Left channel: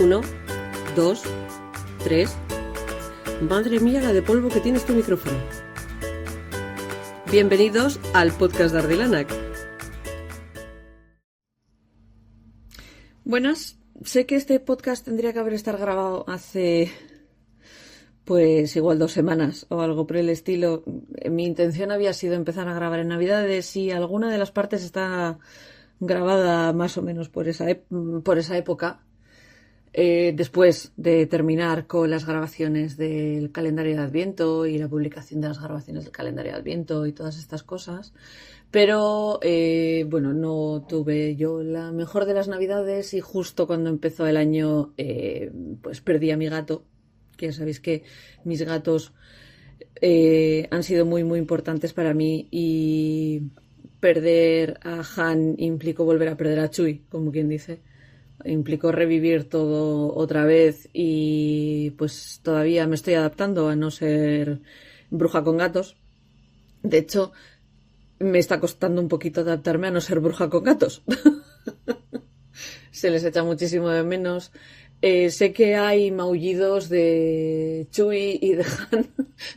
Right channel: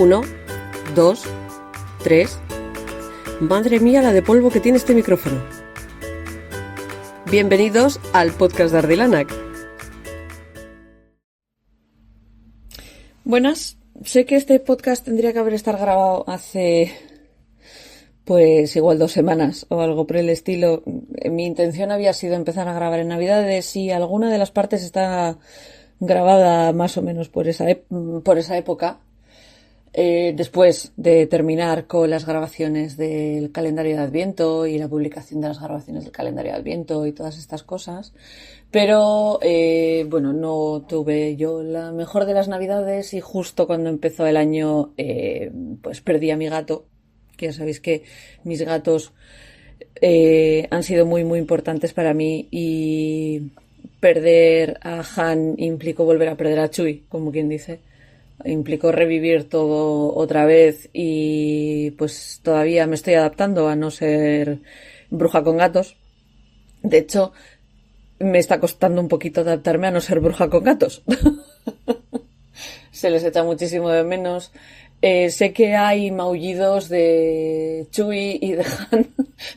1, 2, 3. Madre mía, la de polvo que tiene este micrófono. Bienvenidos al podcast de Ardilanac. Buenas, sé que este podcast tendría que haber estado grabado hace, pues igual 2 semanas o algo por el estilo. Mi intención había sido empezar a grabar en Navidades y alguna de las partes está grabada más o menos por esa época. Después de terminar con las grabaciones del calendario de Adviento y la publicación de las grabaciones del calendario de Adviento y todas estas cosas. Pero, bueno, no tuve yo la mejor de las Navidades y justo cuando empezó el año, pues perdí a mi gato. Que ya sabéis que mis gatos han sido muy, muy importantes para mí y perder a Han implicó volver a perder a Chuy, como quien dice. Implicó revivir todo otra vez y pues todavía me estoy adaptando a no ser bruja con gatos. De hecho, me está costando un poquito adaptarme a no ser bruja con gatos. Se les echa muchísimo de menos. Sé que hay maullidos de Chuy y de Han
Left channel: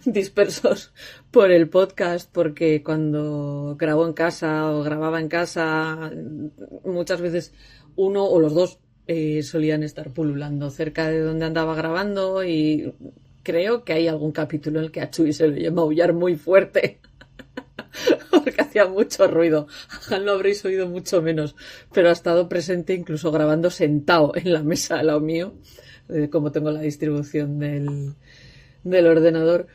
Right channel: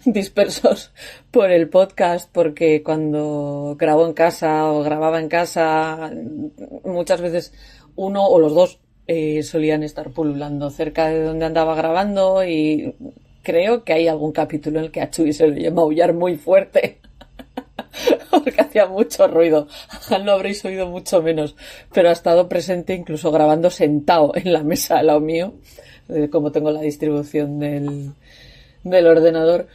dispersos por el podcast porque cuando grabo en casa o grababa en casa muchas veces uno o los dos solían estar pululando cerca de donde andaba grabando y creo que hay algún capítulo en el que a Chuy se le oye maullar muy fuerte porque hacía mucho ruido. A Han lo habréis oído mucho menos, pero ha estado presente incluso grabando sentado en la mesa al lado mío, como tengo la distribución del ordenador.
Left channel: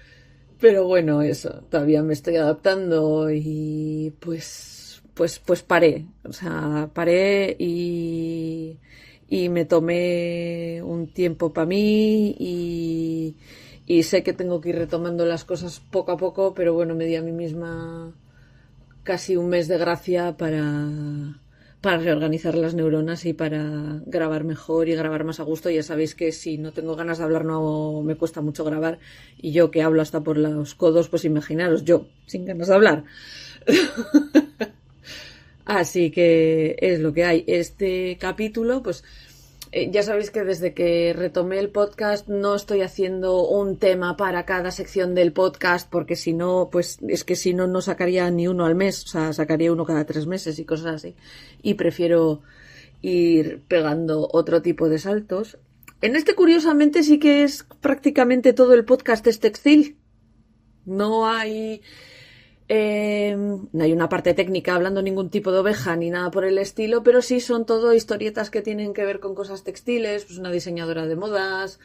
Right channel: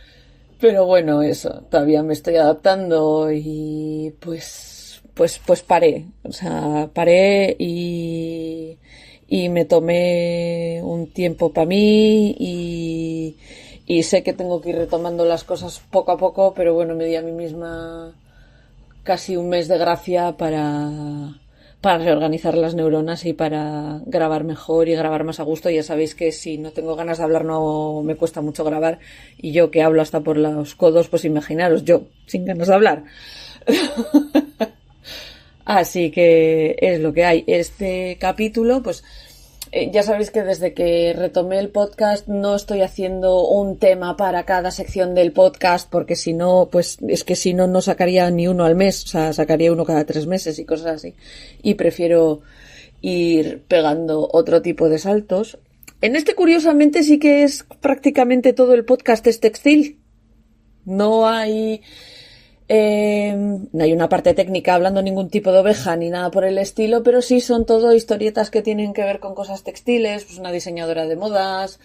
Pero bueno, eso, todavía me estoy adaptando y pues paré. O sea, paré y me tomé un tiempo para mí y sé que tengo que ir retomando las cosas poco a poco, pero bueno, me di a mí misma casi un mes de gracia para reorganizar las neuronas y para grabar mejor y grabar más a gusto. Ya sabéis que si no tengo ganas de hablar no me cuesta mucho grabar y yo que hablo hasta por los codos, pues imaginaros yo sin ganas de hablar. Así que es lo que hay. Este capítulo, pues ya sabéis que desde que retomé el podcast no estoy haciendo un tema para cada sección del podcast porque si no, pues es que si no, no sacaría ni uno al mes, o sea, sacaría uno cada 3 meses y cosas así. Y prefiero ir pegando otro tipo de saltos. En este, curiosamente, sí que es prácticamente todo el podcast es textil. No hay una parte técnica hablando ningún tipo de oveja ni nada por el estilo, pero sí son todo historietas que tienen que ver con cosas textiles, pues una diseñadora de modas,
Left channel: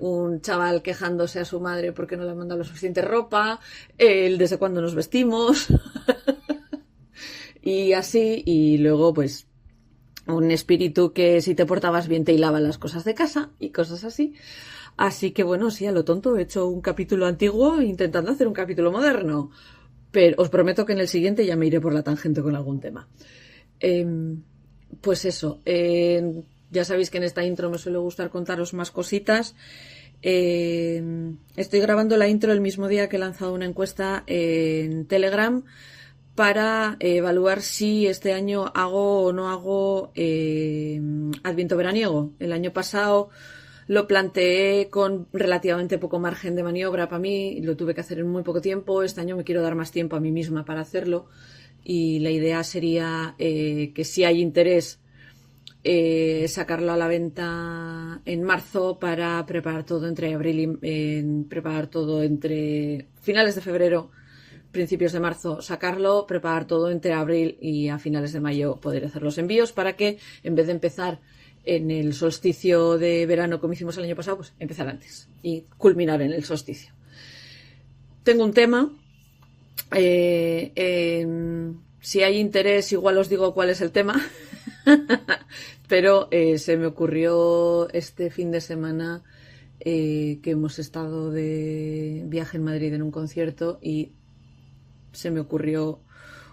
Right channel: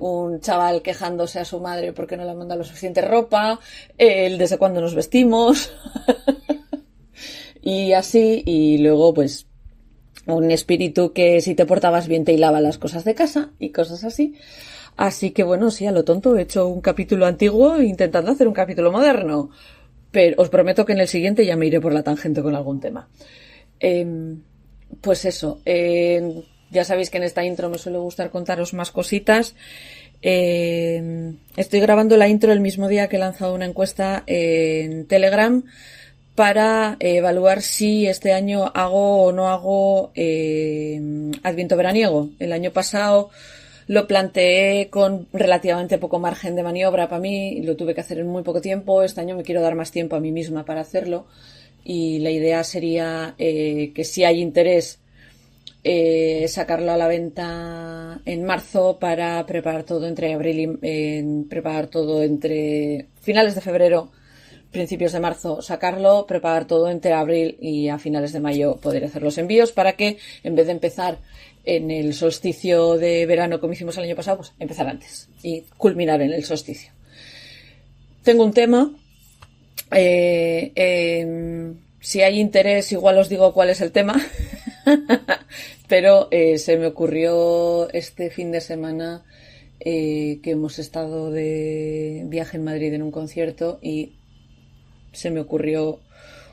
un chaval quejándose a su madre porque no le manda lo suficiente ropa, el desde cuándo nos vestimos y así, y luego pues un espíritu que si te portabas bien te hilaba las cosas de casa y cosas así. Así que bueno, sí, a lo tonto he hecho un capítulo antiguo intentando hacer un capítulo moderno. Pero os prometo que en el siguiente ya me iré por la tangente con algún tema. Pues eso, ya sabéis que en esta intro me suele gustar contaros más cositas. Estoy grabando la intro el mismo día que he lanzado una encuesta en Telegram para evaluar si este año hago o no hago Adviento veraniego. El año pasado lo planteé con relativamente poco margen de maniobra para mí, lo tuve que hacer en muy poco tiempo. Este año me quiero dar más tiempo a mí misma para hacerlo y la idea sería que si hay interés sacarlo a la venta en marzo para preparar todo entre abril y preparar todo entre finales de febrero, principios de marzo, sacarlo, preparar todo entre abril y a finales de mayo poder hacer los envíos para que en vez de empezar en el solsticio de verano como hicimos el año pasado, pues empezar antes y culminar en el solsticio. Tengo un tema, si hay interés igual os digo cuál es el tema, pero se me ocurrió este fin de semana que hemos estado de viaje en Madrid en un concierto y se me ocurrió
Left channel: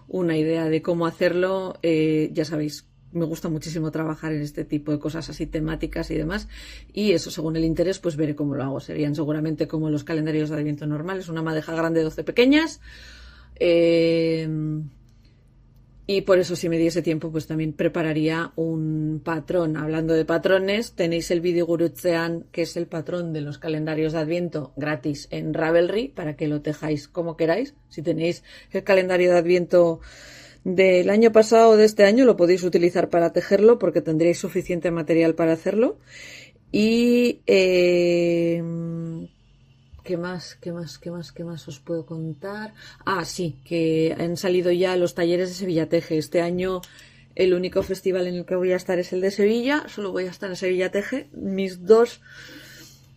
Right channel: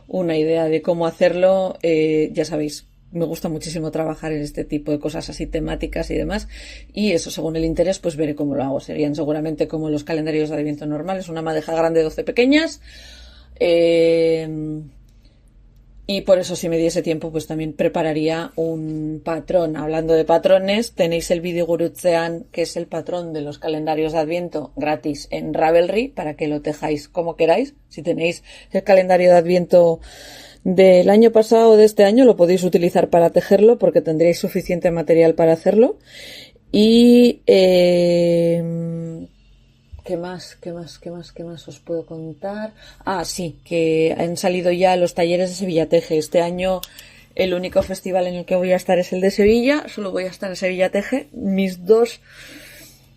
una idea de cómo hacerlo. Ya sabéis, me gusta muchísimo trabajar en este tipo de cosas así temáticas y demás, y eso según el interés pues veré cómo lo hago. Serían seguramente como los calendarios de Adviento normales, una madeja grande, 12 pequeñas, y Y por eso, si me diese tiempo, pues también prepararía un patrón. Hablando de patrones, tenéis el Bidigurutzean, que es el patrón de los calendarios de Adviento, gratis en Ravelry, para que lo tejáis como queráis. Si tenéis el calendario de Adviento del año pasado o de este año, lo podéis utilizar para tejerlo, porque tendréis suficiente material para hacerlo. Y ¿qué más os puedo contar? Ah, sí, que han salido ya los talleres de Sevilla Teje. Este año el único festival en el que voy a estar es el de Sevilla. Solo voy a estar en Sevilla Teje. Mis 2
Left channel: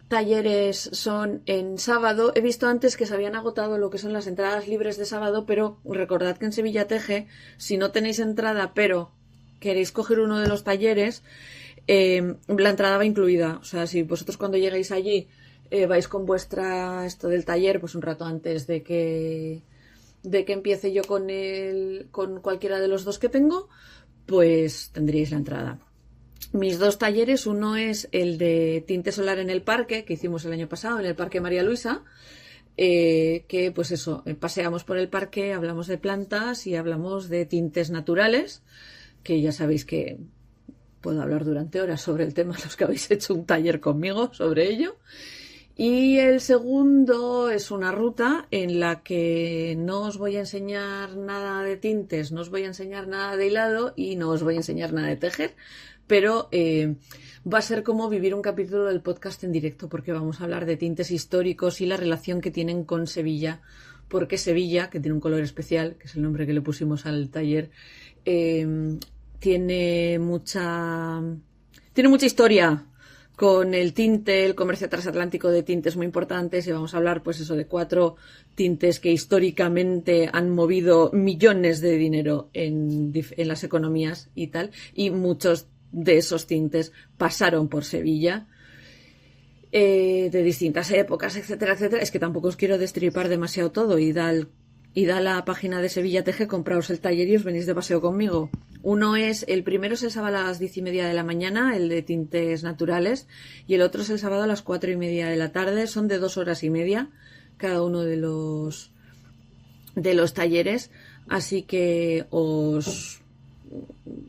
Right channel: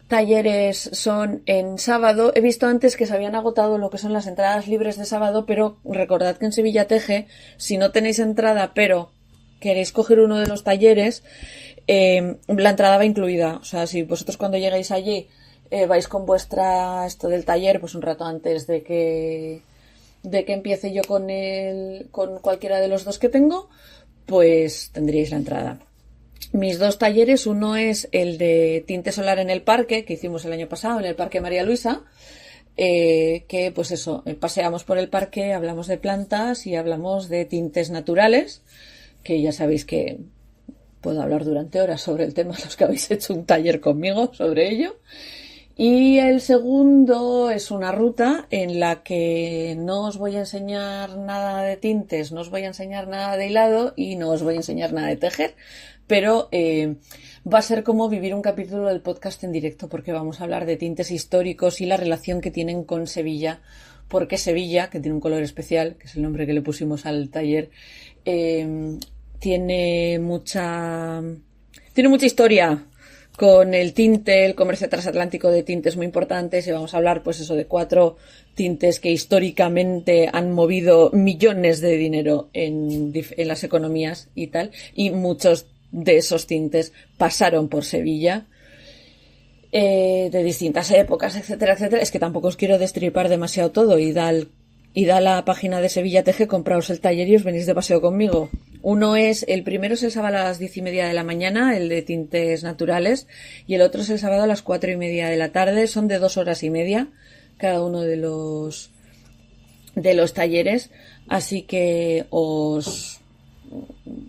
talleres son en sábado. He visto antes que se habían agotado lo que son las entradas libres de sábado, pero recordad que en Sevilla Teje, si no tenéis entrada, pero queréis coger uno de los talleres, la entrada va incluida. O sea, si vosotros cuando lleguéis allí vais con esto del taller, pues un rato antes de que empiece yo con cualquiera de los 2 que tengo, pues tendríais la entrada. Mis 2 talleres, uno es el de tinte solar en el parque, que hicimos el año pasado en el Parque María Luisa, que pues eso, paseamos por el parque, hablamos de plantas y hablamos de tintes naturales, que ya sabéis que puedo hablar durante horas sobre el tema, los que habéis hecho un taller conmigo sobre ello. Y el segundo es una ruta en la que no os voy a enseñar nada de tintes, no os voy a enseñar nada de hilado y no os voy a enseñar nada de tejer, pero va a ser como vivir un capítulo del podcast en directo, porque vamos a hablar de tintes históricos y la relación que tienen con Sevilla, porque Sevilla, que tiene un color especial, que es el nombre que le pusimos al taller, tiene mucha historia con el tinte. El comercio transatlántico de tintes muy importante, y vamos a hablar pues eso de 4 tintes que históricamente han movido millones de dinero en las economías y tal, y muchos de esos tintes pasaron por Sevilla de distintas épocas, etcétera, etcétera. Es que tampoco os quiero destripar demasiado todo, y da la página de Sevilla Teje, compraos el taller y os venís de paseo conmigo. El primero es el sábado a las 10:30 de la mañana, el de tintes naturales, y el otro es el sábado a las 4:30 de la tarde. Son de 2 horas y media cada uno de los talleres, así que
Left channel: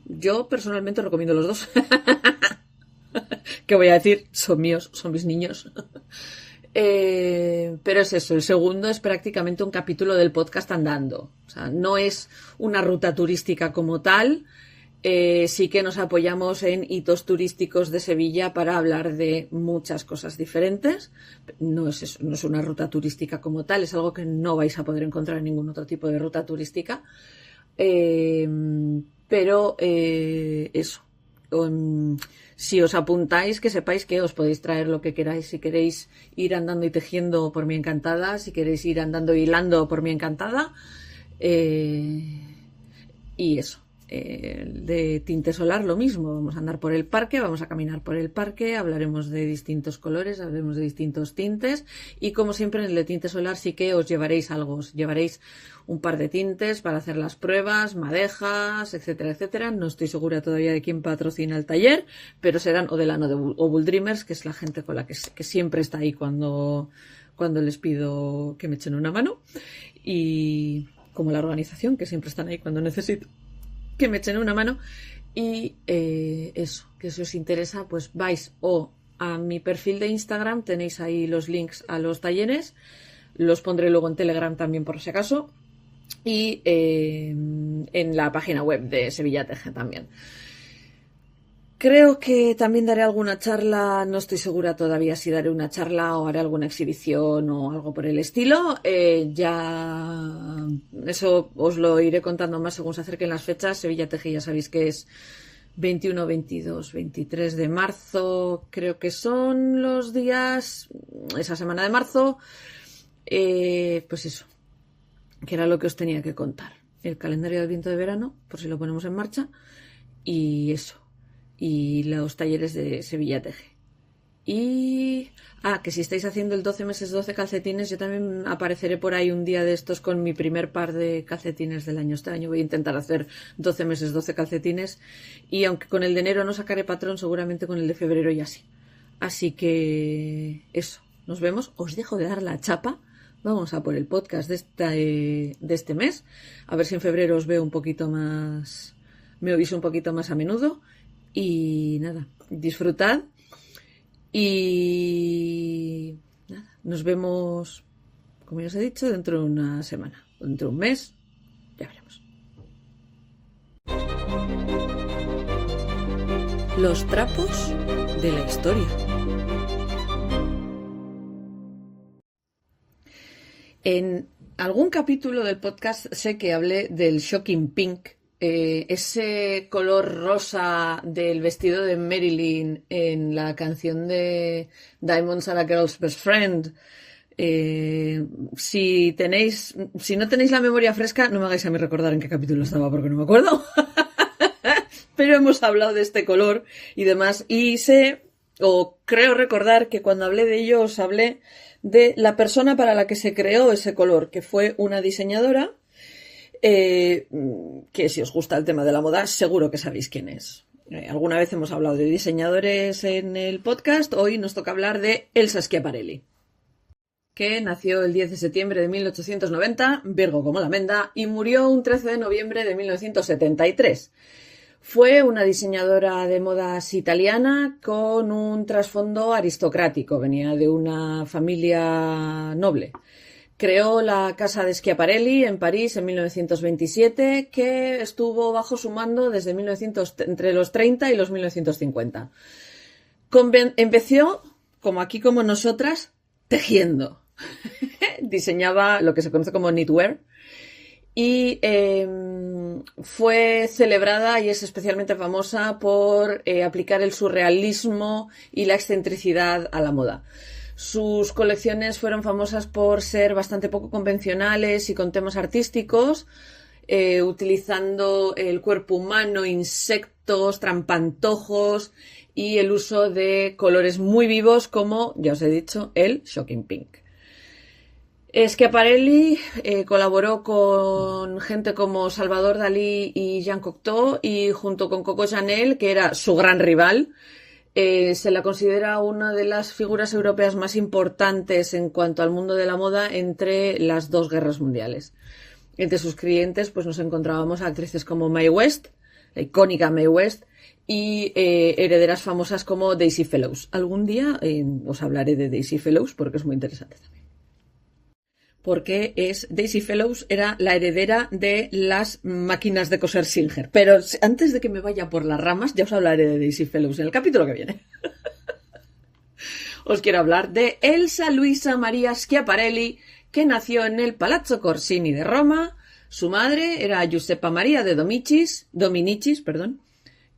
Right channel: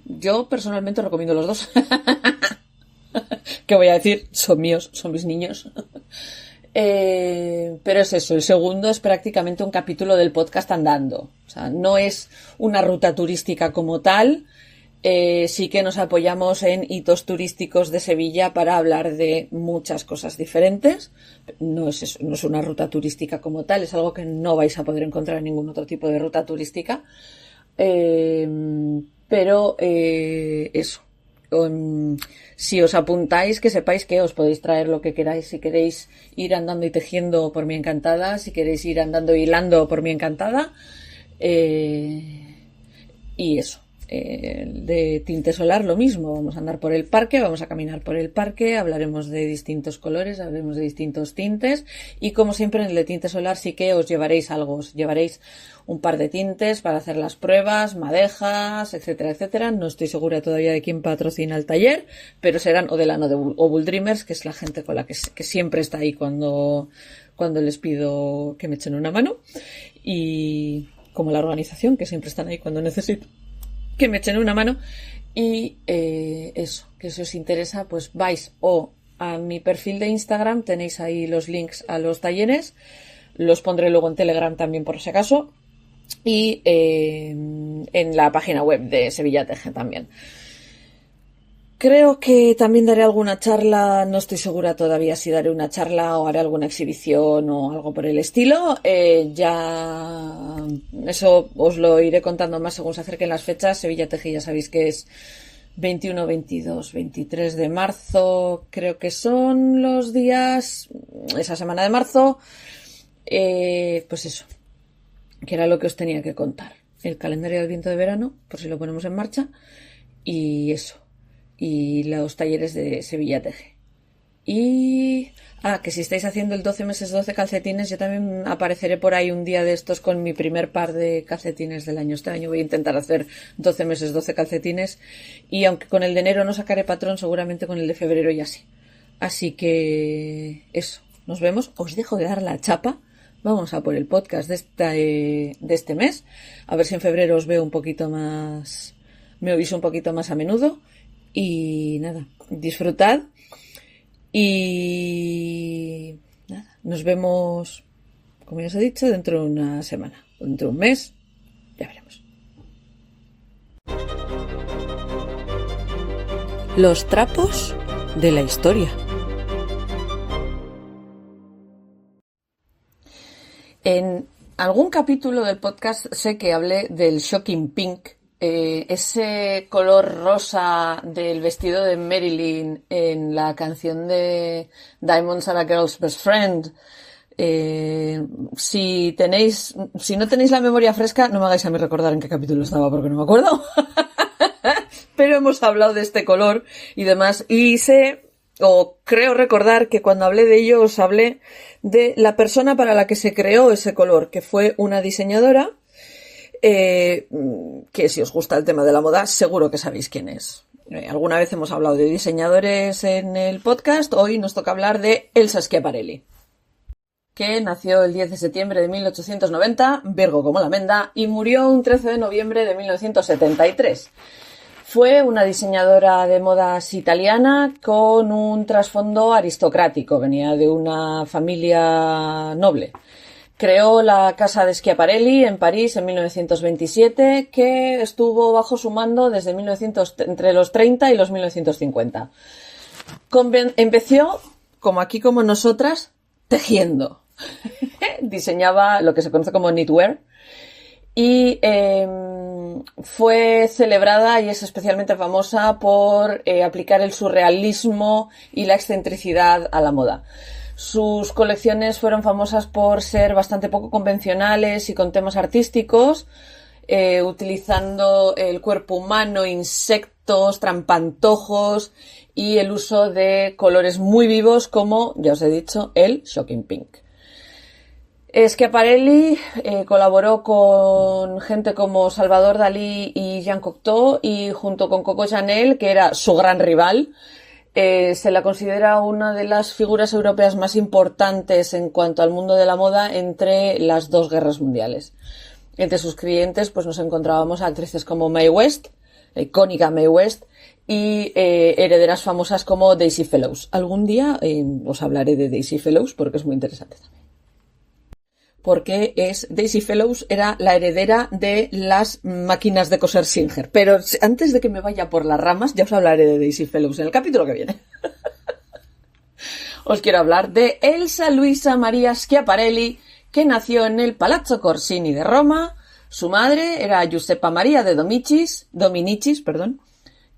yo personalmente os recomiendo los 2. ¿Qué voy a decir? Son míos, son mis niños. Pero es eso, el segundo es prácticamente un capítulo del podcast andando. O sea, no es una ruta turística como tal. Sí que nos apoyamos en hitos turísticos de Sevilla para hablar de muchas cosas diferentes. No es eso, no es una ruta turística como tal, es algo que no vais a poder encontrar en ningún otro tipo de ruta turística. Pero eso. Si os apuntáis, que sepáis que os podéis traer lo que queráis. Si queréis ir andando y tejiendo, por mí encantada. Si queréis ir andando y hilando, por mí encantada. Y eso. De tinte solar, lo mismo. Vamos a andar por el parque, vamos a caminar por el parque, hablaremos de distintos colores, hablaremos de distintos tintes. Y como siempre, en el de tinte solar sí que os llevaréis algo. Os llevaréis un par de tintes para hacer las pruebas, madejas, etcétera, etcétera. No estoy segura todavía de quién patrocina el taller, pero serán o Delano o Bull Dreamers, que es la gente con la que siempre está ahí cuando les pido que me echen una mano. Y como la organización, que siempre están ahí cuando necesito que me echen una mano. Y eso, que si os interesa, pues vais o a mi perfil de Instagram, tenéis ahí los links a los talleres, los pondré luego en Telegram también por si acaso, y en la página web de Sevilla Teje también. Creo que también daré alguna charla, no estoy segura todavía si daré una charla o haré alguna exhibición o algo por el estilo. Ya eso os lo iré contando más según se acerquen las fechas. Sevilla Teje ya sabéis que es 21, 22, 23 de marzo, creo que son los días, esa semana de marzo. Pues eso, que era lo que os tenía que contar. El calendario del viento de verano, por si lo ponemos en marcha, y eso. Y los talleres de Sevilla Teje. Y que si estáis haciendo el 12 meses 12 calcetines, yo también apareceré por ahí un día de estos con mi primer par de calcetines del año. Este año voy a intentar hacer 12 meses 12 calcetines, y aunque con el de enero no sacaré patrón, seguramente con el de febrero ya sí. Así que eso, nos vemos. Os dejo de dar la chapa vamos a por el podcast de este mes. A ver si en febrero os veo un poquito más, me oís un poquito más a menudo. Y nada, disfrutad. Y nada, nos vemos, como ya os he dicho, dentro de una semana. Dentro de un mes, ya veremos. Los trapos de la historia. En algún capítulo del podcast sé que hablé del shocking pink, ese color rosa del vestido de Marilyn en la canción de Diamonds Are a Girl's Best Friend. Si no tenéis la memoria fresca, no me hagáis a mí recordar en qué capítulo estaba porque no me acuerdo. Pero hemos hablado de este color y demás. Y creo recordar que cuando hablé de ello os hablé de la persona para la que se creó ese color, que fue una diseñadora, que si os gusta el tema de la moda, seguro que sabéis quién es. Alguna vez hemos hablado de diseñadores en el podcast, hoy nos toca hablar de Elsa Schiaparelli, que nació el 10 de septiembre de 1890, Virgo como la menda, y murió un 13 de noviembre de 1973. Fue una diseñadora de modas italiana con un trasfondo aristocrático, venía de una familia noble. Creó la casa de Schiaparelli en París en 1927, que estuvo bajo su mando desde entre los 30 y los 1950. Empezó, como aquí como nosotras, tejiendo. Diseñaba lo que se conoce como knitwear y fue celebrada y es especialmente famosa por aplicar el surrealismo y la excentricidad a la moda. Sus colecciones fueron famosas por ser bastante poco convencionales y con temas artísticos, utilizando el cuerpo humano, insectos, trampantojos y el uso de colores muy vivos como, ya os he dicho, el shocking pink. Schiaparelli colaboró con gente como Salvador Dalí y Jean Cocteau y junto con Coco Chanel, que era su gran rival, se la considera una de las figuras europeas más importantes en cuanto al mundo de la moda entre las dos guerras mundiales. Entre sus clientes pues nos encontrábamos a actrices como Mae West, la icónica Mae West, y herederas famosas como Daisy Fellows. Algún día os hablaré de Daisy Fellows porque es muy interesante también. Porque Daisy Fellows era la heredera de las máquinas de coser Singer. Pero antes de que me vaya por las ramas, ya os hablaré de Daisy Fellows en el capítulo que viene. Os quiero hablar de Elsa Luisa Maria Schiaparelli, que nació en el Palazzo Corsini de Roma. Su madre era Giuseppa Maria de Dominicis,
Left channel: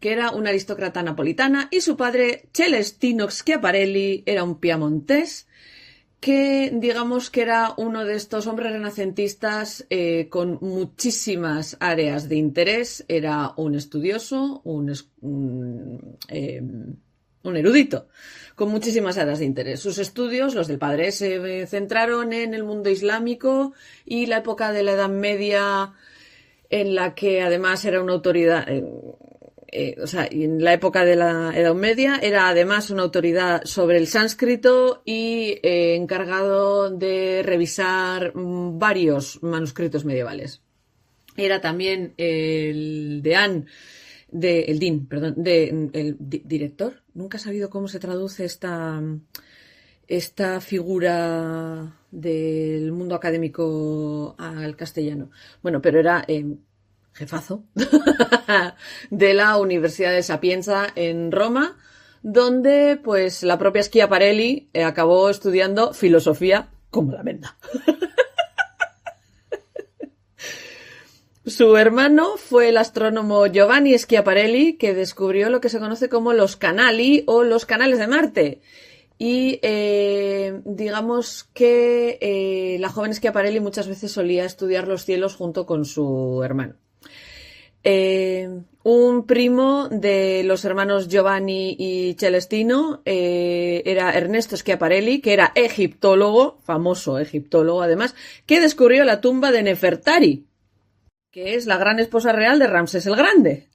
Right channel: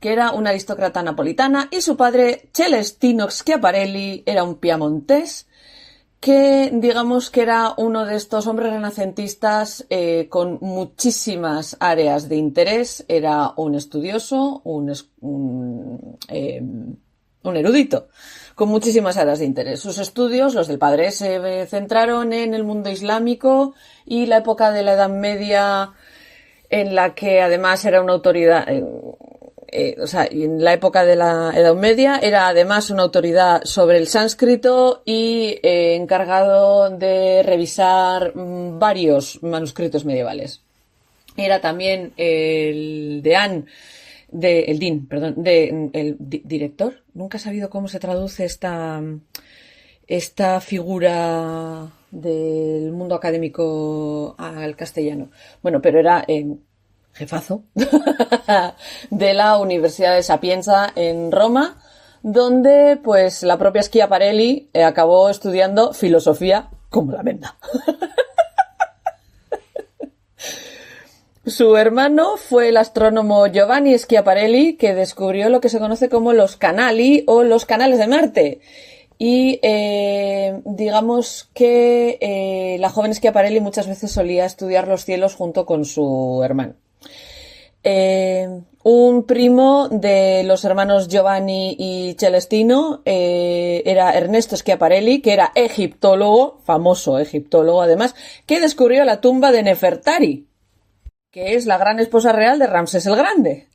que era una aristócrata napolitana, y su padre, Celestino Schiaparelli, era un piamontés, que digamos que era uno de estos hombres renacentistas con muchísimas áreas de interés. Era un estudioso, un erudito, con muchísimas áreas de interés. Sus estudios, los del padre, se centraron en el mundo islámico y la época de la Edad Media, en la que además era una autoridad... en la época de la Edad Media era además una autoridad sobre el sánscrito y encargado de revisar varios manuscritos medievales. Era también el director. Nunca he sabido cómo se traduce esta figura del mundo académico al castellano. Bueno, pero era... jefazo de la Universidad de Sapienza en Roma, donde pues la propia Schiaparelli acabó estudiando filosofía como la menda. Su hermano fue el astrónomo Giovanni Schiaparelli, que descubrió lo que se conoce como los canali o los canales de Marte. Y digamos que la joven Schiaparelli muchas veces solía estudiar los cielos junto con su hermano. Un primo de los hermanos Giovanni y Celestino era Ernesto Schiaparelli, que era egiptólogo, famoso egiptólogo además, que descubrió la tumba de Nefertari, que es la gran esposa real de Ramsés el Grande,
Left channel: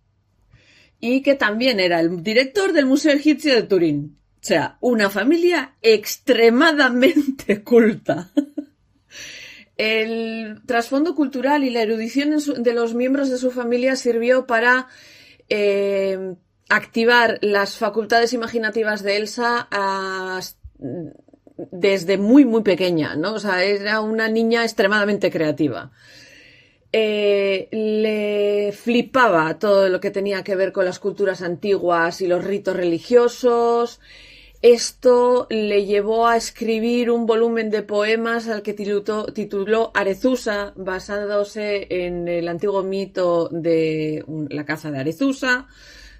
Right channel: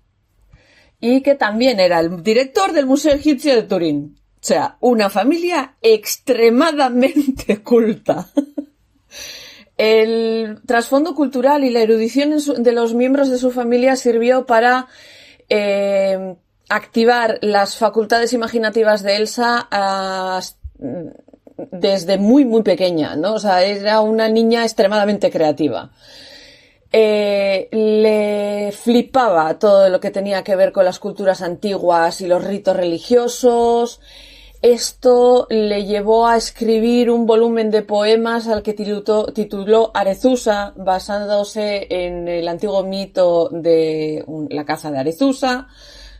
y que también era el director del Museo Egipcio de Turín. O sea, una familia extremadamente culta. El trasfondo cultural y la erudición de los miembros de su familia sirvió para activar las facultades imaginativas de Elsa desde muy, muy pequeña, ¿no? O sea, era una niña extremadamente creativa. Le flipaba todo lo que tenía que ver con las culturas antiguas y los ritos religiosos. Esto le llevó a escribir un volumen de poemas al que tituló Arethusa, basándose en el antiguo mito de la caza de Arethusa,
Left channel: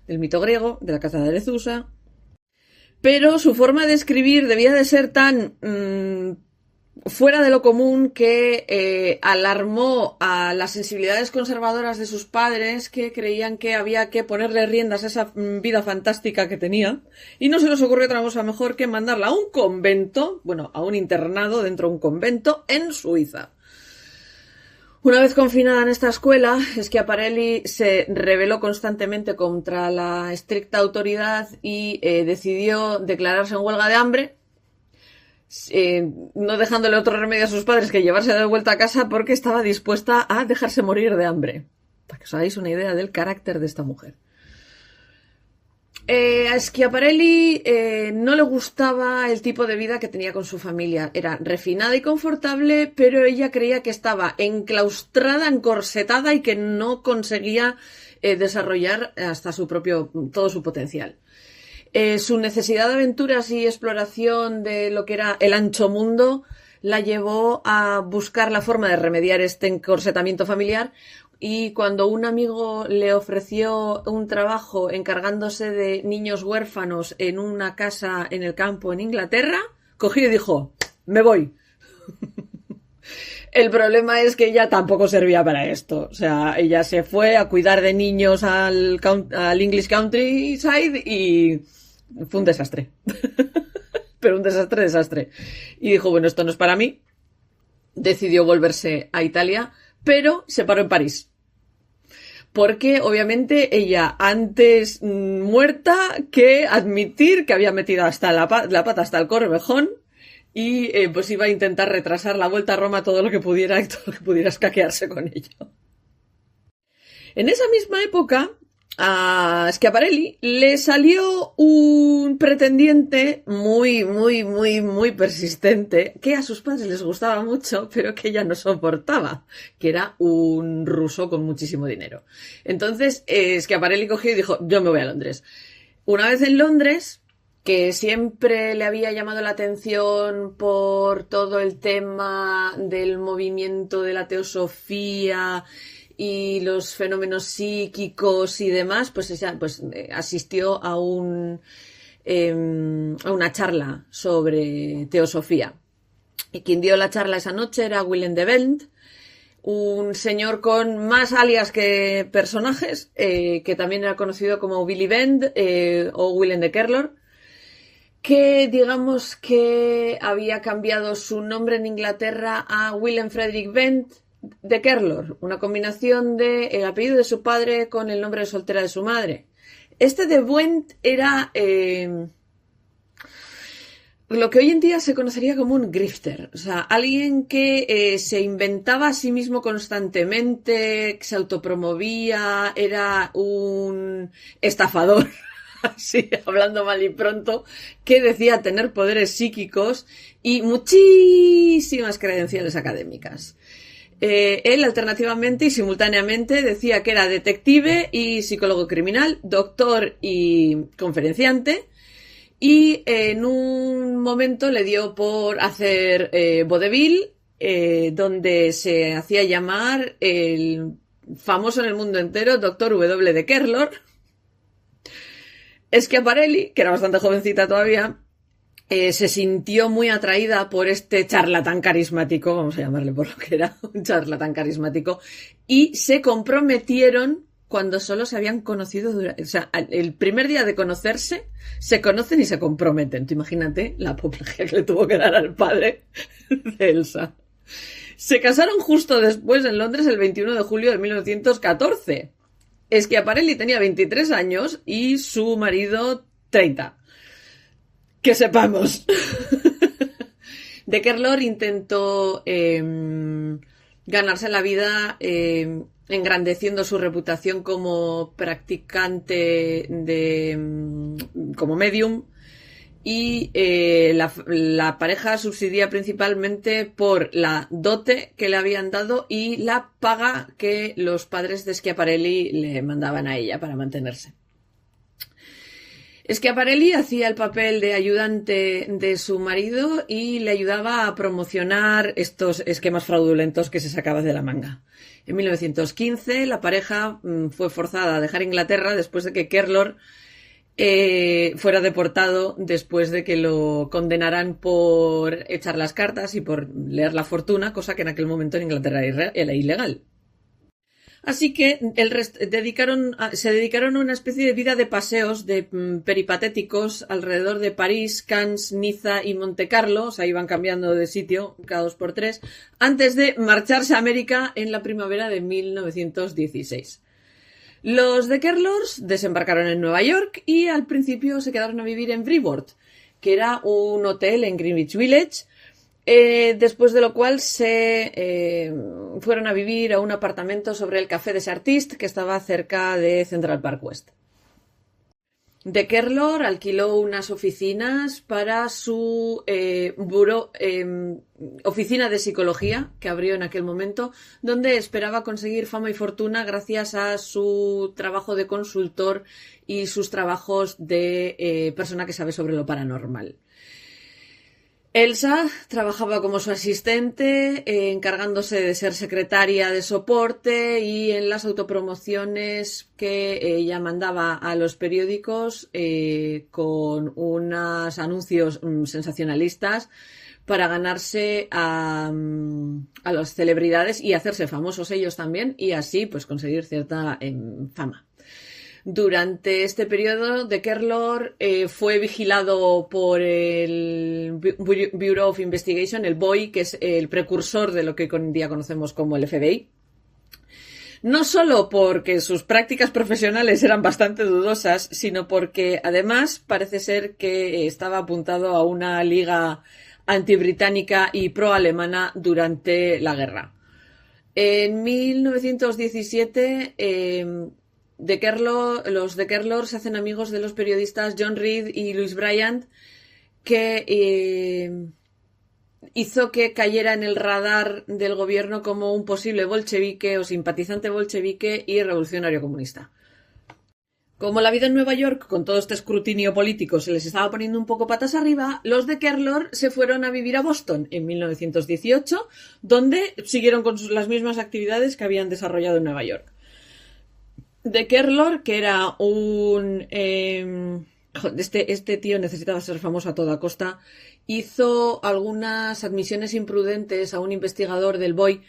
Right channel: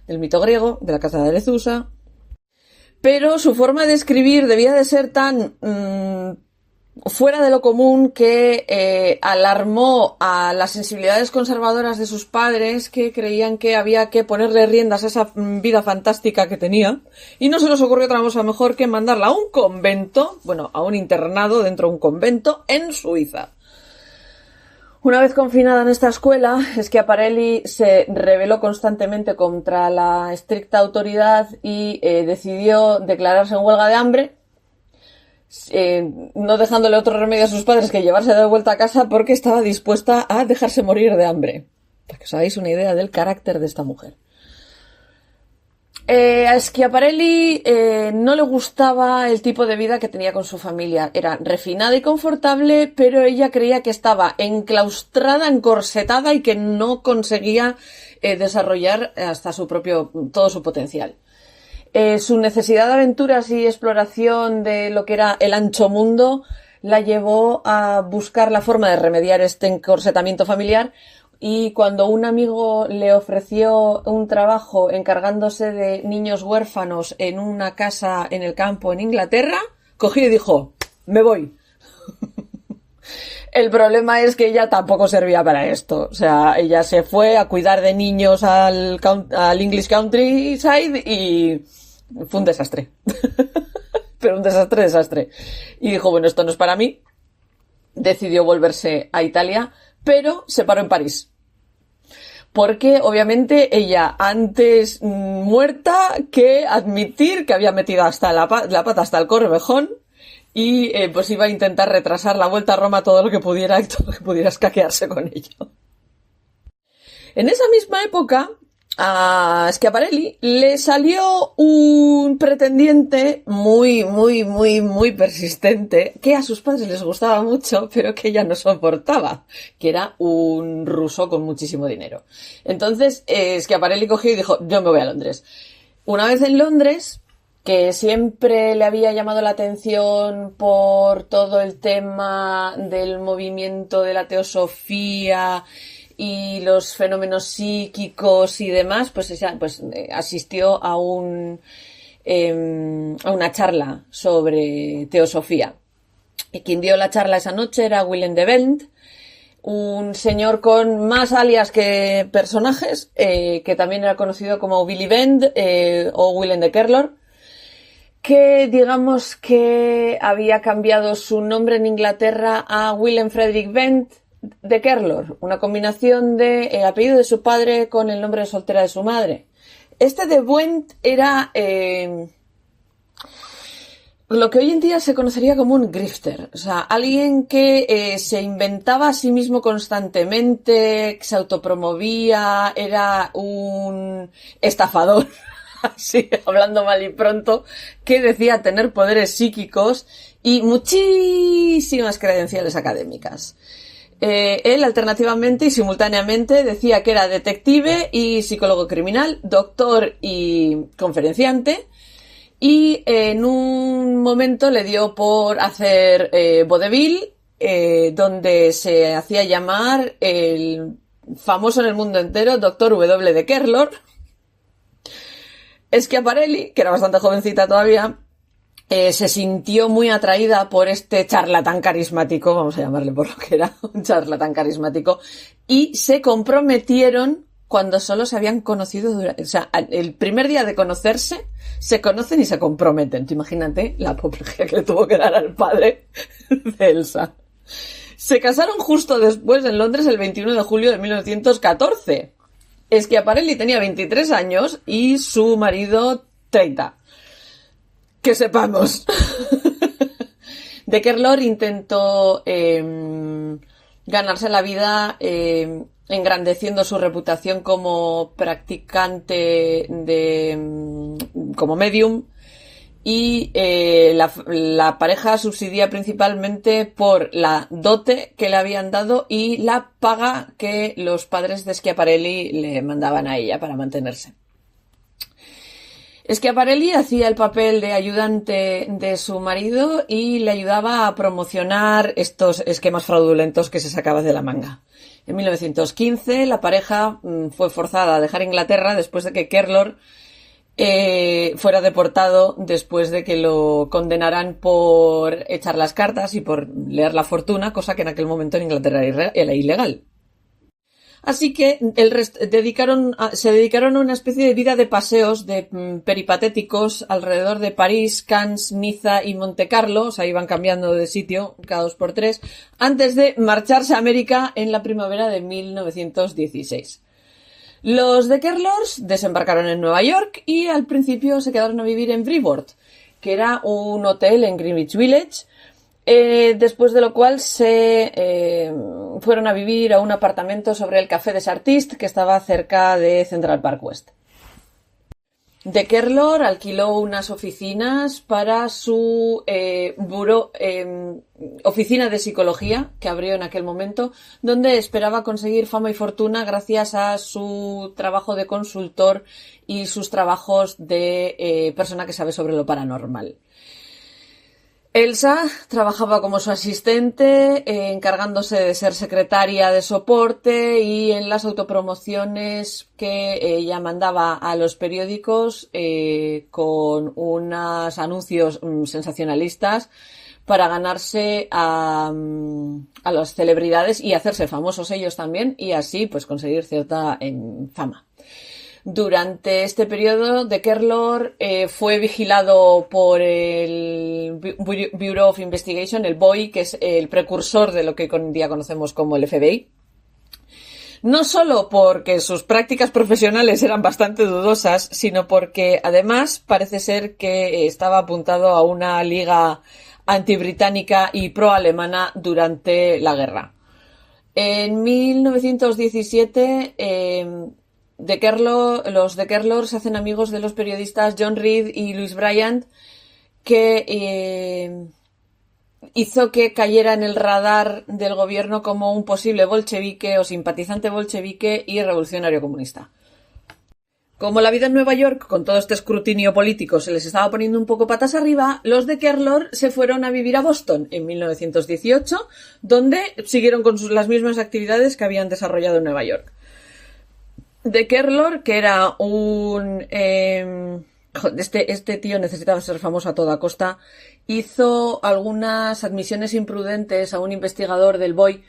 el mito griego de la caza de Arethusa. Pero su forma de escribir debía de ser tan fuera de lo común que alarmó a las sensibilidades conservadoras de sus padres, que creían que había que ponerle riendas a esa vida fantástica que tenía, y no se les ocurrió otra cosa mejor que mandarla a un convento, bueno, a un internado dentro de un convento en Suiza. Una vez confinada en esta escuela, Schiaparelli se rebeló constantemente contra la estricta autoridad y decidió declararse en huelga de hambre, no dejándole otro remedio a sus padres que llevarse de vuelta a casa porque estaba dispuesta a dejarse morir de hambre. Para que os hagáis una idea del carácter de esta mujer. A Schiaparelli no le gustaba el tipo de vida que tenía con su familia. Era refinada y confortable, pero ella creía que estaba enclaustrada, encorsetada y que no conseguía desarrollar hasta todo su potencial. Su necesidad de aventuras y exploración de lo que era el ancho mundo la llevó a buscar la forma de remediar este encorsetamiento familiar, y cuando un amigo le ofreció un trabajo encargándose de niños huérfanos en una casa en el campo en Inglaterra, cogió y dijo: me voy. El problema es que ella tampoco servía para esto. O sea, ella se fue a cuidar de niños al English Countryside y fue un desastre. Pero un desastre. Y dijo, bueno, esto no es para mí. Decidió volverse a Italia, pero se paró en París. Porque, obviamente, ella antes muerta que admitir que había metido hasta la pata hasta el corvejón, y pues iba a intentar retrasar la vuelta a Roma todo lo que pudiera escaquearse con ello. En esa misma época, a Schiaparelli le salió un pretendiente muy, muy, muy, muy persistente, que a sus padres les gustaba mucho, pero que ella no soportaba, que era un ruso con muchísimo dinero. Entonces, Schiaparelli cogió y dijo, yo me voy a Londres. Una vez en Londres, que siempre le había llamado la atención por todo el tema del movimiento de la teosofía y los fenómenos psíquicos y demás, pues asistió a una charla sobre teosofía. Y quien dio la charla esa noche era Willem de Wendt, un señor con más alias que personajes, que también era conocido como Willy Wendt o Willem de Kerlor, que digamos que había cambiado su nombre en Inglaterra a Willem Frederick Wendt de Kerlor, una combinación de el apellido de su padre con el nombre de soltera de su madre. Este de Wendt era lo que hoy en día se conocería como un grifter, o sea, alguien que se inventaba a sí mismo constantemente, que se autopromovía, era un estafador, así, hablando mal y pronto, que decía tener poderes psíquicos y muchísimas credenciales académicas. Él alternativamente y simultáneamente decía que era detective y psicólogo criminal, doctor y conferenciante, y en un momento le dio por hacer vodevil, donde se hacía llamar el famoso en el mundo entero Dr. W. de Kerlor. Schiaparelli, que era bastante jovencita todavía, se sintió muy atraída por este charlatán carismático, vamos a llamarle por lo que era, un charlatán carismático, y se comprometieron cuando solo se habían conocido o sea, el primer día de conocerse, se conocen y se comprometen. Tú imagínate la apoplejía que le tuvo que dar al padre de Elsa. Se casaron justo después en Londres el 21 de julio de 1914. Schiaparelli tenía 23 años y su marido 30. Que sepamos. De Kerlor intentó ganarse la vida engrandeciendo su reputación como practicante como medium, y la pareja subsistía principalmente por la dote que le habían dado y la paga que los padres de Schiaparelli le mandaban a ella para mantenerse. Schiaparelli hacía el papel de ayudante de su marido y le ayudaba a promocionar estos esquemas fraudulentos que se sacaba de la manga. En 1915 la pareja fue forzada a dejar Inglaterra después de que Kerlor fuera deportado, después de que lo condenaran por echar las cartas y por leer la fortuna, cosa que en aquel momento en Inglaterra era ilegal. Así que se dedicaron a una especie de vida de paseos, de peripatéticos alrededor de París, Cannes, Niza y Montecarlo. O sea, iban cambiando de sitio cada 2 por 3, antes de marcharse a América en la primavera de 1916. Los de Kerlor desembarcaron en Nueva York y al principio se quedaron a vivir en Freeport, que era un hotel en Greenwich Village. Después de lo cual se fueron a vivir a un apartamento sobre el Café des Artistes, que estaba cerca de Central Park West. De Kerlor alquiló unas oficinas para su oficina de psicología que abrió en aquel momento, donde esperaba conseguir fama y fortuna gracias a su trabajo de consultor y sus trabajos de persona que sabe sobre lo paranormal. Elsa trabajaba como su asistente, encargándose de ser secretaria de soporte, y en las autopromociones que ella mandaba a los periódicos con unos anuncios sensacionalistas para ganarse a las celebridades y hacerse famosos ellos también, y así pues conseguir cierta fama. Durante este periodo, de Kerlor fue vigilado por el Bureau of Investigation, el BOI, que es el precursor de lo que hoy en día conocemos como el FBI. No solo porque sus prácticas profesionales eran bastante dudosas, sino porque además parece ser que estaba apuntado a una liga antibritánica y pro-alemana durante la guerra. En 1917... los de Kerlor se hacen amigos de los periodistas John Reed y Louis Bryant, que hizo que cayera en el radar del gobierno como un posible bolchevique o simpatizante bolchevique y revolucionario comunista. Como la vida en Nueva York, con todo este escrutinio político, se les estaba poniendo un poco patas arriba, los de Kerlor se fueron a vivir a Boston en 1918, donde siguieron con las mismas actividades que habían desarrollado en Nueva York. De Kerlor, que era un... Este tío necesitaba ser famoso a toda costa, hizo algunas admisiones imprudentes a un investigador del BOI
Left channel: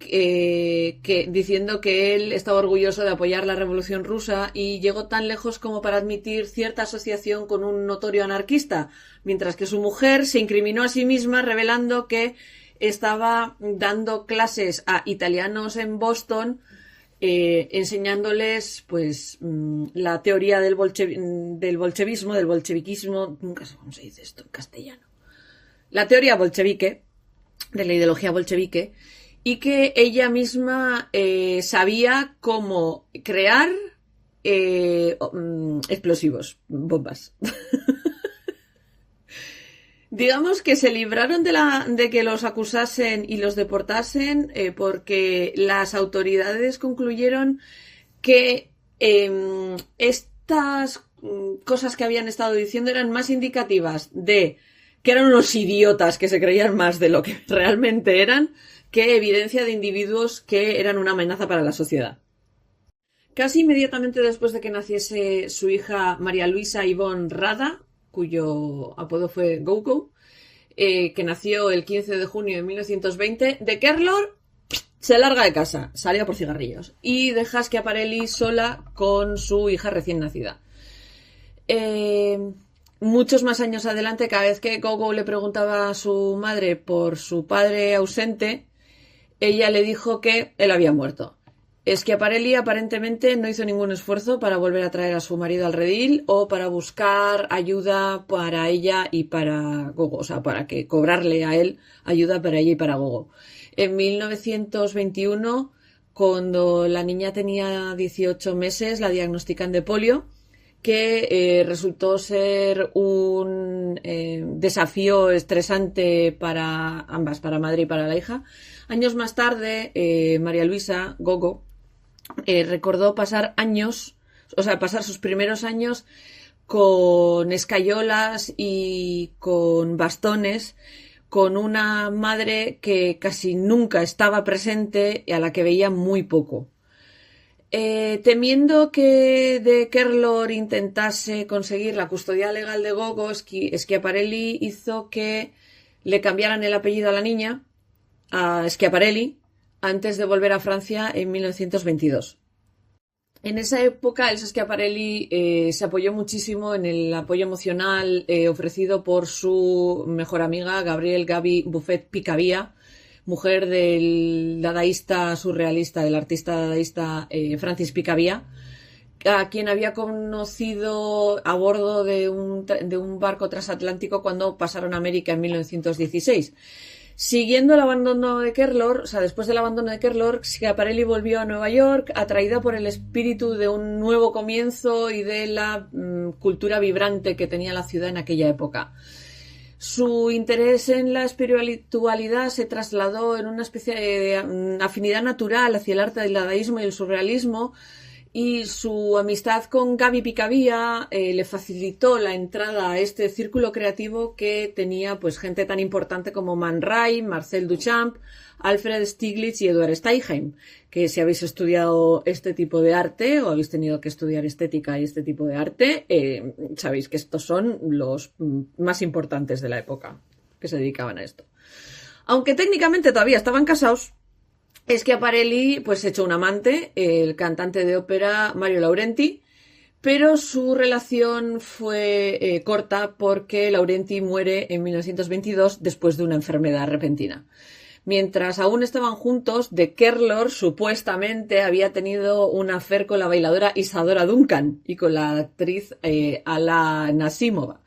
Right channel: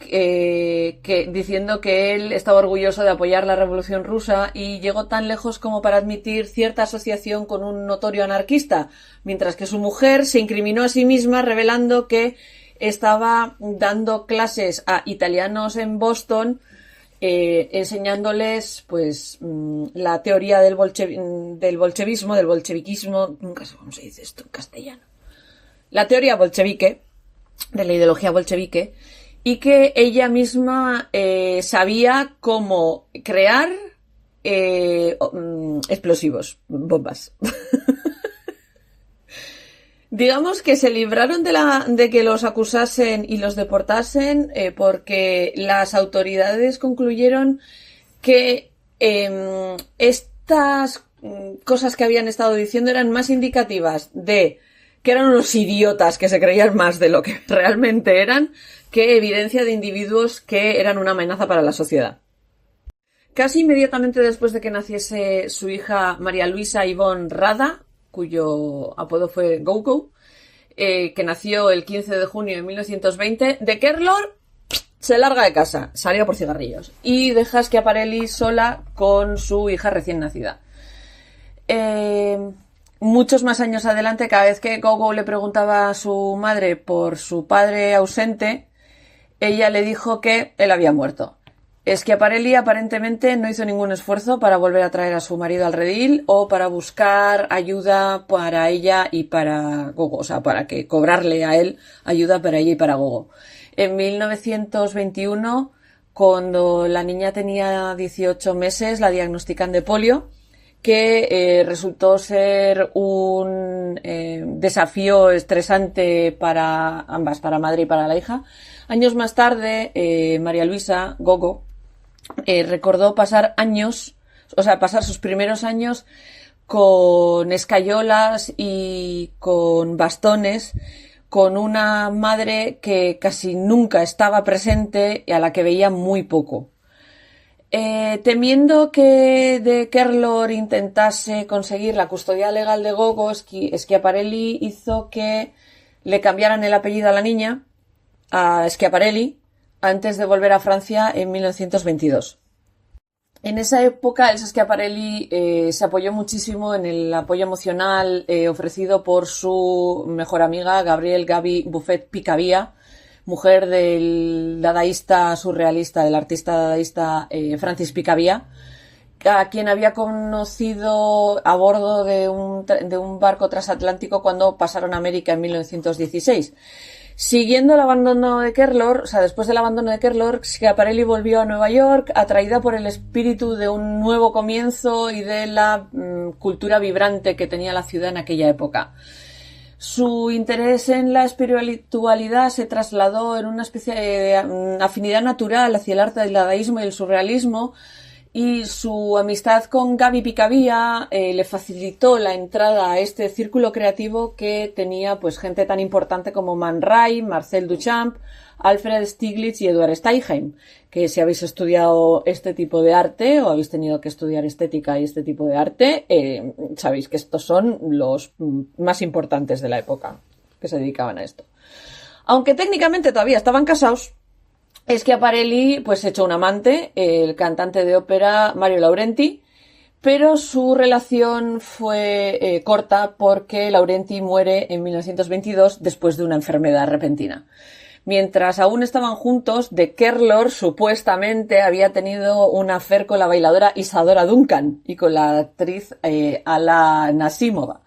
diciendo que él estaba orgulloso de apoyar la Revolución Rusa, y llegó tan lejos como para admitir cierta asociación con un notorio anarquista, mientras que su mujer se incriminó a sí misma revelando que estaba dando clases a italianos en Boston, enseñándoles pues la teoría del bolchevismo, del bolcheviquismo, nunca sé cómo se dice esto en castellano, la teoría bolchevique, de la ideología bolchevique, y que ella misma sabía cómo crear explosivos, bombas. Digamos que se libraron de que los acusasen y los deportasen porque las autoridades concluyeron que estas cosas que habían estado diciendo eran más indicativas de que eran unos idiotas que se creían más de lo que realmente eran, que evidencia de individuos que eran una amenaza para la sociedad. Casi inmediatamente después de que naciese su hija María Luisa Ivonne Rada, cuyo apodo fue Go-Go, que nació el 15 de junio de 1920, de Kerlor se larga de casa, salía por cigarrillos, y deja a Schiaparelli sola con su hija recién nacida. Muchos más años adelante, cada vez que Go-Go le preguntaba a su madre por su padre ausente, ella le dijo que él había muerto. Schiaparelli aparentemente no hizo ningún esfuerzo para volver a traer a su marido al redil o para buscar ayuda para ella y para Gogo, o sea, para que cobrarle a él ayuda para ella y para Gogo. En 1921, cuando la niña tenía 18 meses, la diagnostican de polio, que resultó ser un desafío estresante para ambas, para madre y para la hija. Años más tarde, María Luisa, Gogo, recordó pasar pasar sus primeros años con escayolas y con bastones, con una madre que casi nunca estaba presente y a la que veía muy poco. Temiendo que De Kerlor intentase conseguir la custodia legal de Gogo, Schiaparelli hizo que le cambiaran el apellido a la niña, a Schiaparelli, antes de volver a Francia en 1922. En esa época, Elsa Schiaparelli se apoyó muchísimo en el apoyo emocional ofrecido por su mejor amiga, Gaby Buffet-Picabia, mujer del dadaísta surrealista, del artista dadaísta Francis Picabia, a quien había conocido a bordo de un barco transatlántico cuando pasaron a América en 1916. Siguiendo el abandono de Kerlor, después del abandono de Kerlor, Schiaparelli volvió a Nueva York, atraída por el espíritu de un nuevo comienzo y de la cultura vibrante que tenía la ciudad en aquella época. Su interés en la espiritualidad se trasladó en una especie de afinidad natural hacia el arte del dadaísmo y el surrealismo, y su amistad con Gaby Picabia le facilitó la entrada a este círculo creativo que tenía pues gente tan importante como Man Ray, Marcel Duchamp, Alfred Stieglitz y Edward Steinheim, que si habéis estudiado este tipo de arte o habéis tenido que estudiar estética y este tipo de arte, sabéis que estos son los más importantes de la época que se dedicaban a esto. Aunque técnicamente todavía estaban casados, Schiaparelli pues echó un amante, el cantante de ópera Mario Laurenti, pero su relación fue corta porque Laurenti muere en 1922 después de una enfermedad repentina. Mientras aún estaban juntos, De Kerlor supuestamente había tenido un affair con la bailadora Isadora Duncan y con la actriz Alla Nasimova.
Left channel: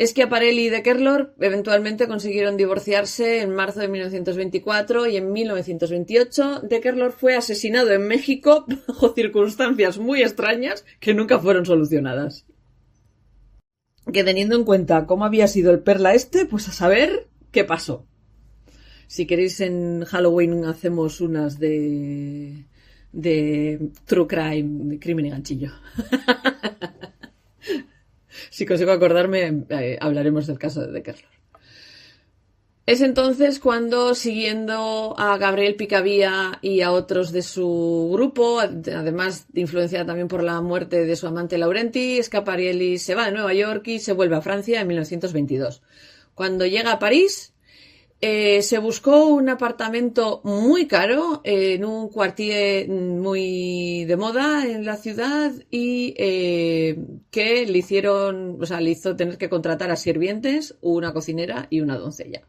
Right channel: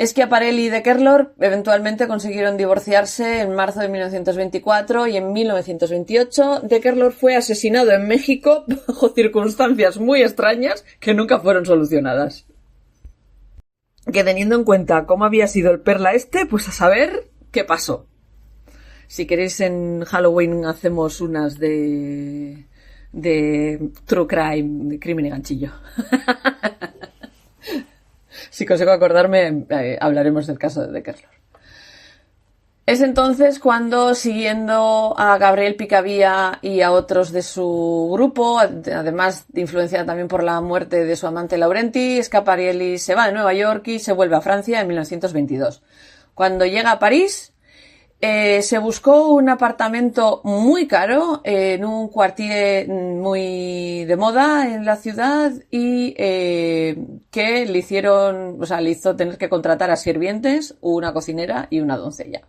Schiaparelli y De Kerlor eventualmente consiguieron divorciarse en marzo de 1924 y en 1928 De Kerlor fue asesinado en México bajo circunstancias muy extrañas que nunca fueron solucionadas. Que teniendo en cuenta cómo había sido el perla pues a saber qué pasó. Si queréis en Halloween hacemos unas de true crime, de crimen y ganchillo. Si consigo acordarme, hablaremos del caso de Kerlor. Es entonces cuando, siguiendo a Gabriel Picabia y a otros de su grupo, además influenciada también por la muerte de su amante Laurenti, Schiaparelli se va de Nueva York y se vuelve a Francia en 1922. Cuando llega a París, se buscó un apartamento muy caro en un quartier muy de moda en la ciudad y que le hizo tener que contratar a sirvientes, una cocinera y una doncella.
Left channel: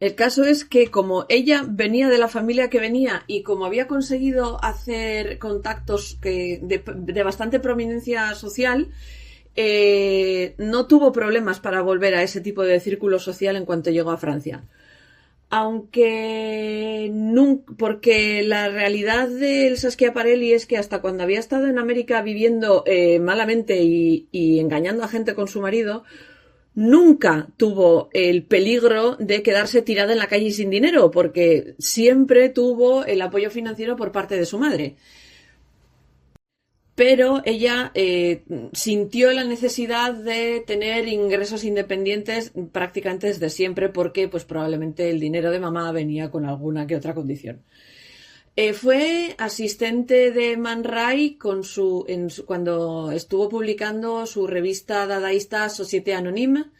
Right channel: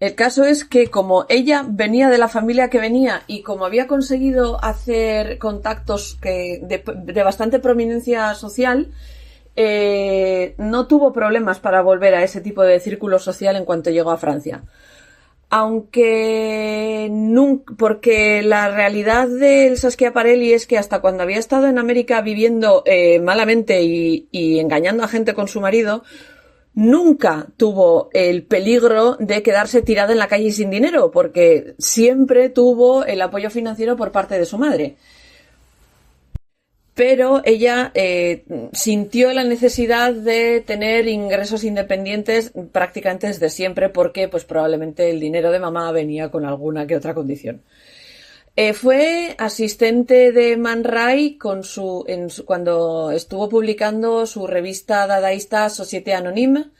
El caso es que como ella venía de la familia que venía y como había conseguido hacer contactos de bastante prominencia social, no tuvo problemas para volver a ese tipo de círculo social en cuanto llegó a Francia. Aunque porque la realidad de Elsa Schiaparelli es que hasta cuando había estado en América viviendo malamente y engañando a gente con su marido, nunca tuvo el peligro de quedarse tirada en la calle sin dinero, porque siempre tuvo el apoyo financiero por parte de su madre. Pero ella sintió la necesidad de tener ingresos independientes prácticamente desde siempre porque pues probablemente el dinero de mamá venía con alguna que otra condición. Fue asistente de Man Ray cuando estuvo publicando su revista dadaísta Société Anonyme,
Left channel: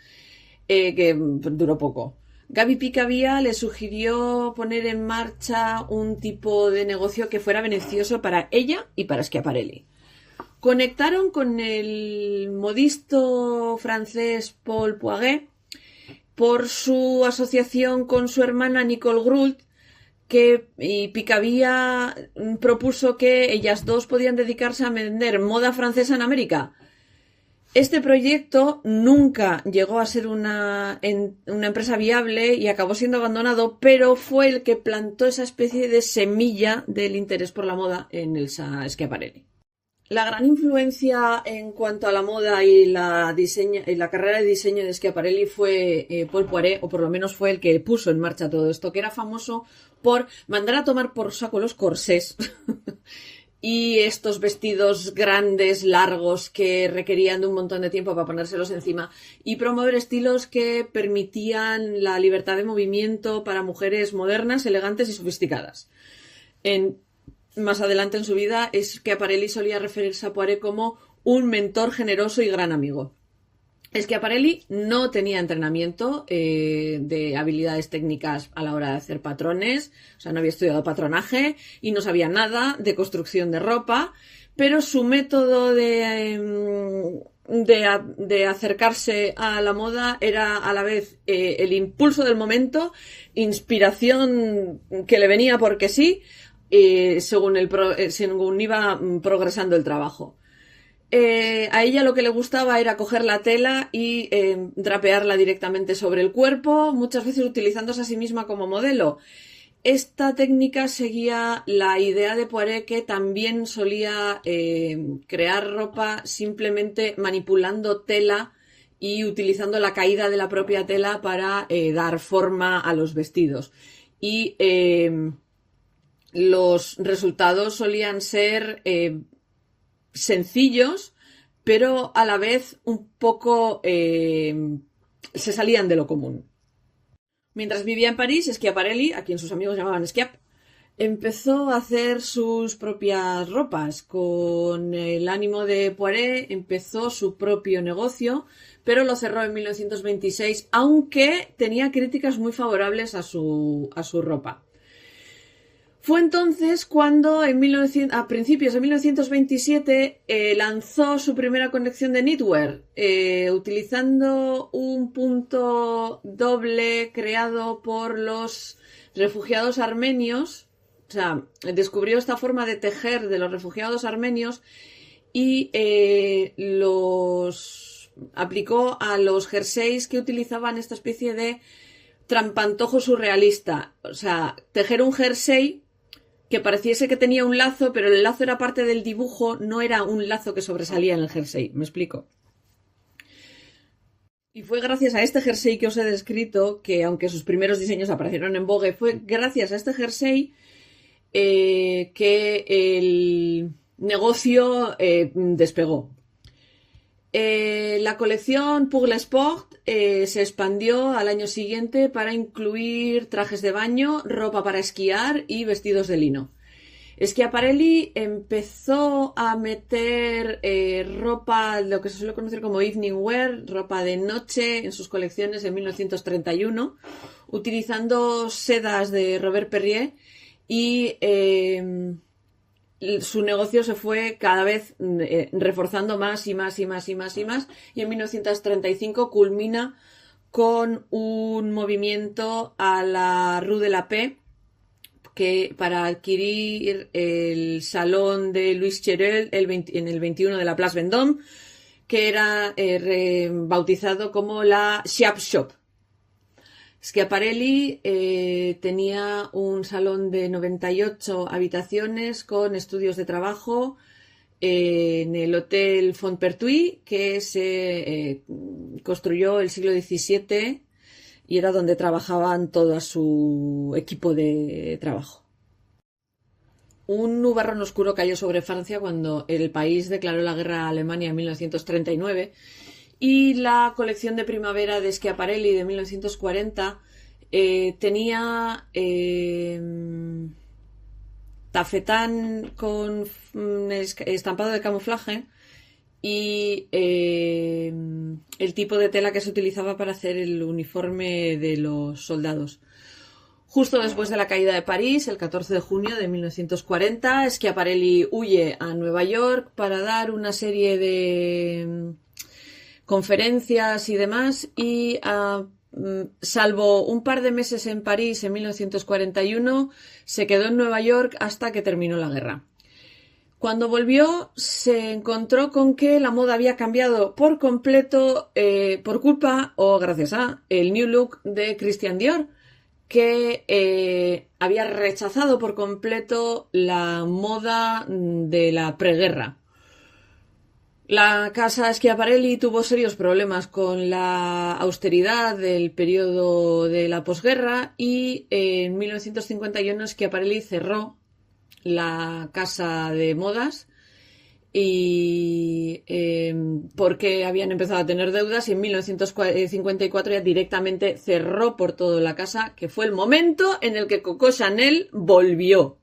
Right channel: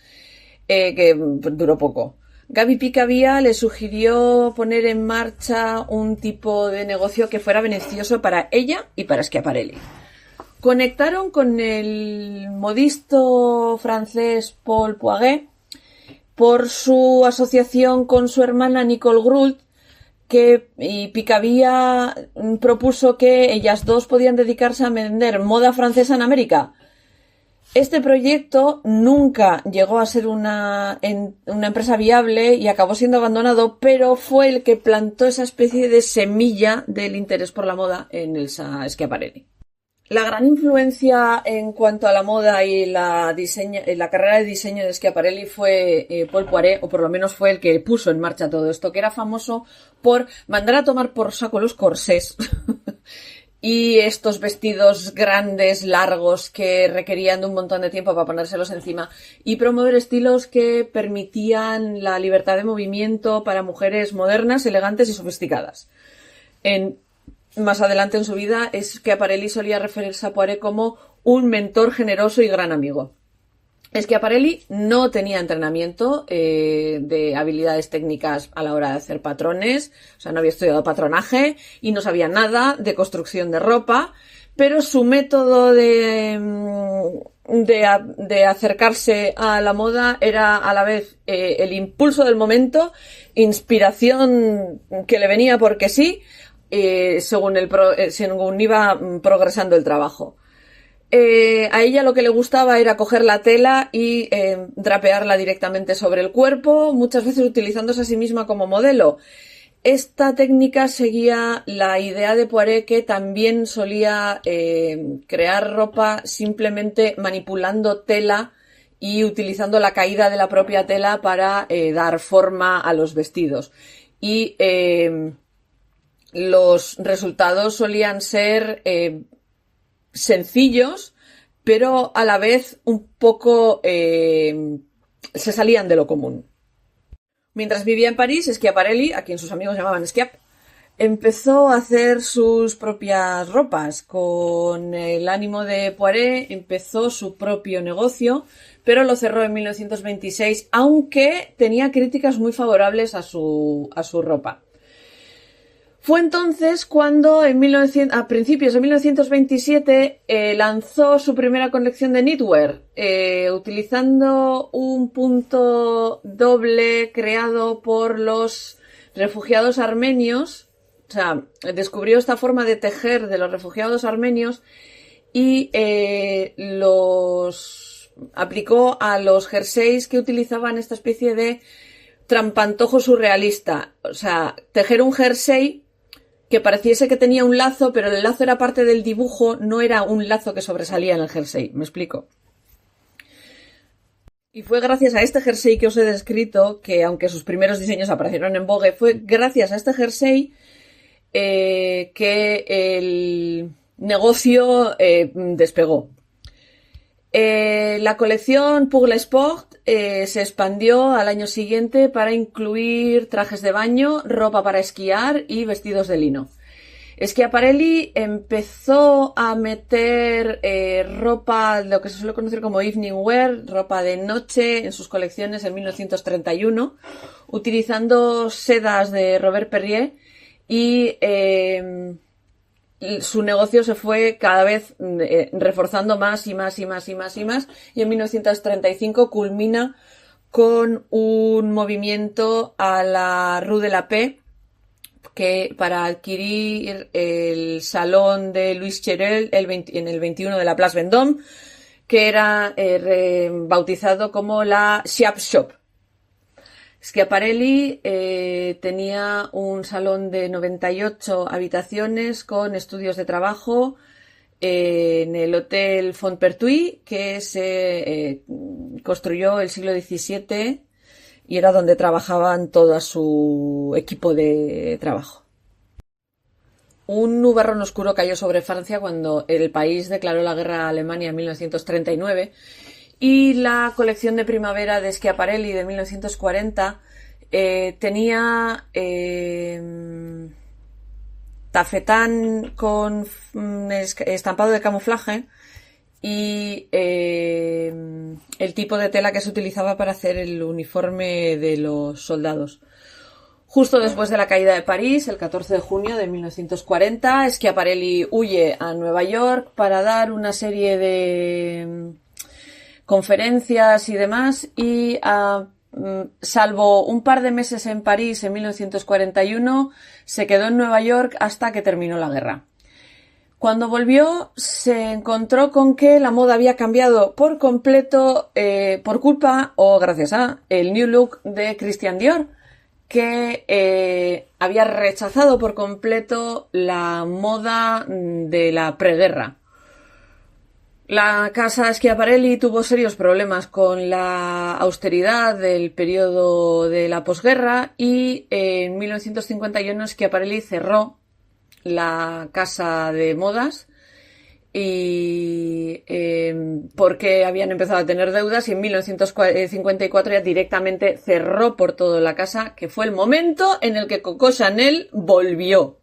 que duró poco. Gaby Picabia le sugirió poner en marcha un tipo de negocio que fuera beneficioso para ella y para Schiaparelli. Conectaron con el modisto francés Paul Poiret por su asociación con su hermana Nicole Groult, y Picabia propuso que ellas dos podían dedicarse a vender moda francesa en América. Este proyecto nunca llegó a ser una empresa viable y acabó siendo abandonado, pero fue el que plantó esa especie de semilla del interés por la moda en Elsa Schiaparelli. La gran influencia en cuanto a la moda y la carrera de diseño de Schiaparelli fue Paul Poiret, o por lo menos fue el que puso en marcha todo esto, que era famoso por mandar a tomar por saco los corsés y estos vestidos grandes, largos, que requerían de un montón de tiempo para ponérselos encima, y promover estilos que permitían la libertad de movimiento para mujeres modernas, elegantes y sofisticadas. Más adelante en su vida, Schiaparelli solía referirse a Poiret como un mentor generoso y gran amigo. Schiaparelli no tenía entrenamiento de habilidades técnicas a la hora de hacer patrones, o sea, no había estudiado patronaje y no sabía nada de construcción de ropa, pero su método de acercarse a la moda era a la vez el impulso del momento, inspiración que le venía porque sí, según iba progresando el trabajo. A ella lo que le gustaba era coger la tela y drapearla directamente sobre el cuerpo, muchas veces utilizándose a sí misma como modelo. Esta técnica seguía la idea de Poiret, que también solía crear ropa simplemente manipulando tela y utilizando la caída de la propia tela para dar forma a los vestidos. Y los resultados solían ser sencillos, pero a la vez un poco se salían de lo común. Mientras vivía en París, Schiaparelli, a quien sus amigos llamaban Schiap, empezó a hacer sus propias ropas. Con el ánimo de Poiret empezó su propio negocio, pero lo cerró en 1926, aunque tenía críticas muy favorables a su ropa. Fue entonces cuando a principios de 1927 lanzó su primera colección de knitwear, utilizando un punto doble creado por los refugiados armenios. O sea, descubrió esta forma de tejer de los refugiados armenios y los aplicó a los jerseys que utilizaban esta especie de trampantojo surrealista. O sea, tejer un jersey que pareciese que tenía un lazo, pero el lazo era parte del dibujo, no era un lazo que sobresalía en el jersey. ¿Me explico? Y fue gracias a este jersey que os he descrito, que aunque sus primeros diseños aparecieron en Vogue, fue gracias a este jersey que el negocio despegó. La colección Pour le Sport se expandió al año siguiente para incluir trajes de baño, ropa para esquiar y vestidos de lino. Schiaparelli empezó a meter ropa, lo que se suele conocer como evening wear, ropa de noche, en sus colecciones en 1931, utilizando sedas de Robert Perrier, y su negocio se fue cada vez reforzando más y más y más y más y más, y en 1935 culmina con un movimiento a la Rue de la Paix, que para adquirir el salón de Louis Cherel en el 21 de la Place Vendôme, que era bautizado como la Schiap Shop. Schiaparelli tenía un salón de 98 habitaciones con estudios de trabajo en el Hotel Fontpertuis, que se construyó el siglo XVII y era donde trabajaban todo su equipo de trabajo. Un nubarrón oscuro cayó sobre Francia cuando el país declaró la guerra a Alemania en 1939, y la colección de primavera de Schiaparelli de 1940 tenía tafetán con estampado de camuflaje y el tipo de tela que se utilizaba para hacer el uniforme de los soldados. Justo después de la caída de París, el 14 de junio de 1940, Schiaparelli huye a Nueva York para dar una serie de conferencias y demás, y salvo un par de meses en París en 1941, se quedó en Nueva York hasta que terminó la guerra. Cuando volvió, se encontró con que la moda había cambiado por completo por culpa o gracias a el New Look de Christian Dior, que había rechazado por completo la moda de la preguerra. La casa Schiaparelli tuvo serios problemas con la austeridad del periodo de la posguerra y en 1951 Schiaparelli cerró la casa de modas y porque habían empezado a tener deudas y en 1954 ya directamente cerró por todo la casa, que fue el momento en el que Coco Chanel volvió.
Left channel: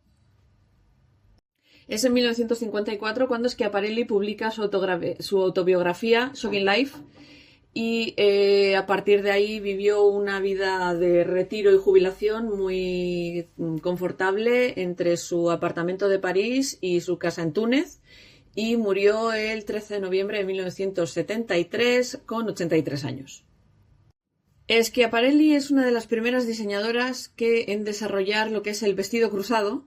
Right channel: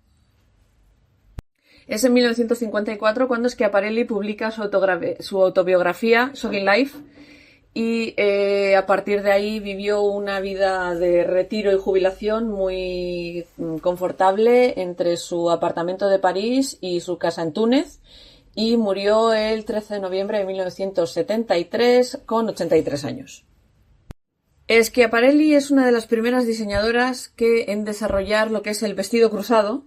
Es en 1954 cuando Schiaparelli publica su autobiografía Shocking Life y a partir de ahí vivió una vida de retiro y jubilación muy confortable entre su apartamento de París y su casa en Túnez y murió el 13 de noviembre de 1973 con 83 años. Schiaparelli es una de las primeras diseñadoras en desarrollar lo que es el vestido cruzado,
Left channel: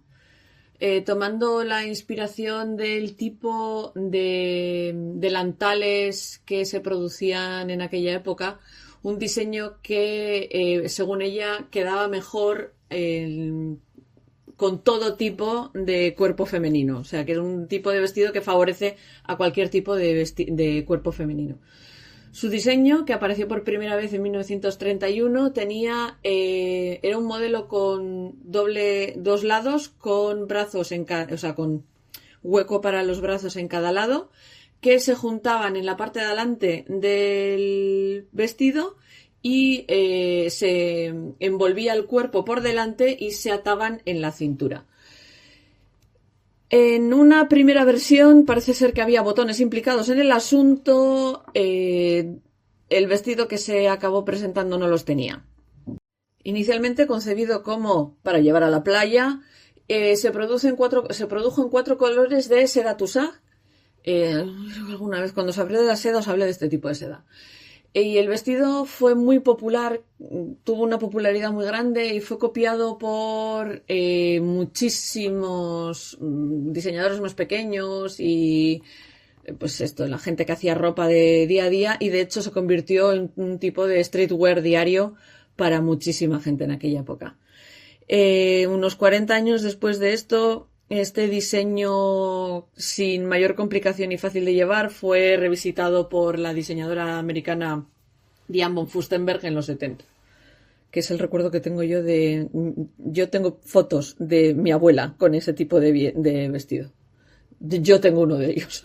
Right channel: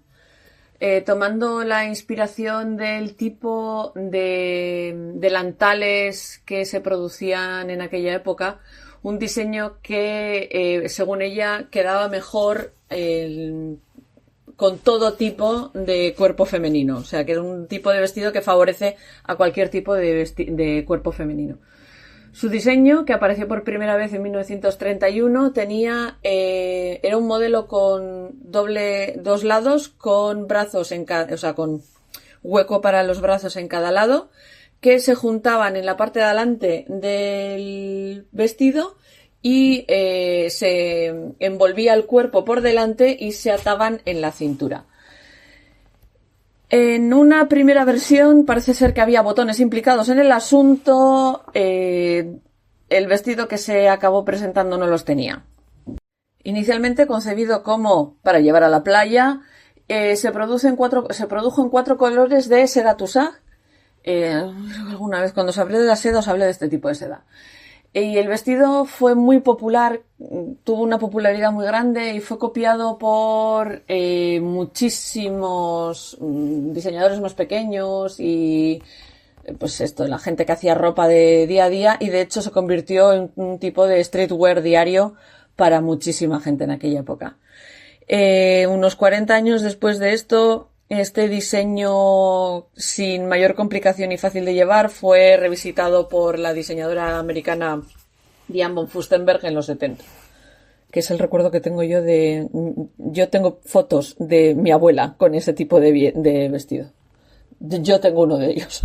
tomando la inspiración del tipo de delantales que se producían en aquella época, un diseño que, según ella, quedaba mejor con todo tipo de cuerpo femenino. O sea, que es un tipo de vestido que favorece a cualquier tipo de cuerpo femenino. Su diseño, que apareció por primera vez en 1931, era un modelo con dos lados, con brazos con hueco para los brazos en cada lado, que se juntaban en la parte de adelante del vestido y se envolvía el cuerpo por delante y se ataban en la cintura. En una primera versión parece ser que había botones implicados en el asunto. El vestido que se acabó presentando no los tenía. Inicialmente concebido como para llevar a la playa, se produjo en 4 colores de seda Tussaud. Alguna vez cuando os hablé de la seda os hablé de este tipo de seda. Y el vestido fue muy popular, tuvo una popularidad muy grande y fue copiado por muchísimos diseñadores más pequeños y pues la gente que hacía ropa de día a día y de hecho se convirtió en un tipo de streetwear diario para muchísima gente en aquella época. Unos 40 años después de esto, este diseño sin mayor complicación y fácil de llevar fue revisitado por la diseñadora americana Diane von Furstenberg en los 70, que es el recuerdo que tengo yo yo tengo fotos de mi abuela con ese tipo de vestido. Yo tengo uno de ellos.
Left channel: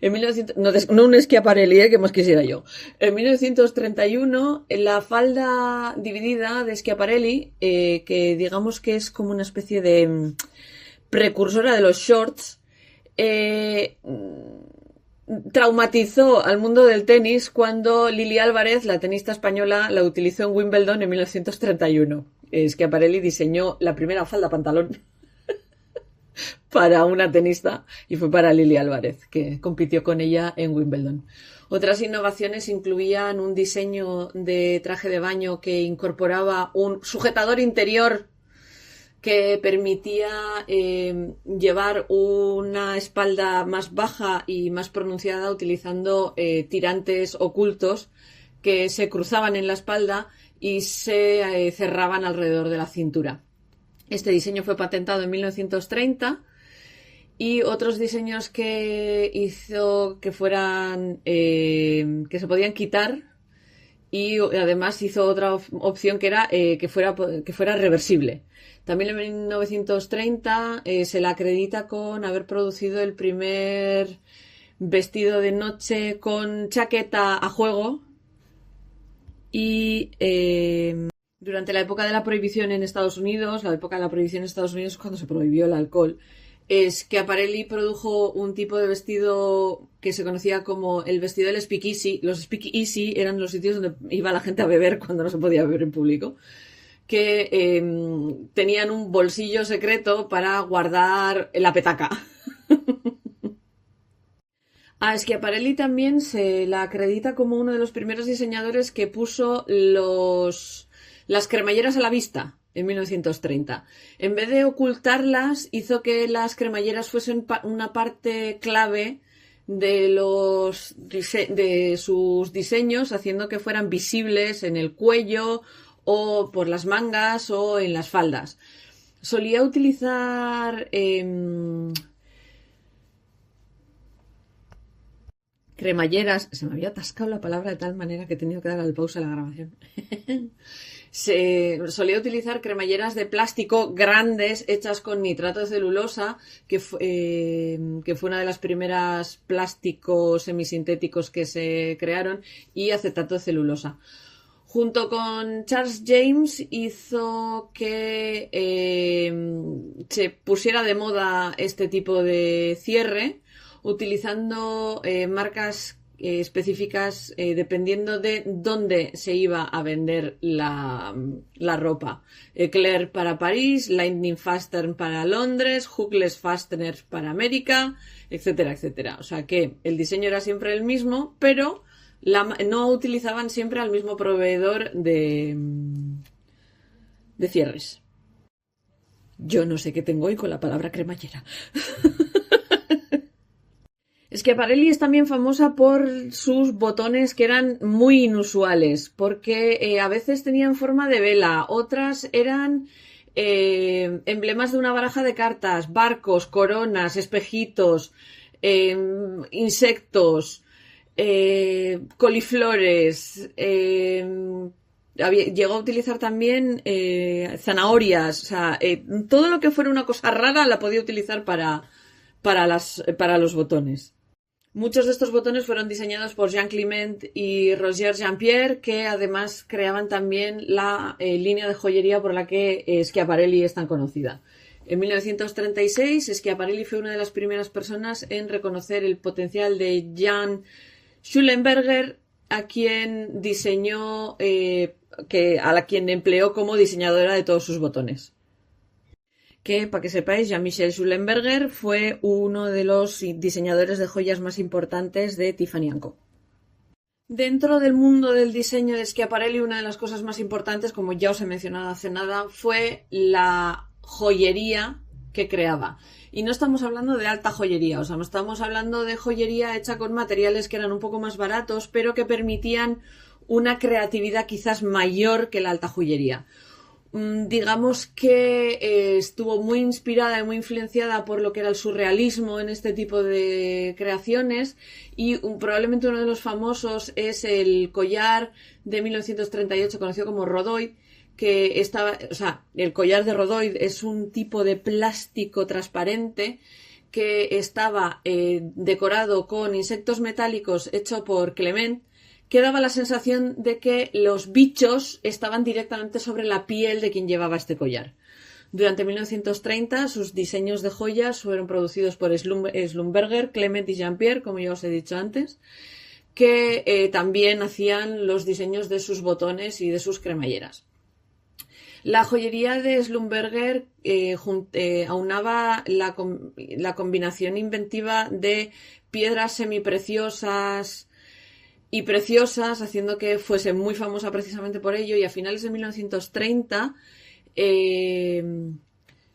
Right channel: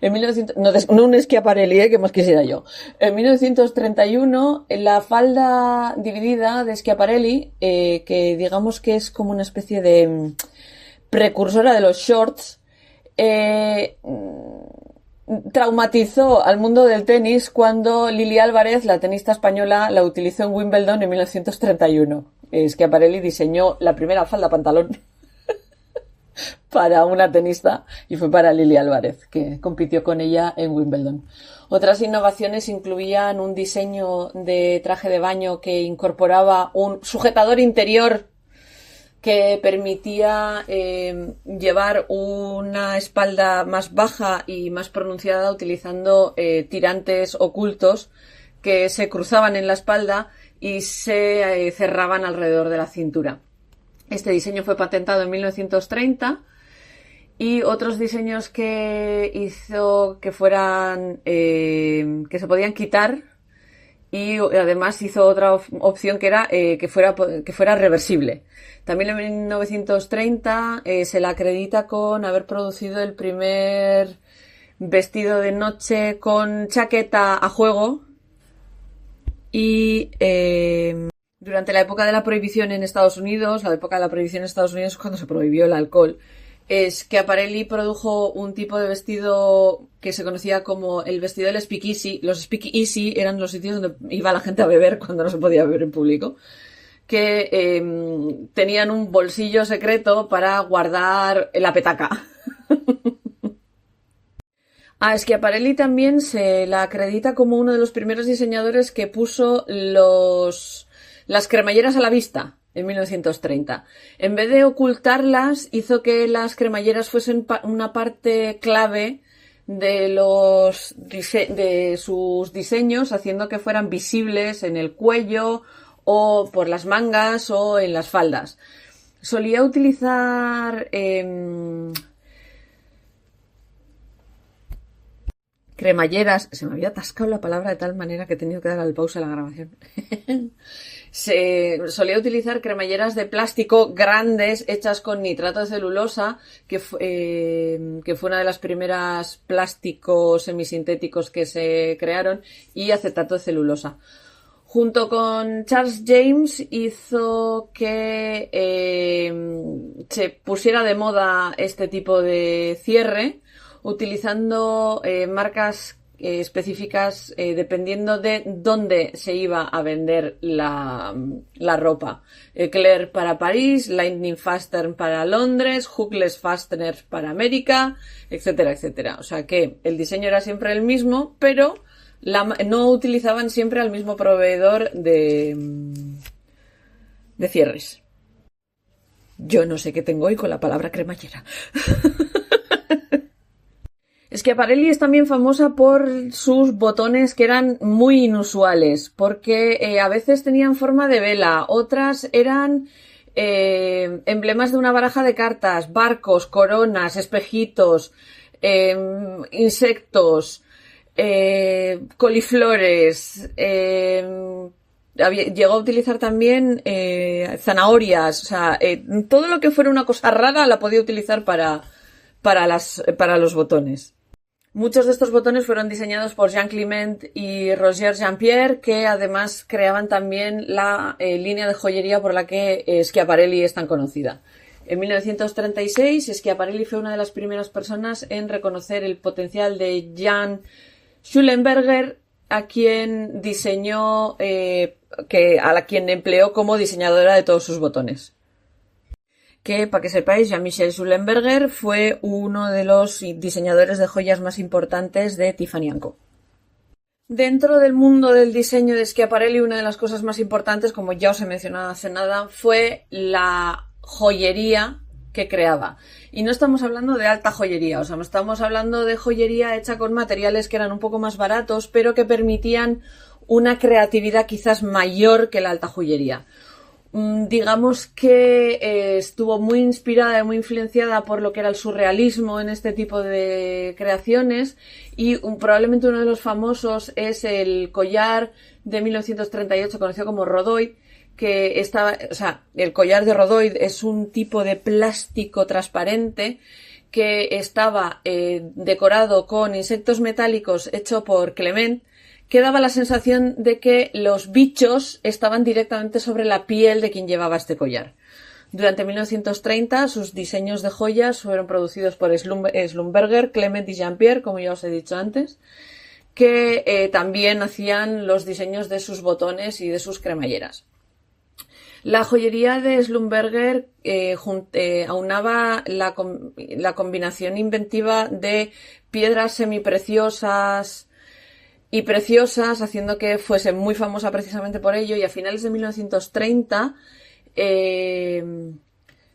En 1900, no un Schiaparelli, que más quisiera yo. En 1931, la falda dividida de Schiaparelli, que digamos que es como una especie de precursora de los shorts, traumatizó al mundo del tenis cuando Lili Álvarez, la tenista española, la utilizó en Wimbledon en 1931. Schiaparelli diseñó la primera falda pantalón para una tenista y fue para Lili Álvarez, que compitió con ella en Wimbledon. Otras innovaciones incluían un diseño de traje de baño que incorporaba un sujetador interior que permitía llevar una espalda más baja y más pronunciada utilizando tirantes ocultos que se cruzaban en la espalda y se cerraban alrededor de la cintura. Este diseño fue patentado en 1930 y otros diseños que hizo que fueran que se podían quitar y además hizo otra opción que era que fuera reversible. También en 1930 se la acredita con haber producido el primer vestido de noche con chaqueta a juego y durante la época de la prohibición en Estados Unidos, es cuando se prohibió el alcohol. Schiaparelli produjo un tipo de vestido que se conocía como el vestido del speakeasy. Los speakeasy eran los sitios donde iba la gente a beber cuando no se podía beber en público, que tenían un bolsillo secreto para guardar la petaca. A Schiaparelli también se la acredita como uno de los primeros diseñadores que puso las cremalleras a la vista en 1930. En vez de ocultarlas, hizo que las cremalleras fuesen una parte clave de sus diseños, haciendo que fueran visibles en el cuello o por las mangas o en las faldas. Solía utilizar cremalleras. Se me había atascado la palabra de tal manera que he tenido que dar al pausa a la grabación. Se solía utilizar cremalleras de plástico grandes hechas con nitrato de celulosa, que fue una de las primeras plásticos semisintéticos que se crearon, y acetato de celulosa. Junto con Charles James hizo que se pusiera de moda este tipo de cierre, utilizando marcas específicas dependiendo de dónde se iba a vender la ropa. Eclair para París, Lightning Fastener para Londres, Hookless Fasteners para América, etcétera, etcétera. O sea que el diseño era siempre el mismo, pero no utilizaban siempre al mismo proveedor de cierres. Yo no sé qué tengo hoy con la palabra cremallera. Schiaparelli es también famosa por sus botones que eran muy inusuales, porque a veces tenían forma de vela, otras eran emblemas de una baraja de cartas, barcos, coronas, espejitos, insectos, coliflores. Llegó a utilizar también zanahorias, o sea, todo lo que fuera una cosa rara la podía utilizar para los botones. Muchos de estos botones fueron diseñados por Jean Clement y Roger Jean-Pierre, que además creaban también la línea de joyería por la que Schiaparelli es tan conocida. En 1936, Schiaparelli fue una de las primeras personas en reconocer el potencial de Jan Schulenberger, a quien diseñó, a la quien empleó como diseñadora de todos sus botones. Que, para que sepáis, Jean-Michel Schulenberger fue uno de los diseñadores de joyas más importantes de Tiffany & Co. Dentro del mundo del diseño de Schiaparelli, una de las cosas más importantes, como ya os he mencionado hace nada, fue la joyería que creaba. Y no estamos hablando de alta joyería, o sea, no estamos hablando de joyería hecha con materiales que eran un poco más baratos, pero que permitían una creatividad quizás mayor que la alta joyería. Digamos que estuvo muy inspirada y muy influenciada por lo que era el surrealismo en este tipo de creaciones, y probablemente uno de los famosos es el collar de 1938 conocido como Rhodoid, que el collar de Rhodoid es un tipo de plástico transparente que estaba decorado con insectos metálicos hecho por Clement, que daba la sensación de que los bichos estaban directamente sobre la piel de quien llevaba este collar. Durante 1930 sus diseños de joyas fueron producidos por Schlumberger, Clement y Jean-Pierre, como ya os he dicho antes, que también hacían los diseños de sus botones y de sus cremalleras. La joyería de Schlumberger aunaba la combinación inventiva de piedras semipreciosas y preciosas, haciendo que fuese muy famosa precisamente por ello, y a finales de 1930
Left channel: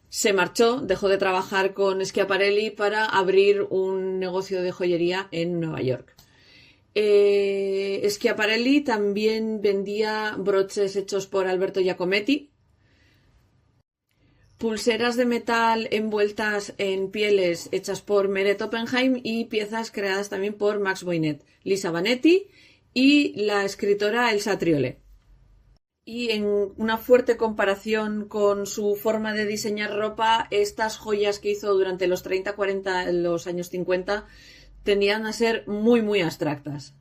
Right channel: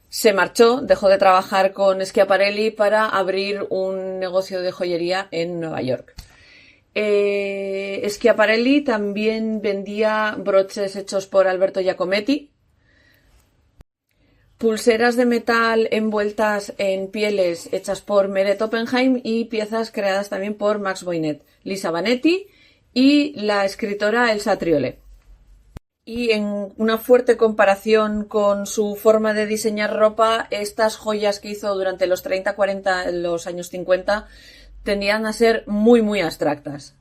se marchó, dejó de trabajar con Schiaparelli para abrir un negocio de joyería en Nueva York. Schiaparelli también vendía broches hechos por Alberto Giacometti, pulseras de metal envueltas en pieles hechas por Meret Oppenheim y piezas creadas también por Max Boynet, Lisa Vanetti y la escritora Elsa Triolet. Y en una fuerte comparación con su forma de diseñar ropa, estas joyas que hizo durante los 30, 40, los años 50 tendían a ser muy, muy abstractas.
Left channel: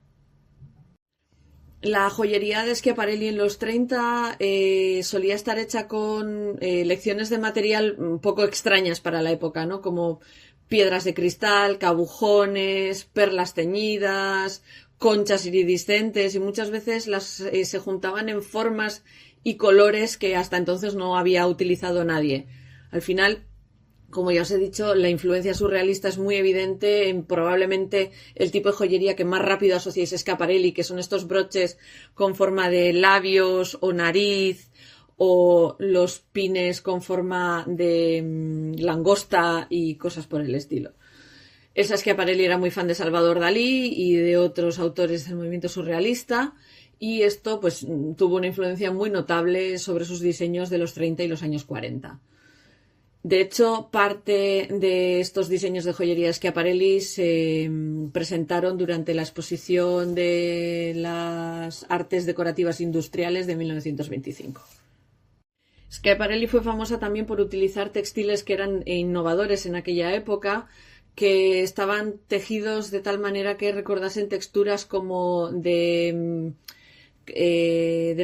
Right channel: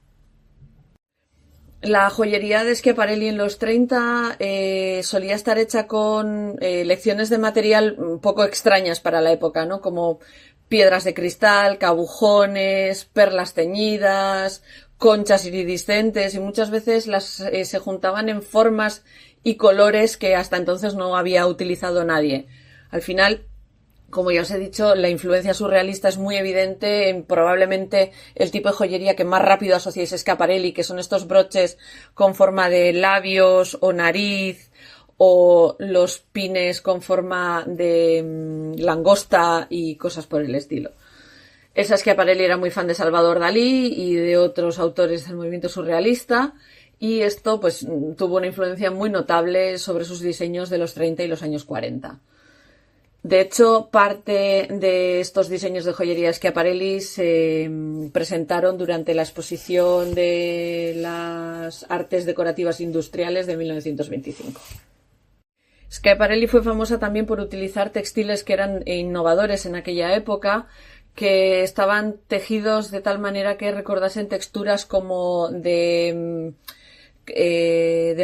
La joyería de Schiaparelli en los 30 solía estar hecha con lecciones de material un poco extrañas para la época, ¿no? Como piedras de cristal, cabujones, perlas teñidas, conchas iridiscentes, y muchas veces se juntaban en formas y colores que hasta entonces no había utilizado nadie. Al final, Como ya os he dicho, la influencia surrealista es muy evidente en probablemente el tipo de joyería que más rápido asociáis a Schiaparelli, que son estos broches con forma de labios o nariz, o los pines con forma de langosta y cosas por el estilo. Elsa Schiaparelli era muy fan de Salvador Dalí y de otros autores del movimiento surrealista, y esto pues tuvo una influencia muy notable sobre sus diseños de los 30 y los años 40. De hecho, parte de estos diseños de joyería Schiaparelli se presentaron durante la exposición de las artes decorativas industriales de 1925. Schiaparelli fue famosa también por utilizar textiles que eran innovadores en aquella época, que estaban tejidos de tal manera que recordasen texturas como de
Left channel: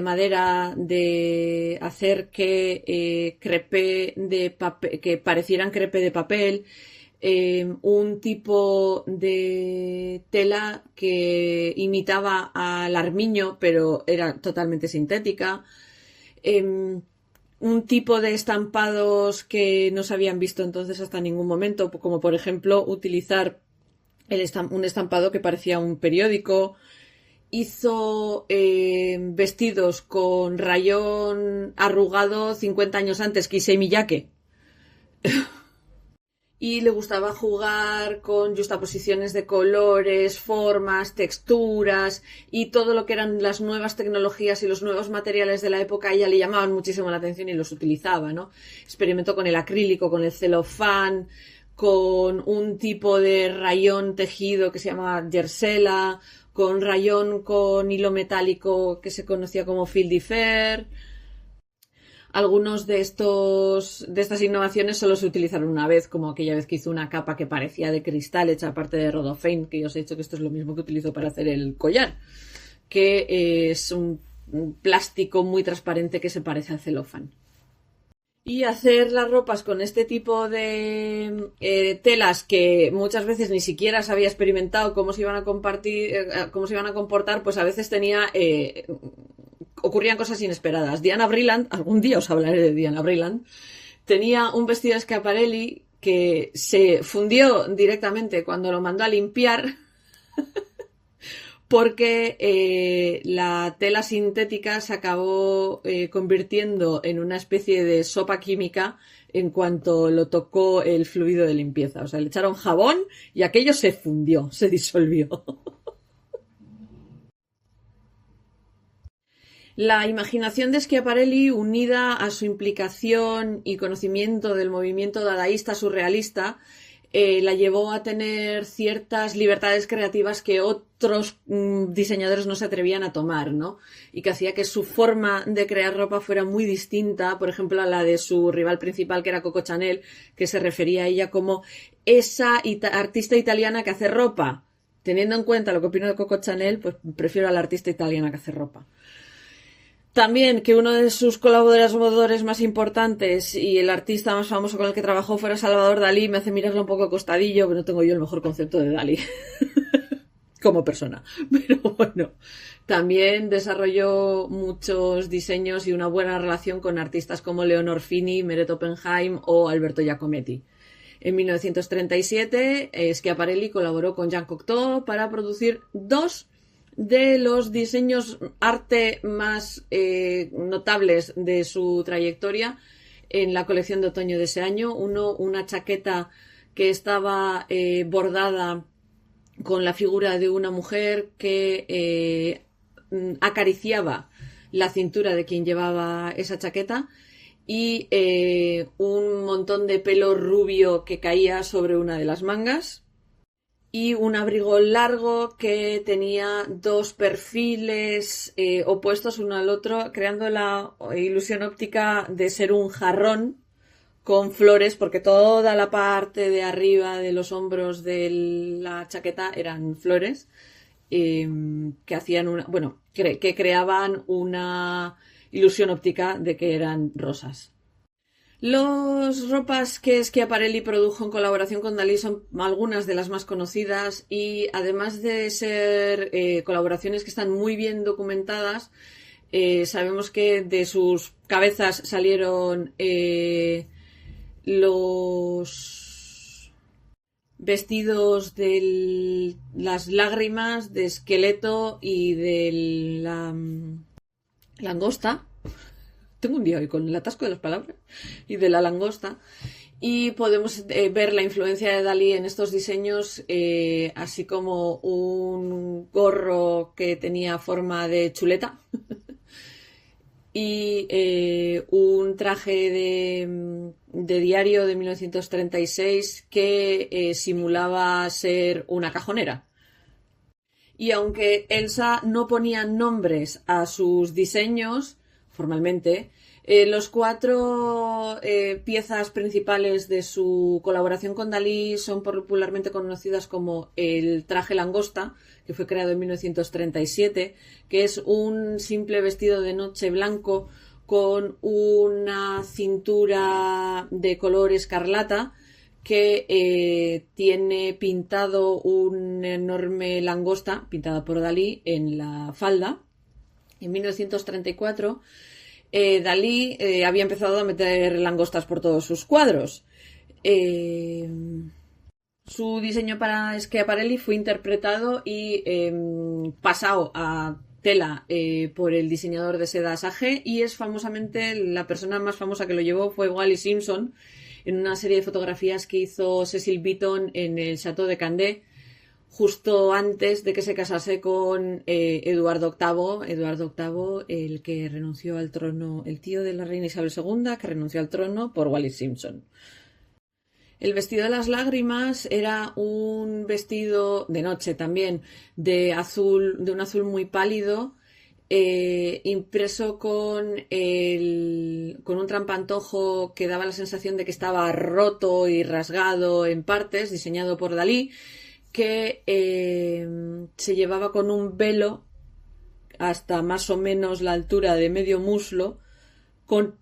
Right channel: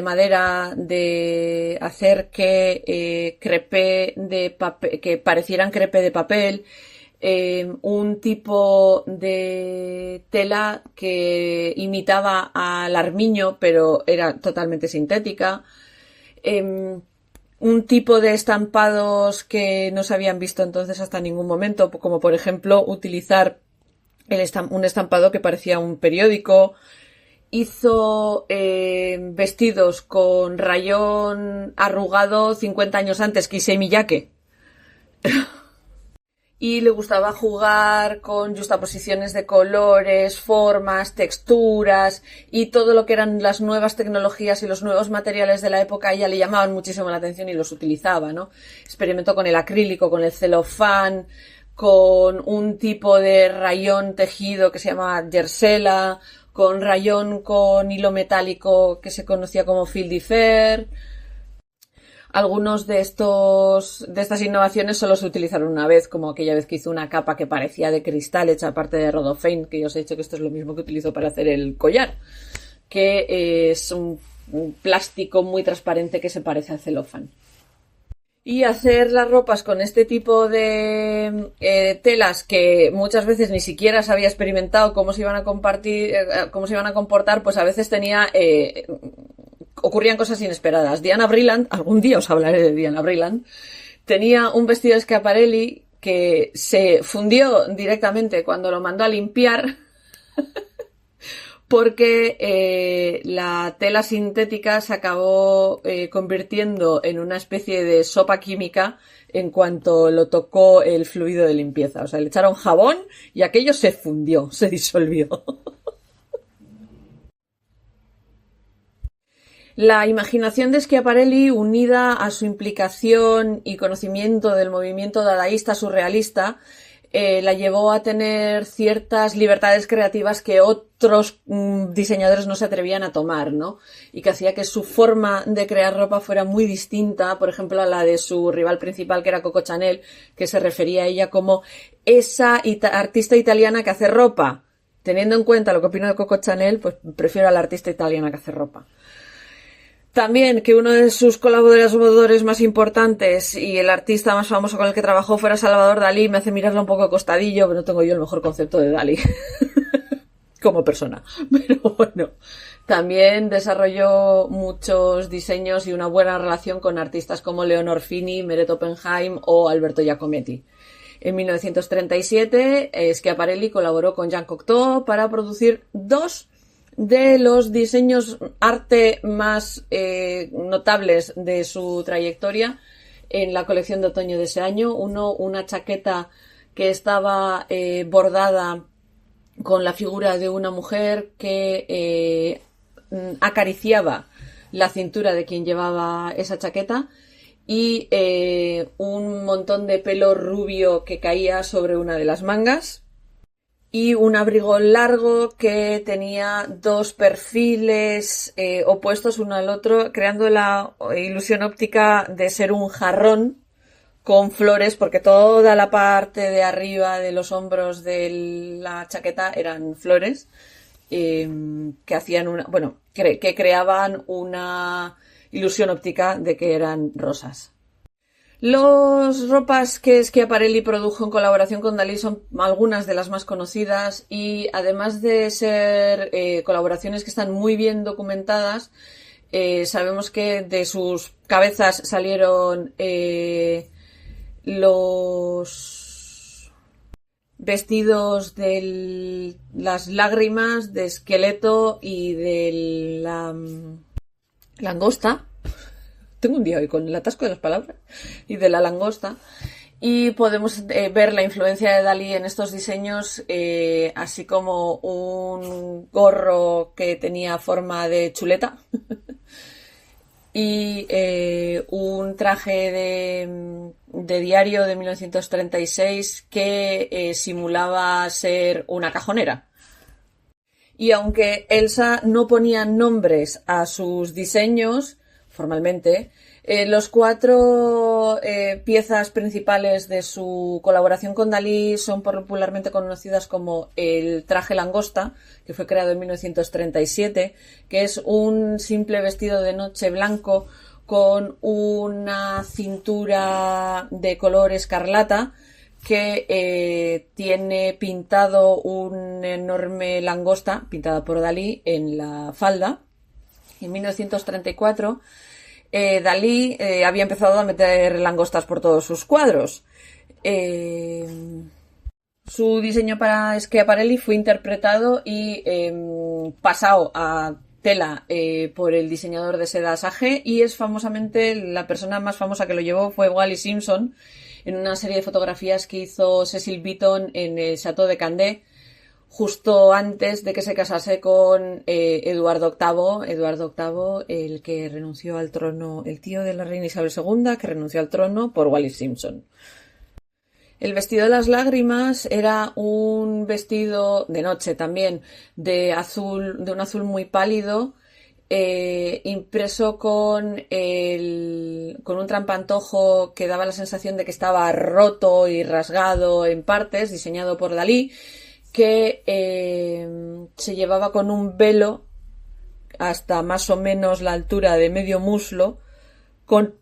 madera, de hacer que crepé de papel, que parecieran crepé de papel, un tipo de tela que imitaba al armiño, pero era totalmente sintética. Un tipo de estampados que no se habían visto entonces hasta ningún momento, como por ejemplo utilizar un estampado que parecía un periódico. Hizo vestidos con rayón arrugado 50 años antes que Issei Miyake. Y le gustaba jugar con justaposiciones de colores, formas, texturas, y todo lo que eran las nuevas tecnologías y los nuevos materiales de la época a ella le llamaban muchísimo la atención y los utilizaba, ¿no? Experimentó con el acrílico, con el celofán, con un tipo de rayón tejido que se llama jersela, con rayón con hilo metálico que se conocía como fil de fer. Algunos de estas innovaciones solo se utilizaron una vez, como aquella vez que hizo una capa que parecía de cristal hecha aparte de rodofein, que yo os he dicho que esto es lo mismo que utilizo para hacer el collar, que es un plástico muy transparente que se parece al celofán. Y hacer las ropas con este tipo de telas que muchas veces ni siquiera se había experimentado cómo se iban a cómo se iban a comportar, pues a veces ocurrían cosas inesperadas. Diana Vreeland, algún día os hablaré de Diana Vreeland, tenía un vestido de Schiaparelli que se fundió directamente cuando lo mandó a limpiar porque la tela sintética se acabó convirtiendo en una especie de sopa química en cuanto lo tocó el fluido de limpieza. O sea, le echaron jabón y aquello se fundió, se disolvió. La imaginación de Schiaparelli, unida a su implicación y conocimiento del movimiento dadaísta surrealista, la llevó a tener ciertas libertades creativas que otros diseñadores no se atrevían a tomar, ¿no? Y que hacía que su forma de crear ropa fuera muy distinta, por ejemplo, a la de su rival principal, que era Coco Chanel, que se refería a ella como esa artista italiana que hace ropa. Teniendo en cuenta lo que opino de Coco Chanel, pues prefiero a la artista italiana que hace ropa. También que uno de sus colaboradores más importantes y el artista más famoso con el que trabajó fuera Salvador Dalí me hace mirarlo un poco de costadillo, pero no tengo yo el mejor concepto de Dalí como persona. Pero bueno, también desarrolló muchos diseños y una buena relación con artistas como Leonor Fini, Meret Oppenheim o Alberto Giacometti. En 1937, Schiaparelli colaboró con Jean Cocteau para producir dos de los diseños arte más notables de su trayectoria en la colección de otoño de ese año. Uno, una chaqueta que estaba bordada con la figura de una mujer que acariciaba la cintura de quien llevaba esa chaqueta, y un montón de pelo rubio que caía sobre una de las mangas, y un abrigo largo que tenía dos perfiles opuestos uno al otro, creando la ilusión óptica de ser un jarrón con flores, porque toda la parte de arriba de los hombros de la chaqueta eran flores que hacían que creaban una ilusión óptica de que eran rosas. Las ropas que Schiaparelli produjo en colaboración con Dalí son algunas de las más conocidas, y además de ser colaboraciones que están muy bien documentadas, sabemos que de sus cabezas salieron los vestidos de las lágrimas, de Esqueleto y de la langosta. Tengo un día hoy con el atasco de las palabras. Y de la langosta. Y podemos ver la influencia de Dalí en estos diseños, así como un gorro que tenía forma de chuleta y un traje de diario de 1936 que simulaba ser una cajonera. Y aunque Elsa no ponía nombres a sus diseños formalmente, los 4 piezas principales de su colaboración con Dalí son popularmente conocidas como el traje langosta, que fue creado en 1937, que es un simple vestido de noche blanco con una cintura de color escarlata que tiene pintado una enorme langosta, pintada por Dalí, en la falda. En 1934 Dalí había empezado a meter langostas por todos sus cuadros. Su diseño para Schiaparelli fue interpretado y pasado a tela por el diseñador de seda Sage, y es famosamente la persona más famosa que lo llevó fue Wallis Simpson en una serie de fotografías que hizo Cecil Beaton en el Château de Candé justo antes de que se casase con Eduardo VIII, el que renunció al trono, el tío de la reina Isabel II, que renunció al trono por Wallis Simpson. El vestido de las lágrimas era un vestido de noche también, de un azul muy pálido, impreso con un trampantojo que daba la sensación de que estaba roto y rasgado en partes, diseñado por Dalí, que se llevaba con un velo hasta más o menos la altura de medio muslo, con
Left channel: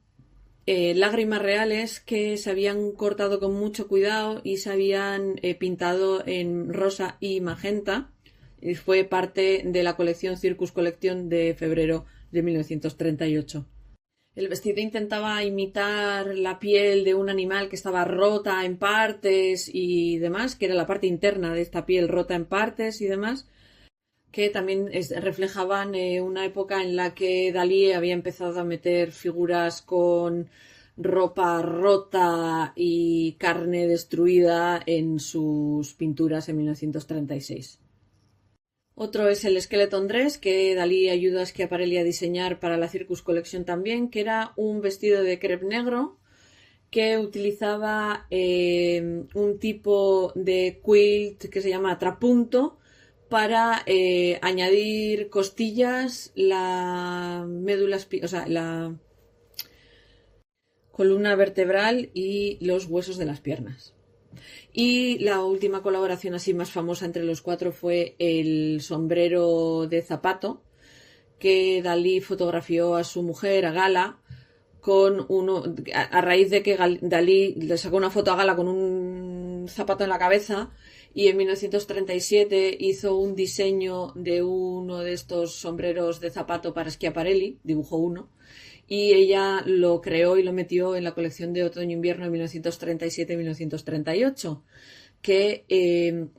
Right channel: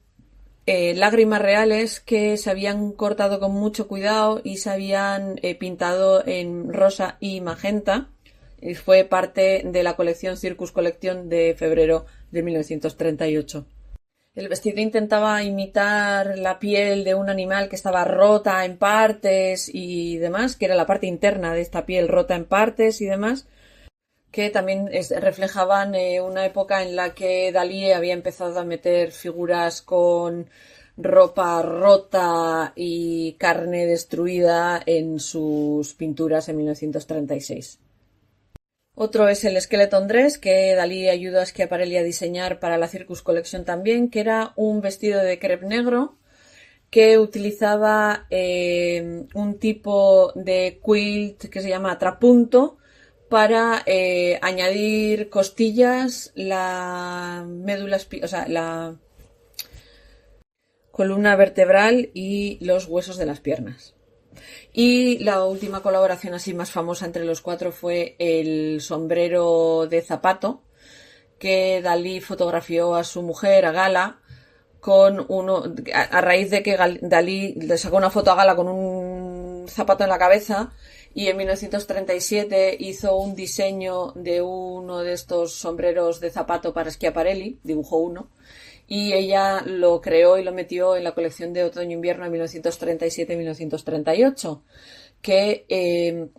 lágrimas reales que se habían cortado con mucho cuidado y se habían pintado en rosa y magenta, y fue parte de la colección Circus Collection de febrero de 1938. El vestido intentaba imitar la piel de un animal que estaba rota en partes y demás, que era la parte interna de esta piel rota en partes y demás, que también reflejaban una época en la que Dalí había empezado a meter figuras con ropa rota y carne destruida en sus pinturas en 1936. Otro es el Skeleton Dress, que Dalí ayudó a Schiaparelli a diseñar para la Circus Collection también, que era un vestido de crepe negro que utilizaba un tipo de quilt que se llama trapunto para añadir costillas, la médula, la columna vertebral y los huesos de las piernas. Y la última colaboración así más famosa entre los 4 fue el sombrero de zapato, que Dalí fotografió a su mujer, a Gala, a raíz de que Dalí le sacó una foto a Gala con un zapato en la cabeza, y en 1937 hizo un diseño de uno de estos sombreros de zapato para Schiaparelli, dibujó uno, y ella lo creó y lo metió en la colección de otoño-invierno de 1937-1938, que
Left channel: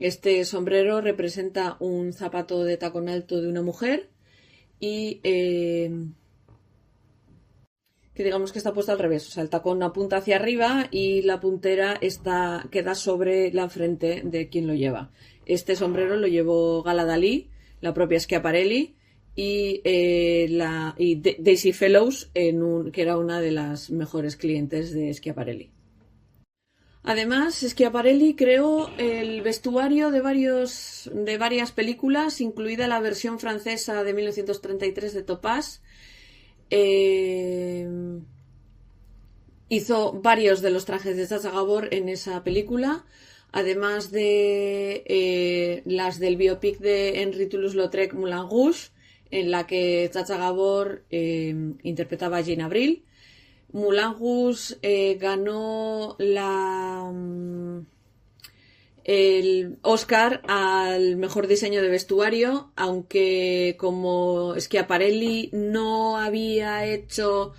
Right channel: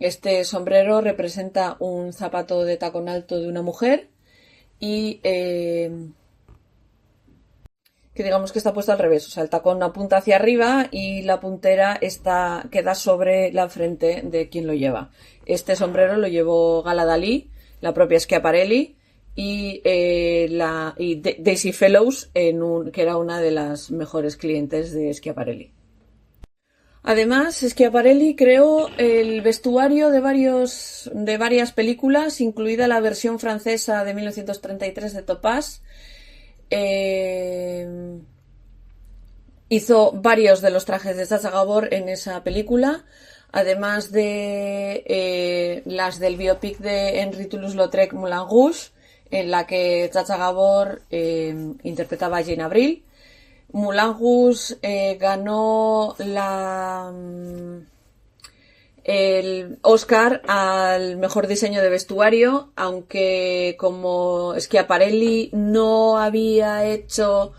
este sombrero representa un zapato de tacón alto de una mujer y que digamos que está puesto al revés, o sea, el tacón apunta hacia arriba y la puntera queda sobre la frente de quien lo lleva. Este sombrero lo llevó Gala Dalí, la propia Schiaparelli y Daisy Fellows, que era una de las mejores clientes de Schiaparelli. Además, Schiaparelli creó el vestuario de varias películas, incluida la versión francesa de 1933 de Topaz. Hizo varios de los trajes de Sacha Gabor en esa película, además de las del biopic de Henri Toulouse-Lautrec, Moulin Rouge, en la que Sacha Gabor interpretaba a Jane Avril. Moulin Rouge ganó el Oscar al mejor diseño de vestuario, aunque como Schiaparelli no había hecho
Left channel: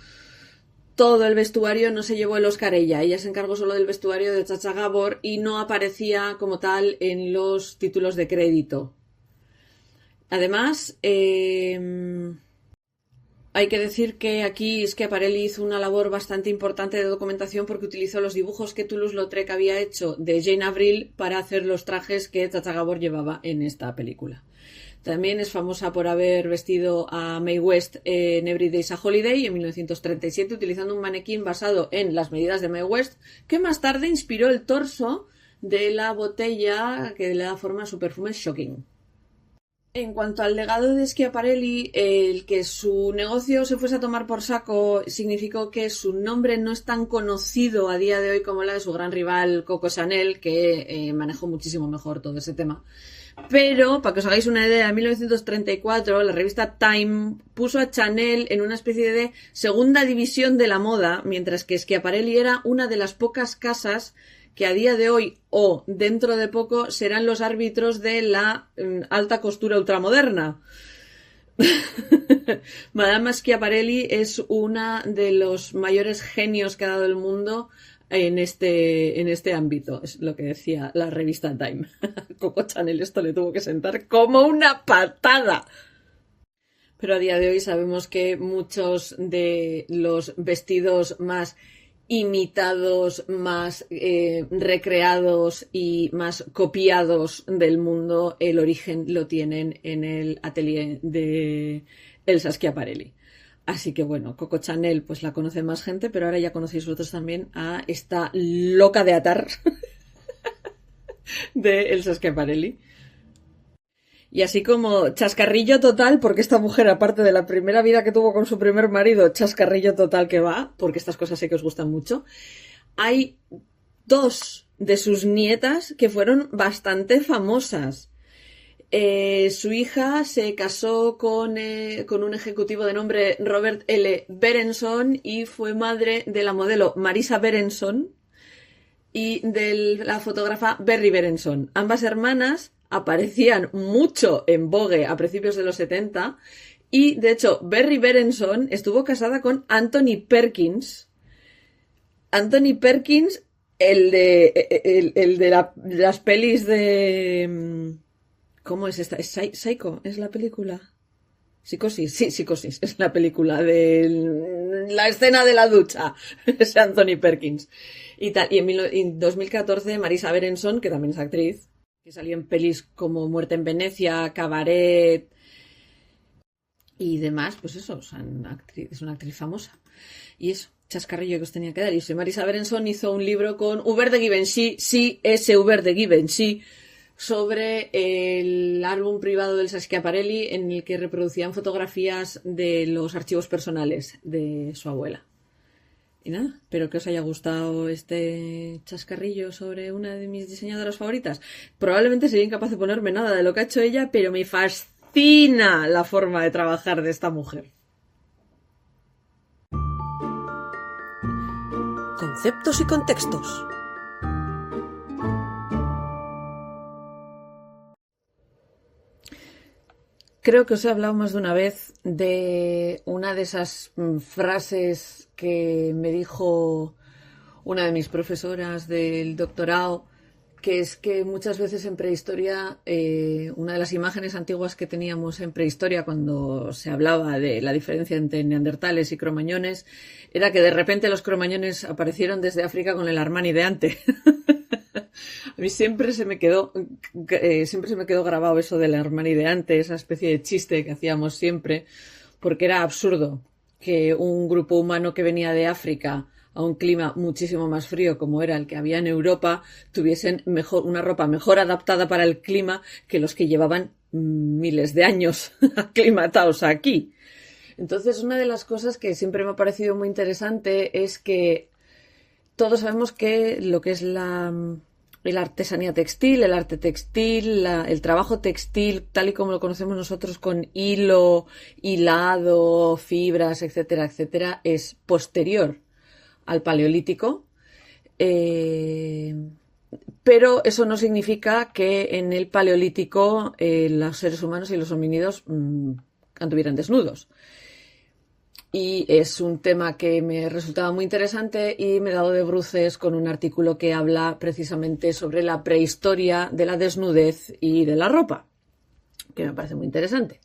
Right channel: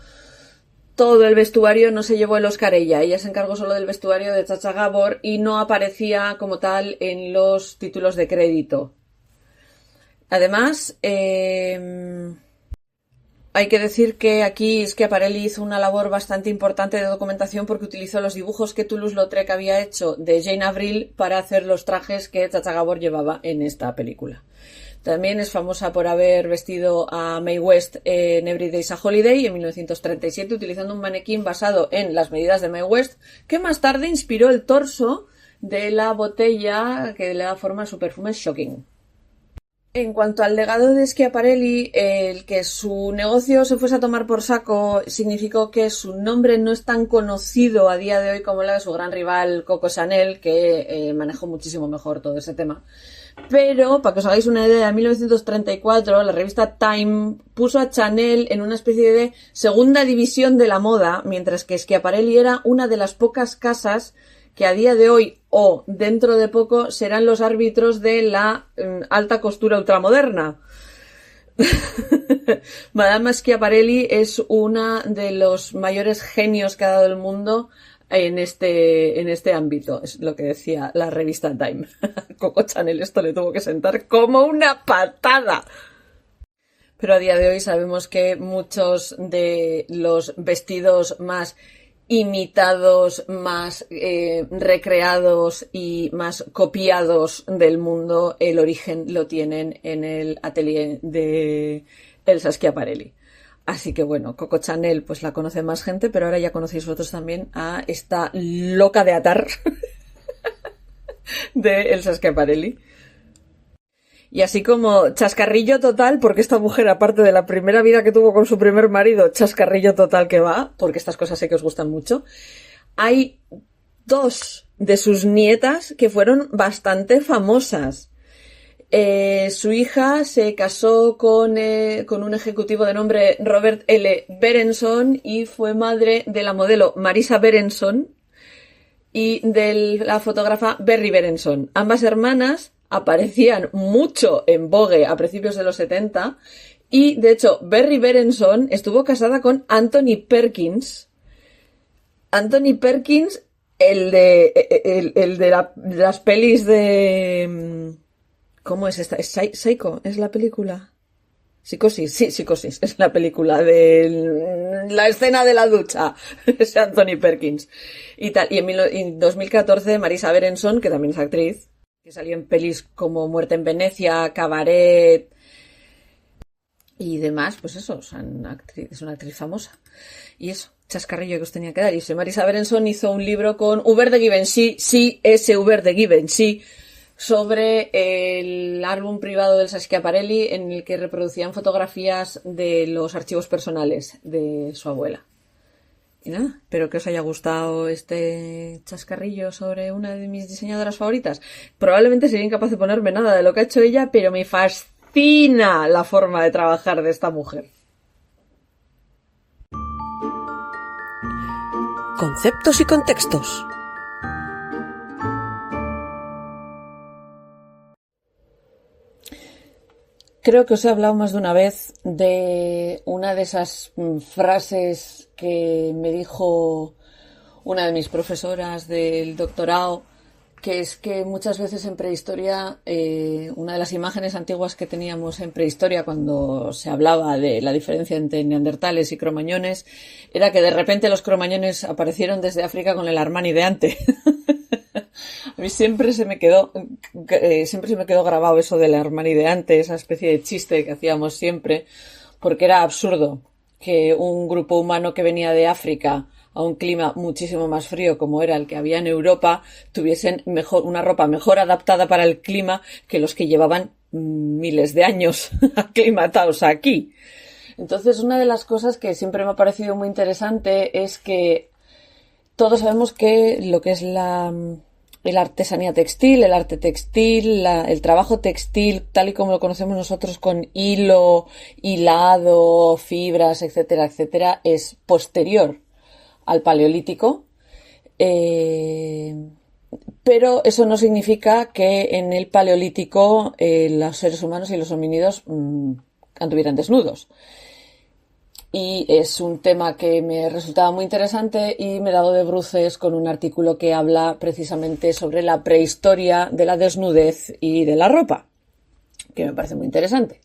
todo el vestuario no se llevó el Oscar ella. Ella se encargó solo del vestuario de Chacha Gabor y no aparecía como tal en los títulos de crédito. Además, hay que decir que aquí Schiaparelli hizo una labor bastante importante de documentación porque utilizó los dibujos que Toulouse-Lautrec había hecho de Jane Avril para hacer los trajes que Chacha Gabor llevaba en esta película. También es famosa por haber vestido a Mae West en Every Day's a Holiday en 1937 utilizando un manequín basado en las medidas de Mae West que más tarde inspiró el torso de la botella que le da forma a su perfume Shocking. En cuanto al legado de Schiaparelli, el que su negocio se fuese a tomar por saco significó que su nombre no es tan conocido a día de hoy como la de su gran rival Coco Chanel, que manejó muchísimo mejor todo ese tema. Pero, para que os hagáis una idea, en 1934 la revista Time puso a Chanel en una especie de segunda división de la moda, mientras que Schiaparelli era una de las pocas casas que a día de hoy o dentro de poco serán los árbitros de la alta costura ultramoderna. Madame Schiaparelli es una de los mayores genios que ha dado el mundo en este ámbito, es lo que decía la revista Time. Coco Chanel esto le tuvo que sentar como una patada. Pero a día de hoy sabemos que muchos de los vestidos más imitados, más recreados y más copiados del mundo, el origen lo tienen en el atelier de Elsa Schiaparelli. Así que bueno, Coco Chanel pues la conoce más gente, pero ahora ya conocéis vosotros también a esta loca de atar de Elsa Schiaparelli. Y así como chascarrillo total, porque esta mujer, aparte de la primera vida que tuvo con su primer marido, chascarrillo total que va, porque estas cosas sé que os gustan mucho, hay 2 de sus nietas que fueron bastante famosas. Su hija se casó con un ejecutivo de nombre Robert L. Berenson y fue madre de la modelo Marisa Berenson y de la fotógrafa Berry Berenson. Ambas hermanas aparecían mucho en Vogue a principios de los 70 y, de hecho, Berry Berenson estuvo casada con Anthony Perkins. Anthony Perkins, el de las pelis de... ¿Cómo es esta? ¿Es Psycho? ¿Es la película? Psicosis, sí, Psicosis, es la película de la escena de la ducha, es Anthony Perkins. Y tal, y en 2014 Marisa Berenson, que también es actriz, que salió en pelis como Muerte en Venecia, Cabaret y demás, pues eso, es una actriz famosa. Y eso, chascarrillo que os tenía que dar. Y Marisa Berenson hizo un libro con Hubert de Givenchy, sí, ese Hubert de Givenchy, sobre el álbum privado del Schiaparelli en el que reproducían fotografías de los archivos personales de su abuela. Y nada, espero que os haya gustado este chascarrillo sobre una de mis diseñadoras favoritas. Probablemente sería incapaz de ponerme nada de lo que ha hecho ella, pero me fascina la forma de trabajar de esta mujer. Conceptos y contextos. Creo que os he hablado más de una vez de una de esas frases que me dijo una de mis profesoras del doctorado, que es que muchas veces en prehistoria, una de las imágenes antiguas que teníamos en prehistoria cuando se hablaba de la diferencia entre neandertales y cromañones, era que de repente los cromañones aparecieron desde África con el Armani de antes. A mí siempre se me quedó grabado eso del Armani de antes, esa especie de chiste que hacíamos siempre, porque era absurdo que un grupo humano que venía de África a un clima muchísimo más frío como era el que había en Europa, tuviesen una ropa mejor adaptada para el clima que los que llevaban miles de años aclimatados aquí. Entonces, una de las cosas que siempre me ha parecido muy interesante es que todos sabemos que lo que es la artesanía textil, el arte textil, el trabajo textil, tal y como lo conocemos nosotros con hilo, hilado, fibras, etcétera, etcétera, es posterior al Paleolítico. Pero eso no significa que en el Paleolítico los seres humanos y los homínidos anduvieran desnudos. y es un tema que me resultaba muy interesante y me he dado de bruces con un artículo que habla precisamente sobre la prehistoria de la desnudez y de la ropa, que me parece muy interesante.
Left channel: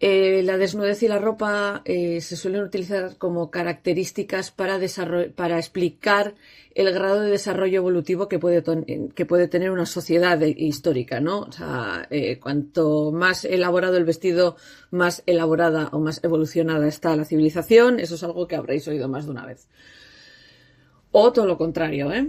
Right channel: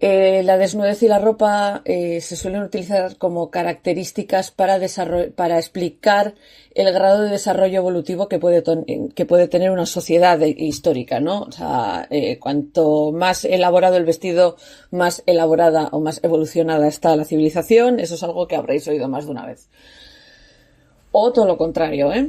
La desnudez y la ropa se suelen utilizar como características para explicar el grado de desarrollo evolutivo que puede tener una sociedad histórica, ¿no? O sea, cuanto más elaborado el vestido, más elaborada o más evolucionada está la civilización. Eso es algo que habréis oído más de una vez. O todo lo contrario, ¿eh?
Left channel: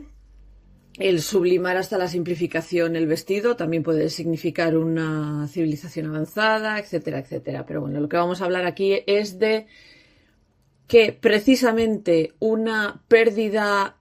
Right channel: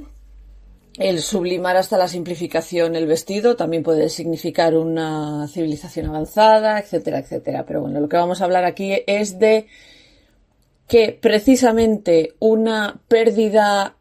El sublimar hasta la simplificación el vestido también puede significar una civilización avanzada, etcétera, etcétera. Pero bueno, lo que vamos a hablar aquí es de que precisamente una pérdida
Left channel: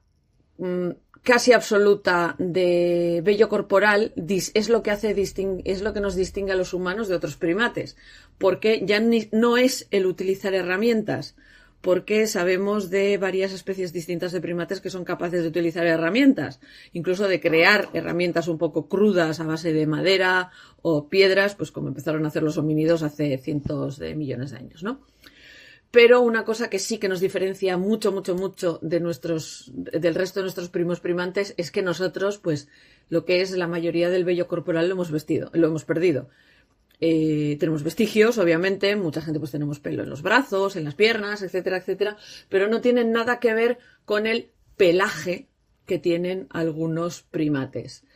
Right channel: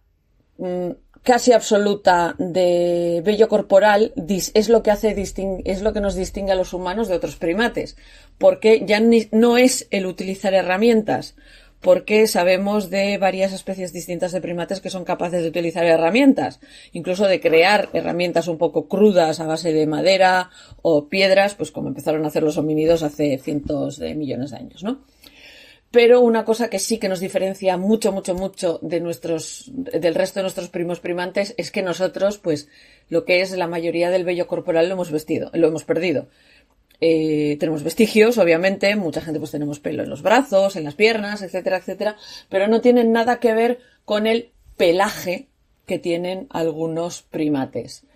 casi absoluta de vello corporal es lo que nos distingue a los humanos de otros primates, porque ya no es el utilizar herramientas, porque sabemos de varias especies distintas de primates que son capaces de utilizar herramientas, incluso de crear herramientas un poco crudas a base de madera o piedras, pues como empezaron a hacer los homínidos hace cientos de millones de años, ¿no? Pero una cosa que sí que nos diferencia mucho, mucho, mucho del resto de nuestros primos primates es que nosotros, pues, lo que es la mayoría del vello corporal lo hemos perdido. Tenemos vestigios, obviamente, mucha gente pues tenemos pelo en los brazos, en las piernas, etcétera, etcétera, pero no tienen nada que ver con el pelaje que tienen algunos primates.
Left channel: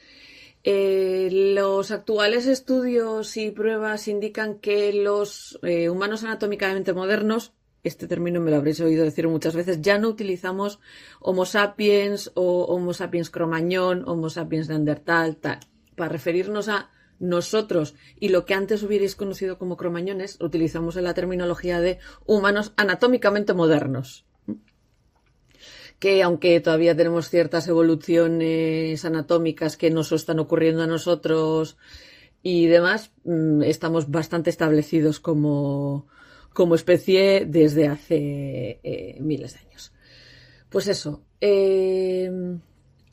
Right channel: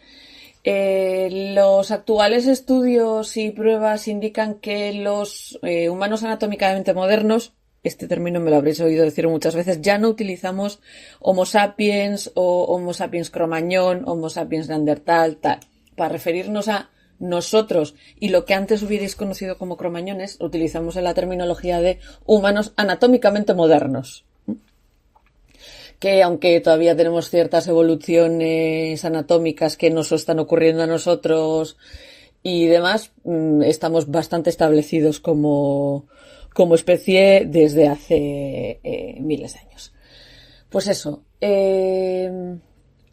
Los actuales estudios y pruebas indican que los humanos anatómicamente modernos, este término me lo habréis oído decir muchas veces, ya no utilizamos Homo sapiens o Homo sapiens cromañón, Homo sapiens neandertal, tal, para referirnos a nosotros y lo que antes hubierais conocido como cromañones, utilizamos en la terminología de humanos anatómicamente modernos. Que aunque todavía tenemos ciertas evoluciones anatómicas que nos están ocurriendo a nosotros y demás, estamos bastante establecidos como especie desde hace miles de años. Pues eso,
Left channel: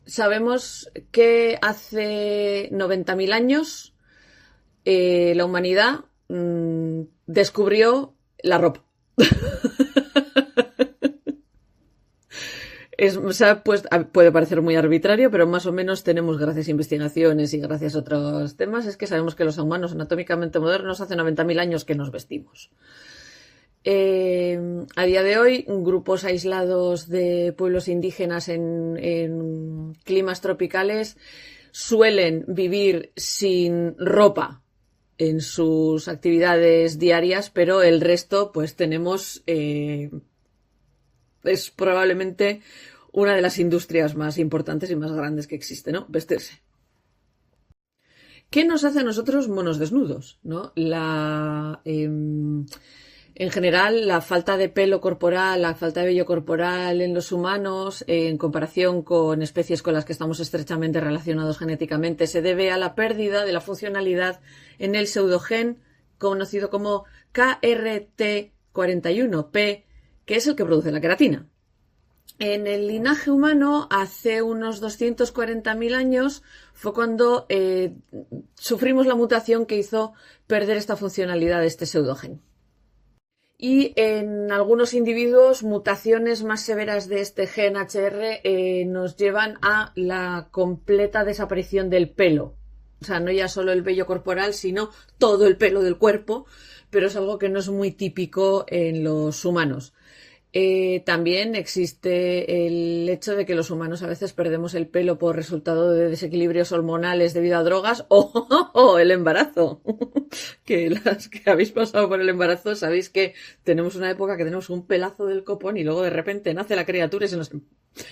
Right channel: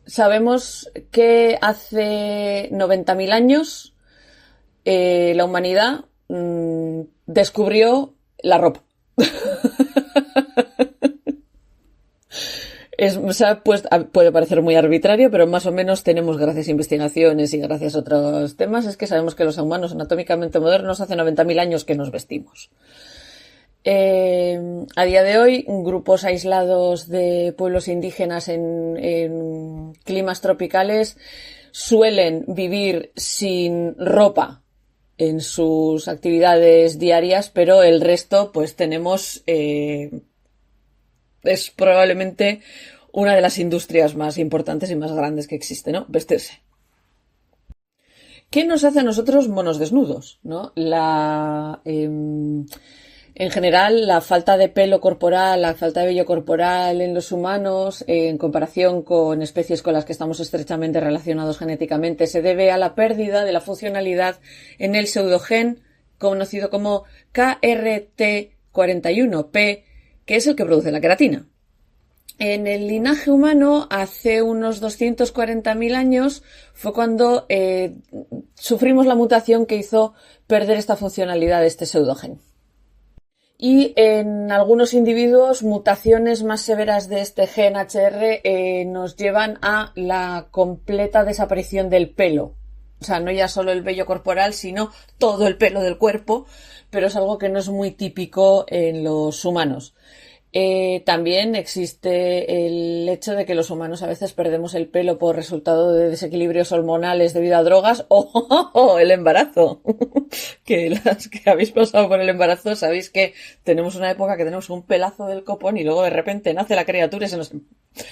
sabemos que hace 90.000 años la humanidad descubrió la ropa. Pues, puede parecer muy arbitrario, pero más o menos tenemos, gracias a investigaciones y gracias a otros temas, es que sabemos que los humanos anatómicamente modernos hace 90.000 años que nos vestimos. A día de hoy, grupos aislados de pueblos indígenas en climas tropicales suelen vivir sin ropa en sus actividades diarias, pero el resto, pues tenemos... es probablemente una de las industrias más importantes y más grandes que existe, ¿no? Vestirse. ¿Qué nos hace a nosotros monos desnudos? ¿No? En general, la falta de pelo corporal, la falta de vello corporal en los humanos, en comparación con especies con las que estamos estrechamente relacionados genéticamente, se debe a la pérdida de la funcionalidad en el pseudogen conocido como KRT41P, que es el que produce la queratina. En el linaje humano, hace unos 240.000 años, fue cuando sufrimos la mutación que hizo perder esta funcionalidad de este pseudogen. Y en algunos individuos, mutaciones más severas de este gen HR nos llevan a la completa desaparición del pelo. O sea, no ya solo el vello corporal, sino todo el pelo del cuerpo, pero es algo que no es muy típico en los humanos. También existe el hecho de que los humanos a veces perdemos el pelo por resultado de desequilibrios hormonales debido a drogas o el embarazo. Que las que habéis pasado por el embarazo sabéis que tenemos una época que tenemos un pelazo del copón y luego de repente nace la criatura y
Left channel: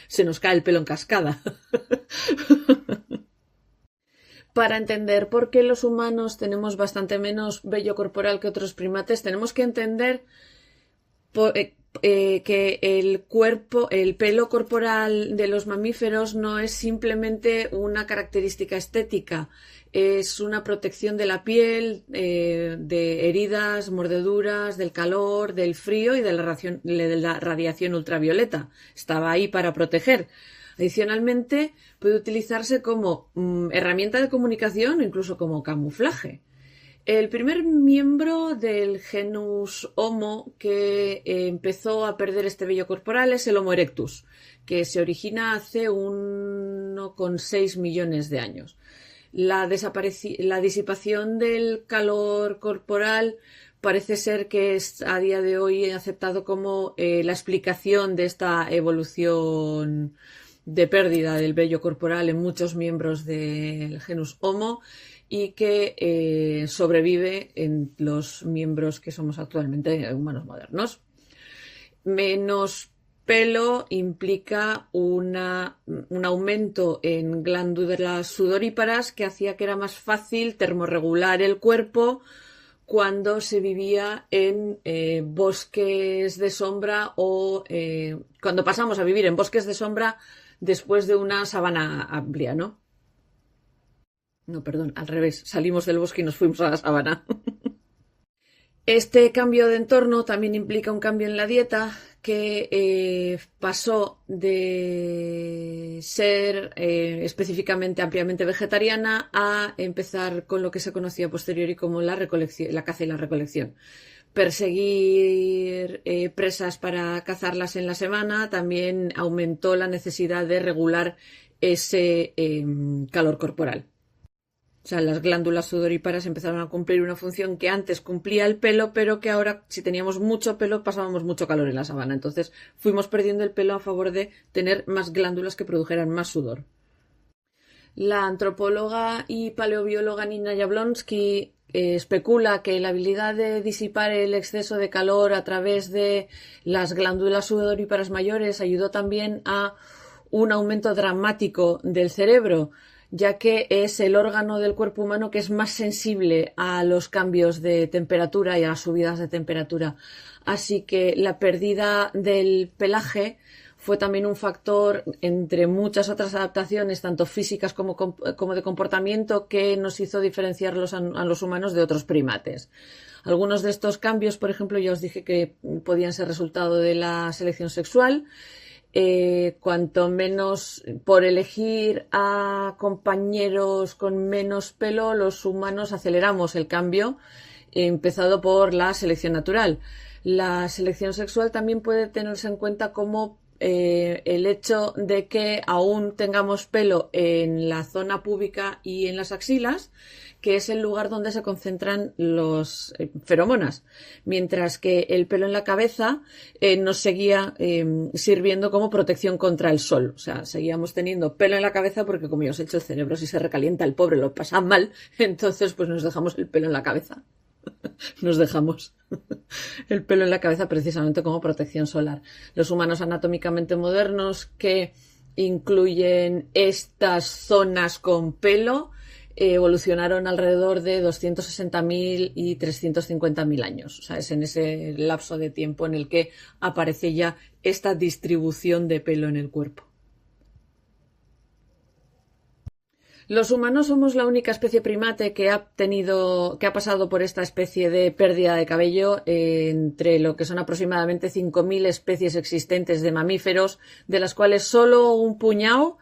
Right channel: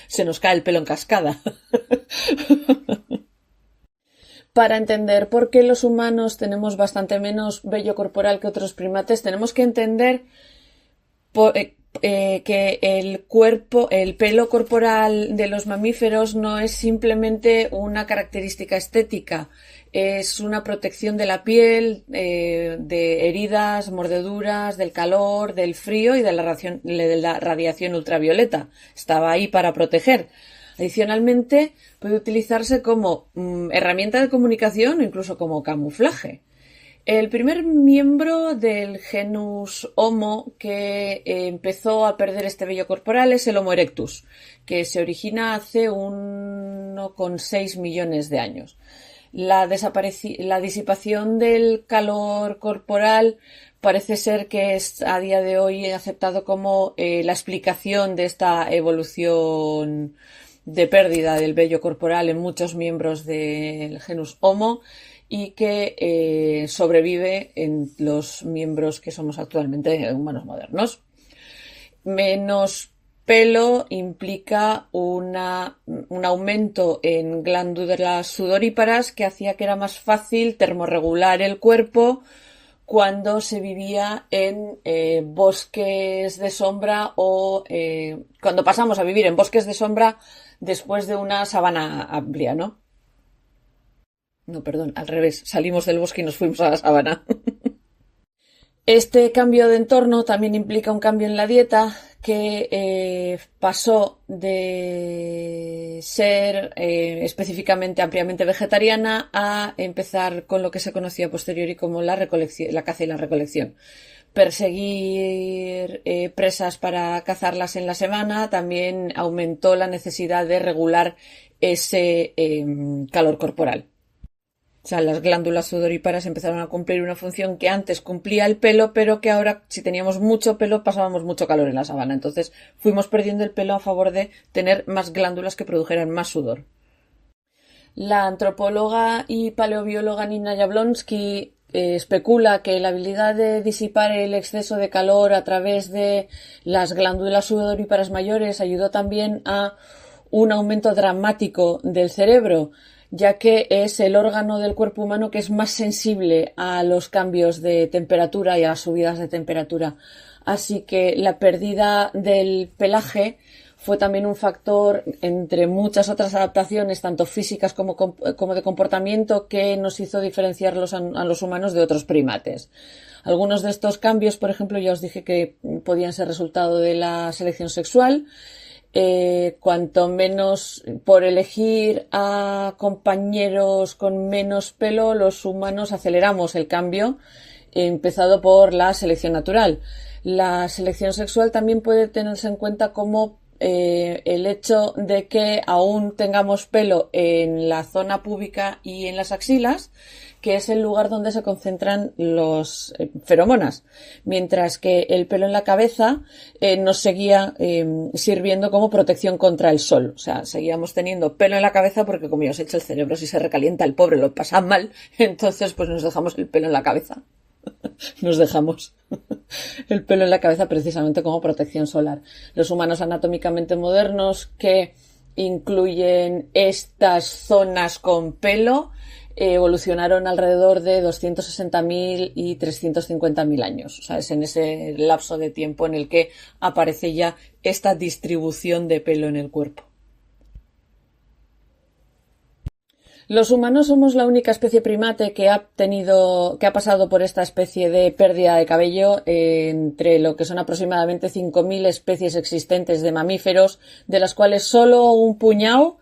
se nos cae el pelo en cascada. Para entender por qué los humanos tenemos bastante menos vello corporal que otros primates, tenemos que entender que el pelo corporal de los mamíferos no es simplemente una característica estética, es una protección de la piel, de heridas, mordeduras, del calor, del frío y de la radiación ultravioleta. Estaba ahí para proteger. Adicionalmente, puede utilizarse como herramienta de comunicación o incluso como camuflaje. El primer miembro del genus Homo que empezó a perder este vello corporal es el Homo erectus, que se origina hace 1,6 millones de años. La disipación del calor corporal parece ser que es a día de hoy aceptado como la explicación de esta evolución de pérdida del vello corporal en muchos miembros del genus Homo y que sobrevive en los miembros que somos actualmente humanos modernos. Menos pelo implica un aumento en glándulas sudoríparas que hacía que era más fácil termorregular el cuerpo cuando se vivía en bosques de sombra o cuando pasamos a vivir en bosques de sombra después de una sabana amplia, ¿no? No, perdón, al revés. Salimos del bosque y nos fuimos a la sabana. Este cambio de entorno también implica un cambio en la dieta que pasó de ser específicamente ampliamente vegetariana a empezar con lo que se conocía a posteriori como la caza y la recolección. Perseguir presas para cazarlas en la semana también aumentó la necesidad de regular ese calor corporal. O sea, las glándulas sudoríparas empezaron a cumplir una función que antes cumplía el pelo, pero que ahora, si teníamos mucho pelo, pasábamos mucho calor en la sabana. Entonces, fuimos perdiendo el pelo a favor de tener más glándulas que produjeran más sudor. La antropóloga y paleobióloga Nina Jablonski especula que la habilidad de disipar el exceso de calor a través de las glándulas sudoríparas mayores ayudó también a un aumento dramático del cerebro, ya que es el órgano del cuerpo humano que es más sensible a los cambios de temperatura y a las subidas de temperatura. Así que la pérdida del pelaje fue también un factor, entre muchas otras adaptaciones, tanto físicas como de comportamiento, que nos hizo diferenciarlos a los humanos de otros primates. Algunos de estos cambios, por ejemplo, ya os dije que podían ser resultado de la selección sexual. Cuanto menos por elegir a compañeros con menos pelo, los humanos aceleramos el cambio, empezado por la selección natural. La selección sexual también puede tenerse en cuenta como el hecho de que aún tengamos pelo en la zona púbica y en las axilas, que es el lugar donde se concentran los feromonas, mientras que el pelo en la cabeza nos seguía sirviendo como protección contra el sol. O sea, seguíamos teniendo pelo en la cabeza porque, como ya os he dicho, el cerebro, si se recalienta, el pobre lo pasa mal, entonces pues nos dejamos el pelo en la cabeza. Nos dejamos el pelo en la cabeza precisamente como protección solar. Los humanos anatómicamente modernos que incluyen estas zonas con pelo evolucionaron alrededor de 260.000 y 350.000 años. O sea, es en ese lapso de tiempo en el que aparece ya esta distribución de pelo en el cuerpo. Los humanos somos la única especie primate que ha pasado por esta especie de pérdida de cabello entre lo que son aproximadamente 5.000 especies existentes de mamíferos, de las cuales solo un puñado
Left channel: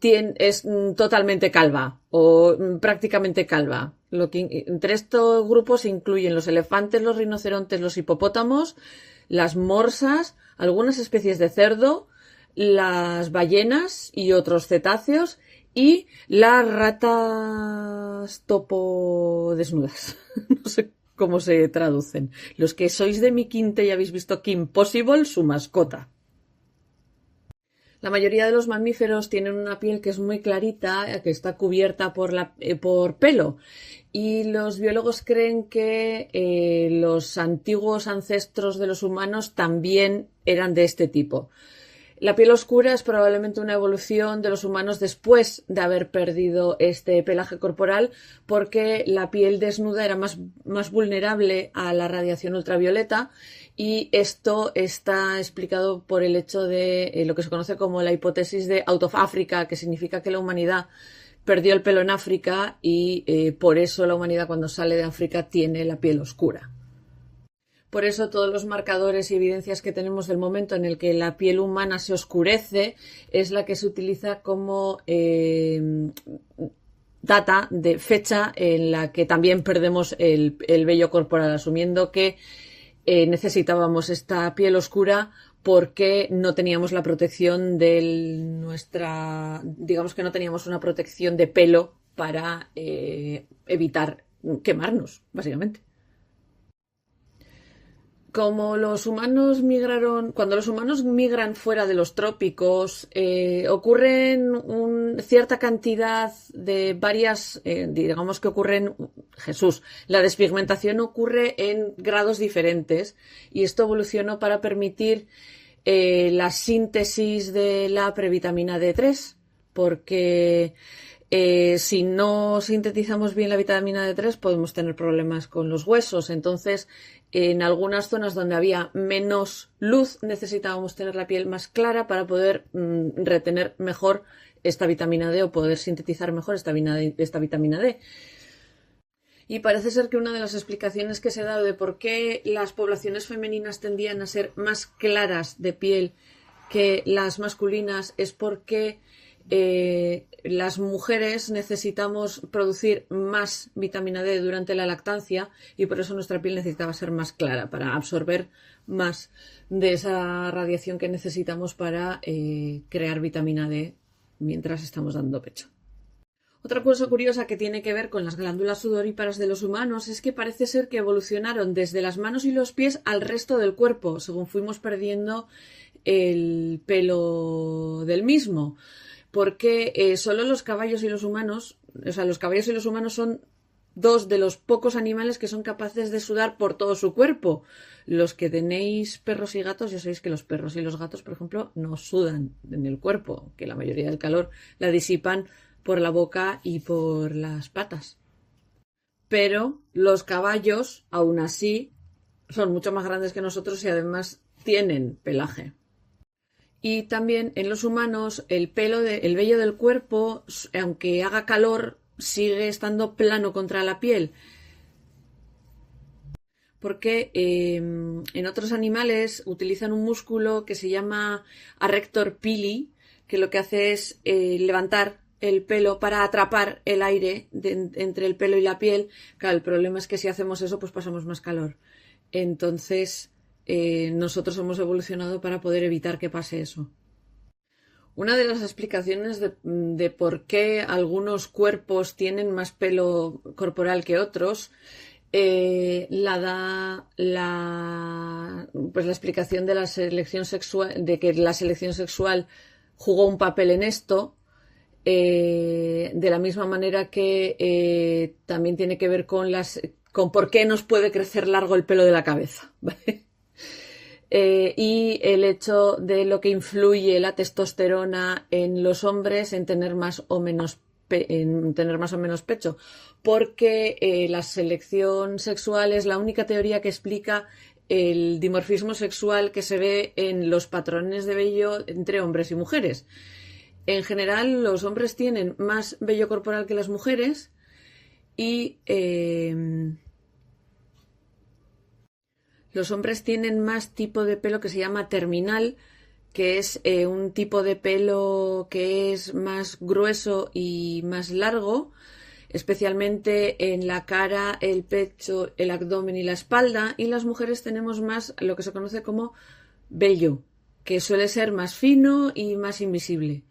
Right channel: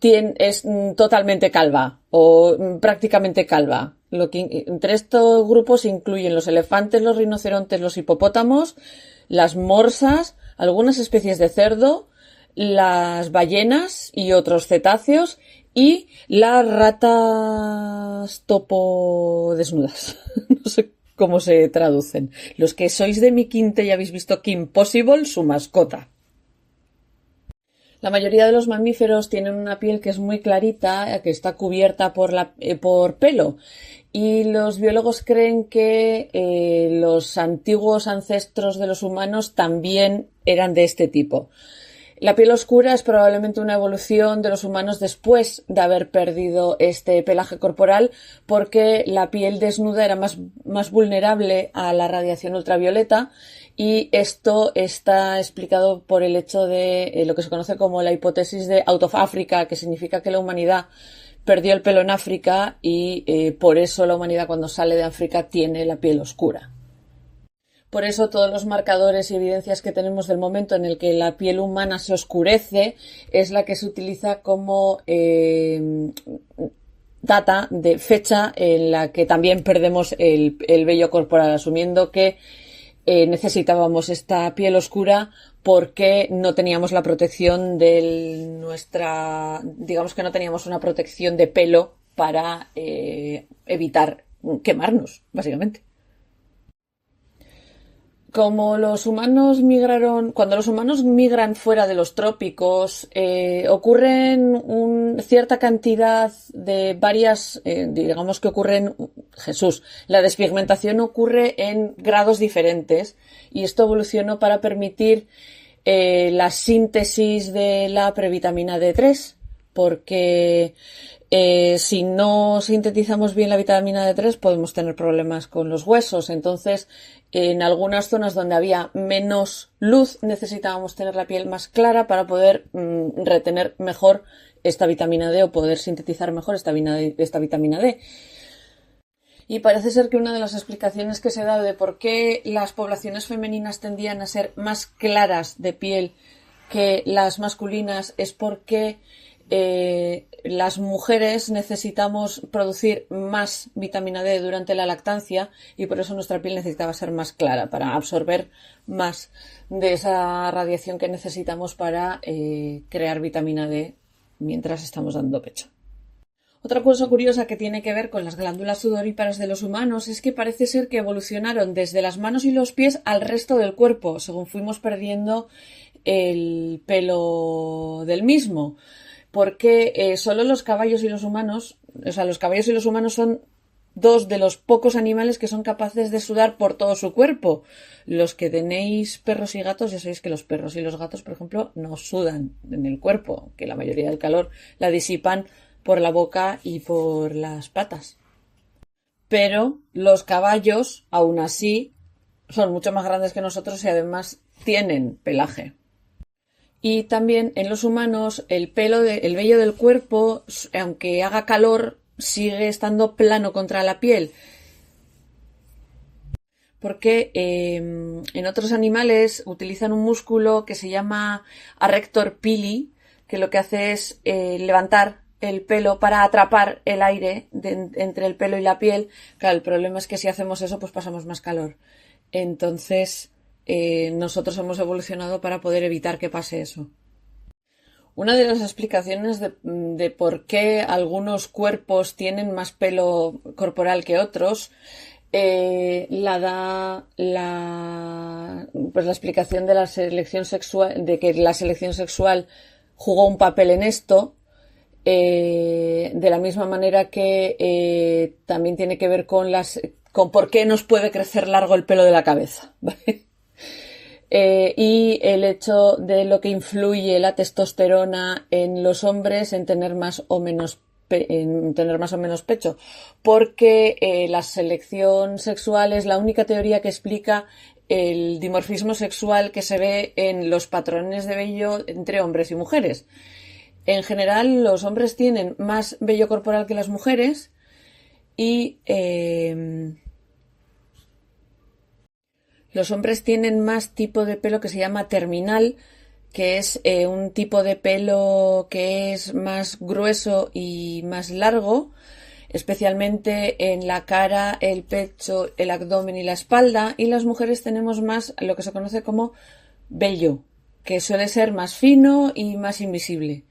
es totalmente calva o prácticamente calva. Entre estos grupos se incluyen los elefantes, los rinocerontes, los hipopótamos, las morsas, algunas especies de cerdo, las ballenas y otros cetáceos y las ratas topo desnudas. No sé cómo se traducen. Los que sois de mi quinta y habéis visto Kim Possible, su mascota. La mayoría de los mamíferos tienen una piel que es muy clarita, que está cubierta por pelo. Y los biólogos creen que los antiguos ancestros de los humanos también eran de este tipo. La piel oscura es probablemente una evolución de los humanos después de haber perdido este pelaje corporal, porque la piel desnuda era más vulnerable a la radiación ultravioleta, y esto está explicado por el hecho de lo que se conoce como la hipótesis de out of Africa, que significa que la humanidad perdió el pelo en África y por eso la humanidad cuando sale de África tiene la piel oscura. Por eso todos los marcadores y evidencias que tenemos del momento en el que la piel humana se oscurece es la que se utiliza como data de fecha en la que también perdemos el vello corporal, asumiendo que necesitábamos esta piel oscura porque no teníamos la protección de digamos que no teníamos una protección de pelo para evitar quemarnos, básicamente. Cuando los humanos migran fuera de los trópicos, ocurren cierta cantidad de varias, digamos que la despigmentación ocurre en grados diferentes y esto evolucionó para permitir la síntesis de la previtamina D3, porque si no sintetizamos bien la vitamina D3 podemos tener problemas con los huesos. Entonces, en algunas zonas donde había menos luz necesitábamos tener la piel más clara para poder retener mejor esta vitamina D o poder sintetizar mejor esta vitamina D. Y parece ser que una de las explicaciones que se da de por qué las poblaciones femeninas tendían a ser más claras de piel que las masculinas es porque las mujeres necesitamos producir más vitamina D durante la lactancia y por eso nuestra piel necesitaba ser más clara para absorber más de esa radiación que necesitamos para crear vitamina D mientras estamos dando pecho. Otra cosa curiosa que tiene que ver con las glándulas sudoríparas de los humanos es que parece ser que evolucionaron desde las manos y los pies al resto del cuerpo, según fuimos perdiendo el pelo del mismo. Porque solo los caballos y los humanos son dos de los pocos animales que son capaces de sudar por todo su cuerpo. Los que tenéis perros y gatos, ya sabéis que los perros y los gatos, por ejemplo, no sudan en el cuerpo, que la mayoría del calor la disipan por la boca y por las patas. Pero los caballos, aún así, son mucho más grandes que nosotros y además tienen pelaje. Y también en los humanos el vello del cuerpo, aunque haga calor, sigue estando plano contra la piel. Porque en otros animales utilizan un músculo que se llama arrector pili, que lo que hace es levantar el pelo para atrapar el aire entre el pelo y la piel. Claro, el problema es que si hacemos eso, pues pasamos más calor. Entonces, nosotros hemos evolucionado para poder evitar que pase eso. Una de las explicaciones de por qué algunos cuerpos tienen más pelo corporal que otros la da la explicación de la selección sexual, de que la selección sexual jugó un papel en esto, de la misma manera que también tiene que ver con por qué nos puede crecer largo el pelo de la cabeza, ¿vale? Y el hecho de lo que influye la testosterona en los hombres en tener más o menos pecho, porque la selección sexual es la única teoría que explica el dimorfismo sexual que se ve en los patrones de vello entre hombres y mujeres. En general, los hombres tienen más vello corporal que las mujeres y los hombres tienen más tipo de pelo que se llama terminal, que es un tipo de pelo que es más grueso y más largo, especialmente en la cara, el pecho, el abdomen y la espalda, y las mujeres tenemos más lo que se conoce como vello, que suele ser más fino y más invisible.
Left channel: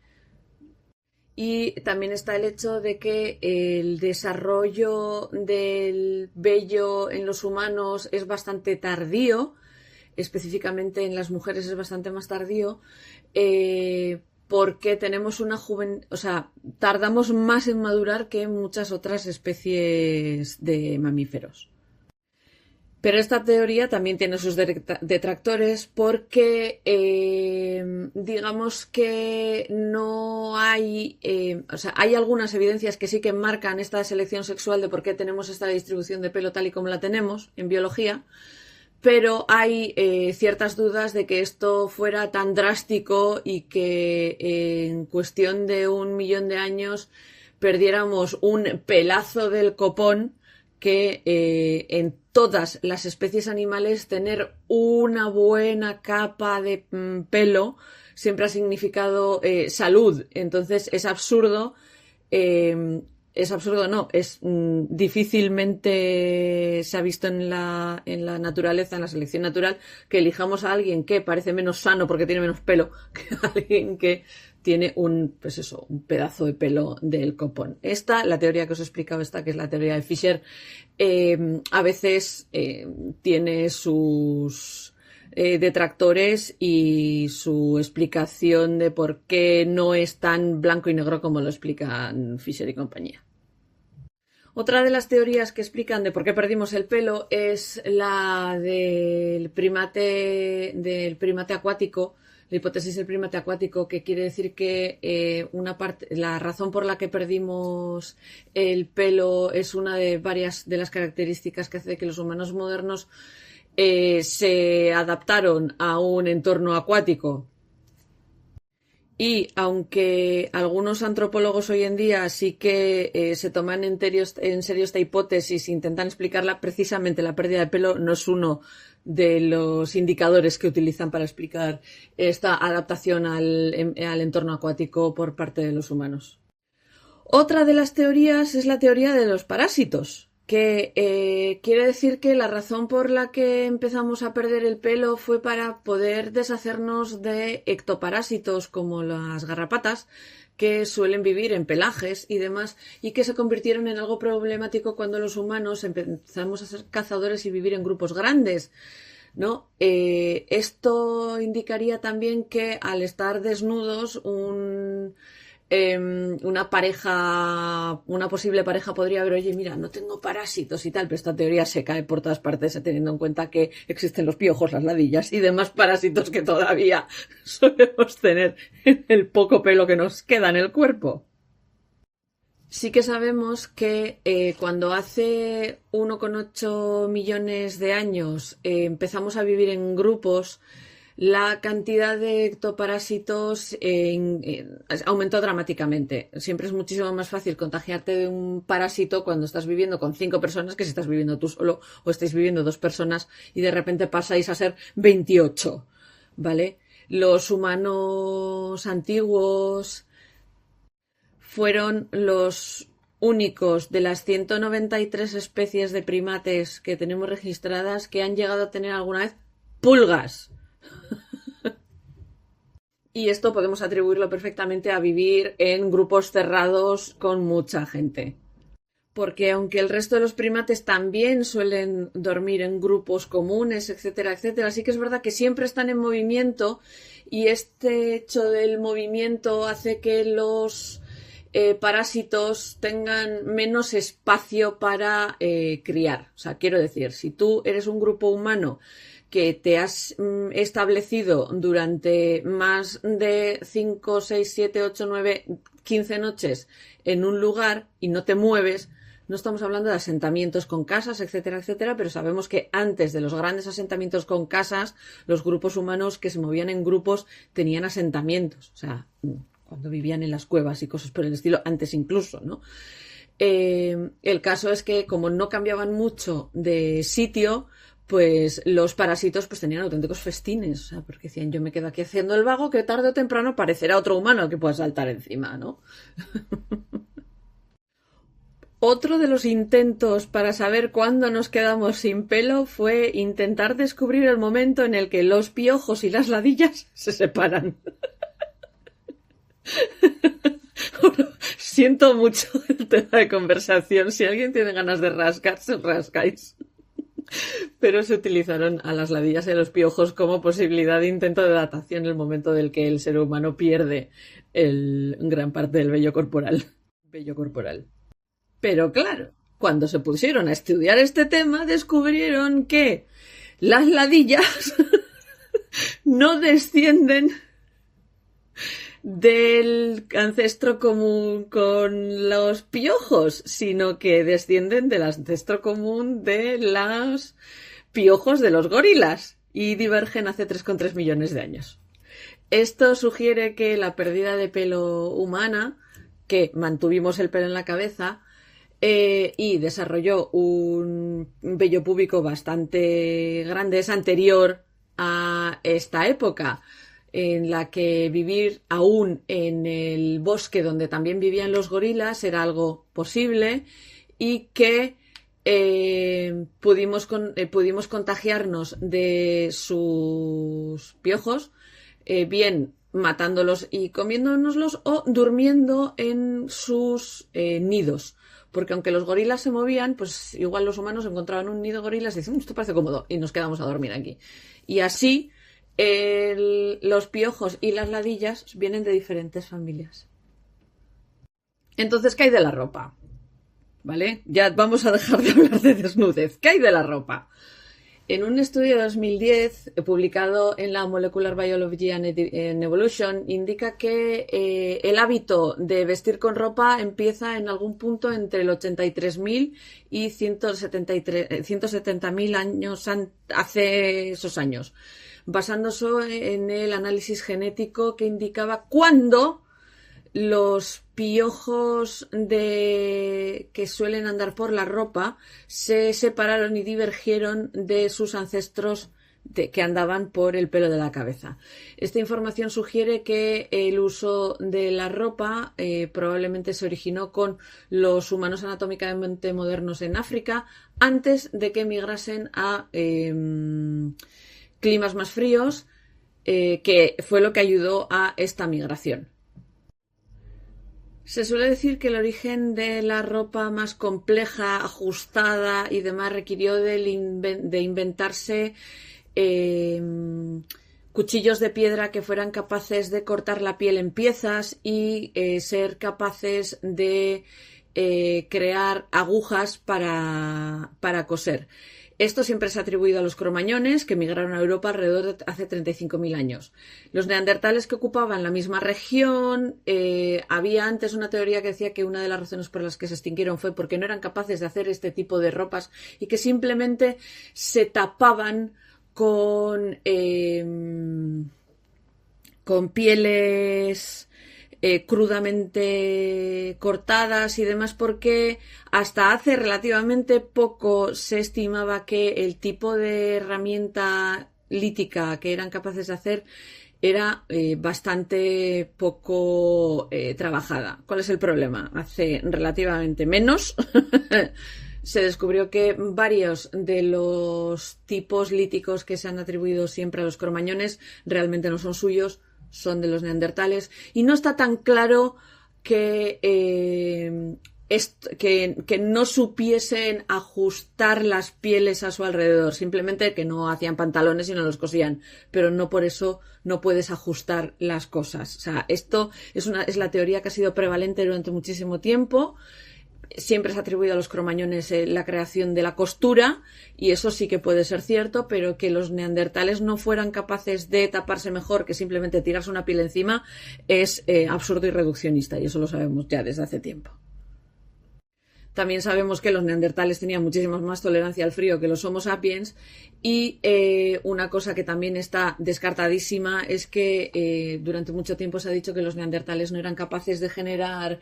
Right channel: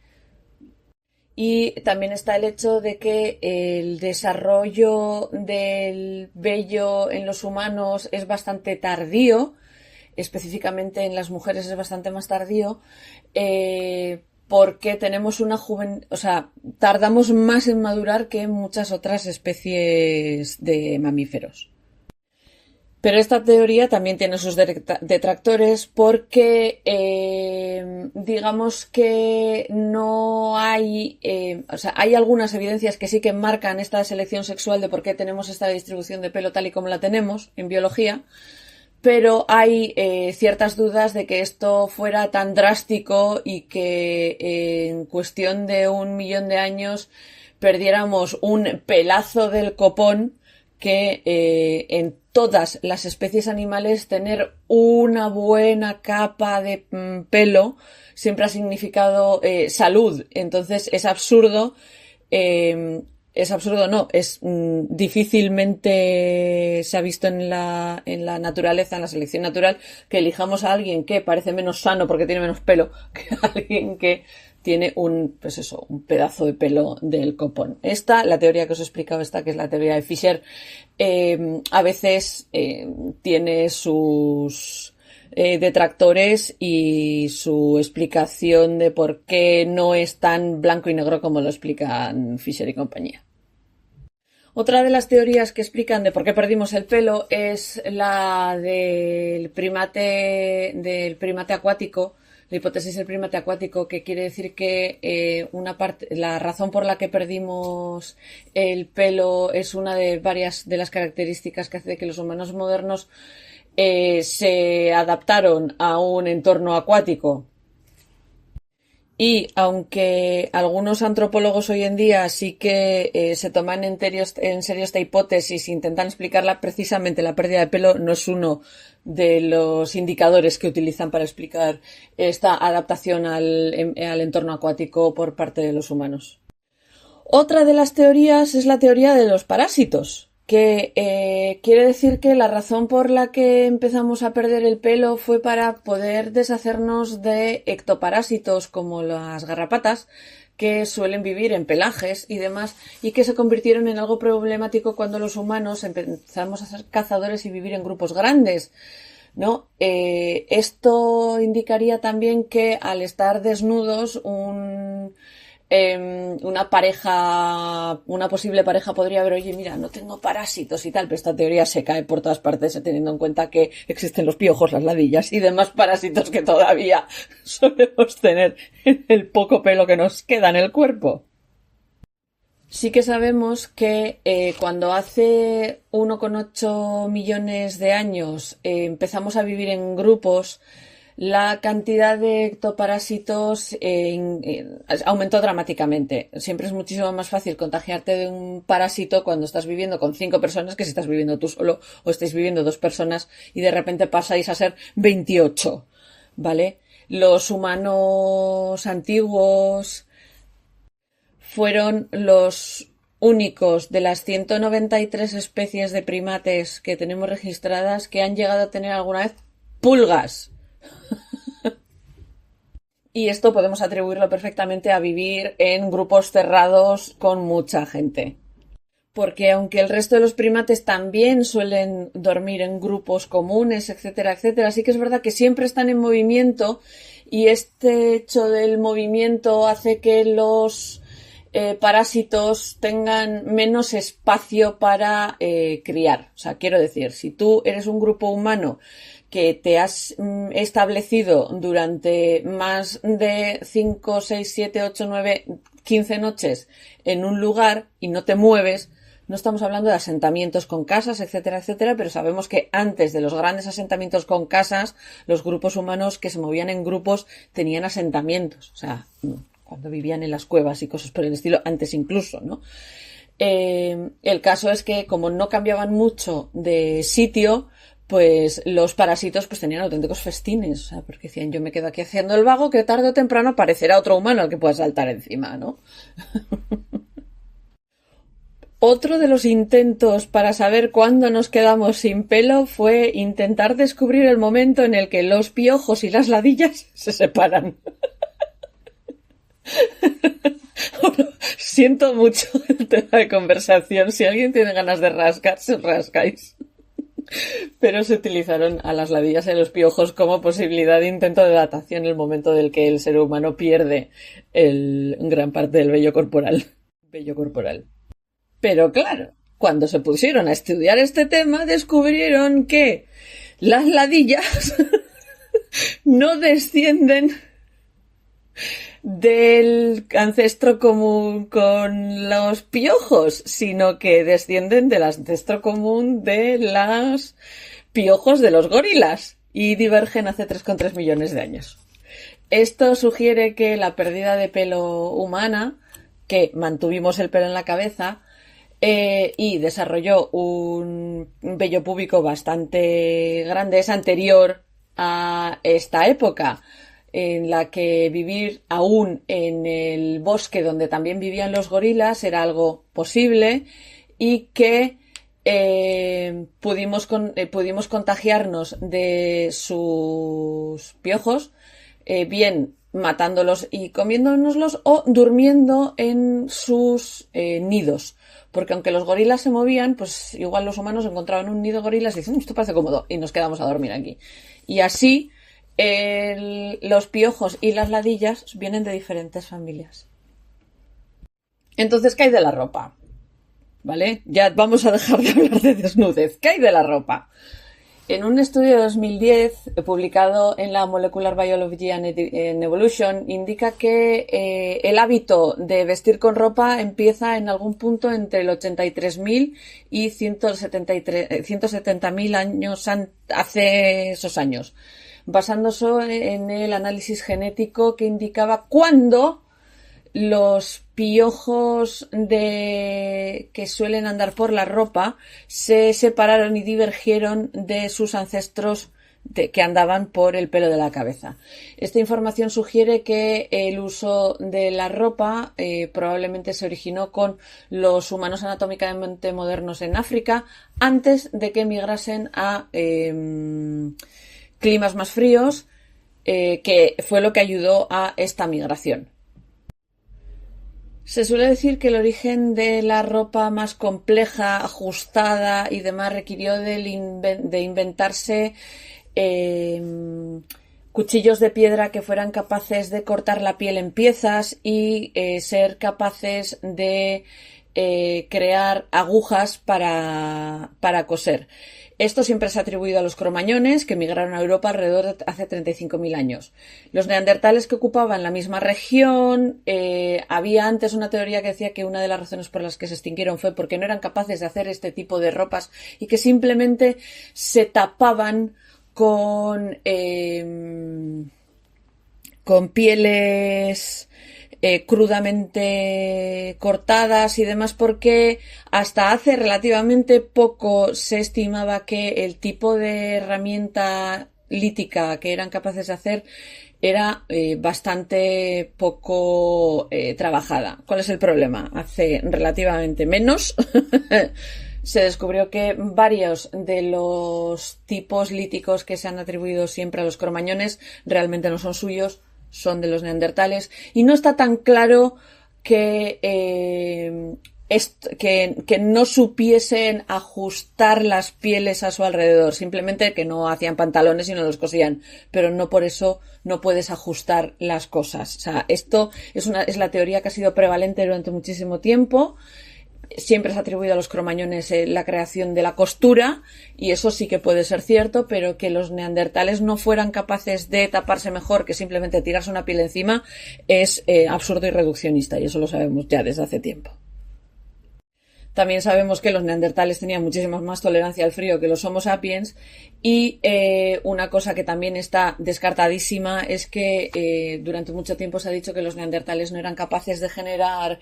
Y también está el hecho de que el desarrollo del vello en los humanos es bastante tardío, específicamente en las mujeres es bastante más tardío, porque tenemos tardamos más en madurar que muchas otras especies de mamíferos. Pero esta teoría también tiene sus detractores porque digamos que no hay, hay algunas evidencias que sí que marcan esta selección sexual de por qué tenemos esta distribución de pelo tal y como la tenemos en biología, pero hay ciertas dudas de que esto fuera tan drástico y que en cuestión de 1 millón de años perdiéramos un pelazo del copón, que en todas las especies animales tener una buena capa de pelo siempre ha significado salud. Entonces es absurdo es absurdo, no, es difícilmente se ha visto en la naturaleza, en la selección natural, que elijamos a alguien que parece menos sano porque tiene menos pelo que a alguien que tiene un pedazo de pelo del copón. La teoría que os he explicado, que es la teoría de Fisher, a veces tiene sus detractores y su explicación de por qué no es tan blanco y negro como lo explican Fisher y compañía. Otra de las teorías que explican de por qué perdimos el pelo es la del primate acuático, la hipótesis del primate acuático, que quiere decir que la razón por la que perdimos el pelo es una de varias de las características que hace que los humanos modernos se adaptaron a un entorno acuático. Y aunque algunos antropólogos hoy en día sí que se toman en serio esta hipótesis e intentan explicarla, precisamente la pérdida de pelo no es uno de los indicadores que utilizan para explicar esta adaptación al entorno acuático por parte de los humanos. Otra de las teorías es la teoría de los parásitos, que quiere decir que la razón por la que empezamos a perder el pelo fue para poder deshacernos de ectoparásitos como las garrapatas, que suelen vivir en pelajes y demás, y que se convirtieron en algo problemático cuando los humanos empezamos a ser cazadores y vivir en grupos grandes, ¿no? Esto indicaría también que al estar desnudos una posible pareja podría ver, oye, mira, no tengo parásitos y tal, pero esta teoría se cae por todas partes teniendo en cuenta que existen los piojos, las ladillas y demás parásitos que todavía solemos tener en el poco pelo que nos queda en el cuerpo. Sí que sabemos que cuando hace 1,8 millones de años empezamos a vivir en grupos, la cantidad de ectoparásitos aumentó dramáticamente. Siempre es muchísimo más fácil contagiarte de un parásito cuando estás viviendo con 5 personas que si estás viviendo tú solo o estáis viviendo 2 personas y de repente pasáis a ser 28, ¿vale? Los humanos antiguos fueron los únicos de las 193 especies de primates que tenemos registradas que han llegado a tener alguna vez pulgas. Y esto podemos atribuirlo perfectamente a vivir en grupos cerrados con mucha gente. Porque aunque el resto de los primates también suelen dormir en grupos comunes, etcétera, etcétera, sí que es verdad que siempre están en movimiento y este hecho del movimiento hace que los parásitos tengan menos espacio para criar. O sea, quiero decir, si tú eres un grupo humano que te has establecido durante más de 5, 6, 7, 8, 9, 15 noches en un lugar y no te mueves, no estamos hablando de asentamientos con casas, etcétera, etcétera, pero sabemos que antes de los grandes asentamientos con casas, los grupos humanos que se movían en grupos tenían asentamientos, o sea, cuando vivían en las cuevas y cosas por el estilo, antes incluso, ¿no? El caso es que como no cambiaban mucho de sitio, pues los parásitos pues tenían auténticos festines, o sea, porque decían, yo me quedo aquí haciendo el vago que tarde o temprano aparecerá otro humano al que pueda saltar encima, ¿no? Otro de los intentos para saber cuándo nos quedamos sin pelo fue intentar descubrir el momento en el que los piojos y las ladillas se separan. Siento mucho el tema de conversación. Si alguien tiene ganas de rascarse, os rascáis. Pero se utilizaron a las ladillas y a los piojos como posibilidad de intento de datación en el momento del que el ser humano pierde gran parte del vello corporal. Pero claro, cuando se pusieron a estudiar este tema, descubrieron que las ladillas no descienden del ancestro común con los piojos, sino que descienden del ancestro común de los piojos de los gorilas y divergen hace 3,3 millones de años. Esto sugiere que la pérdida de pelo humana, que mantuvimos el pelo en la cabeza y desarrolló un vello púbico bastante grande, es anterior a esta época. en la que vivir aún en el bosque donde también vivían los gorilas era algo posible y que pudimos contagiarnos de sus piojos, bien matándolos y comiéndonoslos o durmiendo en sus nidos. Porque aunque los gorilas se movían, pues igual los humanos encontraban un nido de gorilas y dicen, esto parece cómodo, y nos quedamos a dormir aquí. Y así los piojos y las ladillas vienen de diferentes familias. Entonces, ¿qué hay de la ropa? ¿Vale? Ya vamos a dejar de hablar de desnudez. ¿Qué hay de la ropa? En un estudio de 2010 publicado en la Molecular Biology and Evolution indica que el hábito de vestir con ropa empieza en algún punto entre el 83.000 y 170.000 años hace esos años, basándose en el análisis genético que indicaba cuándo los piojos que suelen andar por la ropa se separaron y divergieron de sus ancestros que andaban por el pelo de la cabeza. Esta información sugiere que el uso de la ropa probablemente se originó con los humanos anatómicamente modernos en África antes de que migrasen a climas más fríos, que fue lo que ayudó a esta migración. Se suele decir que el origen de la ropa más compleja, ajustada y demás requirió de inventarse cuchillos de piedra que fueran capaces de cortar la piel en piezas y ser capaces de crear agujas para coser. Esto siempre se ha atribuido a los cromañones, que migraron a Europa alrededor de hace 35.000 años. Los neandertales que ocupaban la misma región, había antes una teoría que decía que una de las razones por las que se extinguieron fue porque no eran capaces de hacer este tipo de ropas y que simplemente se tapaban con pieles crudamente cortadas y demás, porque hasta hace relativamente poco se estimaba que el tipo de herramienta lítica que eran capaces de hacer era bastante poco trabajada. ¿Cuál es el problema? Hace relativamente menos se descubrió que varios de los tipos líticos que se han atribuido siempre a los cromañones realmente no son suyos, son de los neandertales, y no está tan claro que no supiesen ajustar las pieles a su alrededor, simplemente que no hacían pantalones y no los cosían, pero no por eso no puedes ajustar las cosas. O sea, esto es la teoría que ha sido prevalente durante muchísimo tiempo. Siempre se ha atribuido a los cromañones la creación de la costura, y eso sí que puede ser cierto, pero que los neandertales no fueran capaces de taparse mejor que simplemente tirarse una piel encima es absurdo y reduccionista, y eso lo sabemos ya desde hace tiempo. También sabemos que los neandertales tenían muchísima más tolerancia al frío que los Homo sapiens, y una cosa que también está descartadísima es que durante mucho tiempo se ha dicho que los neandertales no eran capaces de generar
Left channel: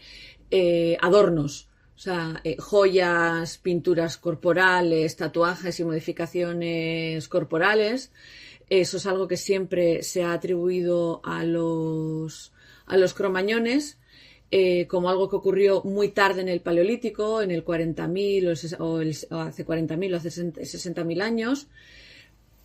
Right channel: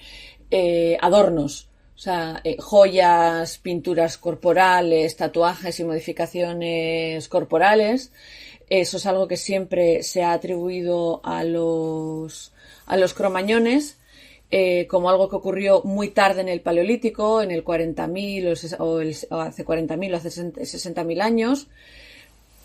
adornos. O sea, joyas, pinturas corporales, tatuajes y modificaciones corporales. Eso es algo que siempre se ha atribuido a los cromañones, como algo que ocurrió muy tarde en el Paleolítico, en el 40.000 o hace 40.000 o hace 60.000 años.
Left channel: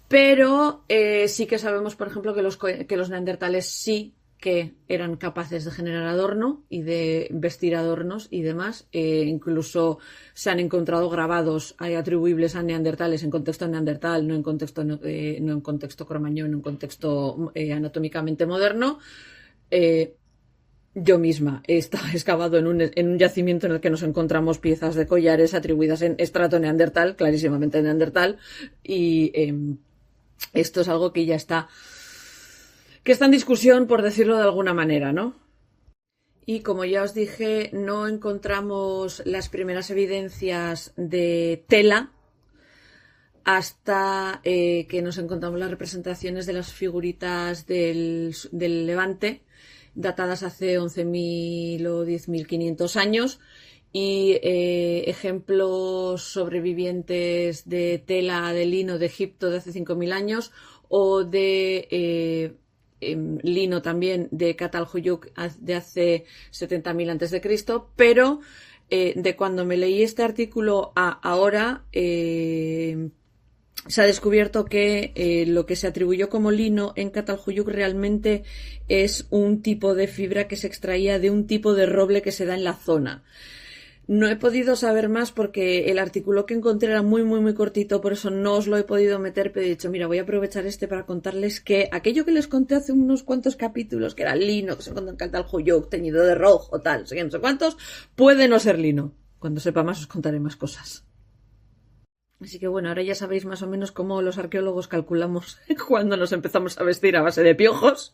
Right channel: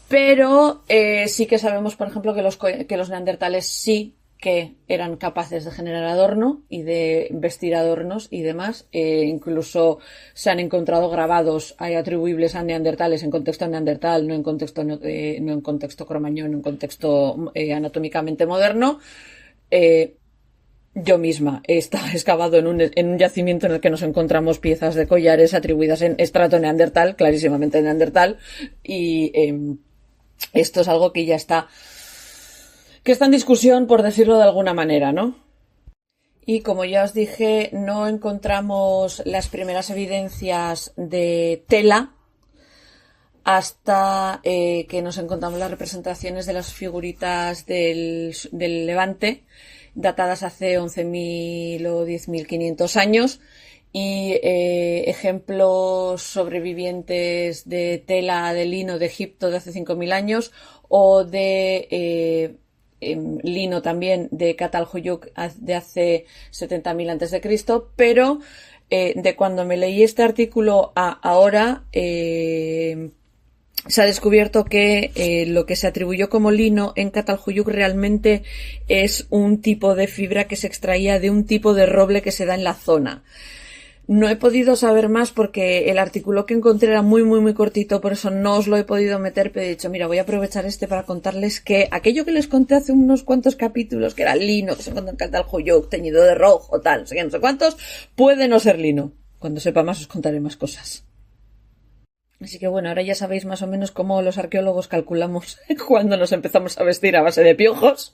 Pero sí que sabemos, por ejemplo, que los neandertales sí que eran capaces de generar adorno y de vestir adornos y demás. Incluso se han encontrado grabados atribuibles a neandertales en contexto neandertal, no en contexto cromañón, en contexto anatómicamente moderno. Yo misma he excavado en un yacimiento en el que nos encontramos piezas de collares atribuidas en estrato neandertal, clarísimamente neandertal, y esto es algo que ya está en discusión, por decirlo de alguna manera, ¿no? Y como ya os dije, no encontramos las primeras evidencias de tela hasta que nos encontramos las representaciones de las figuritas del Levante, datadas hace 11.000 o 10.500 años, y ejemplos sobrevivientes de tela de lino de Egipto de hace 5.000 años, o de lino también de Catalhuyuk de hace 70.000 a.C., pero de cuando me leí este artículo a ahora se ha descubierto que lo que se atribuyó como lino en Catalhuyuk realmente es un tipo de fibra que se extraía de un tipo de roble que se da en la zona. No he podido saber más porque el artículo que encontré era muy, muy, muy cortito, por eso no os lo he podido meter, pero he dicho, mira, voy a aprovechar para contarles que aquello que les conté hace unos cuantos capítulos, que era lino, que se encontró en Catalhuyuk, teñido de rojo, tal, no sé cuántos, puede no ser lino. Cuando sepa más os contaré más cosas. Así que bueno, ahora ya sabéis más o menos cómo los arqueólogos calculamos cuando nos empezamos a vestir a base de piojos.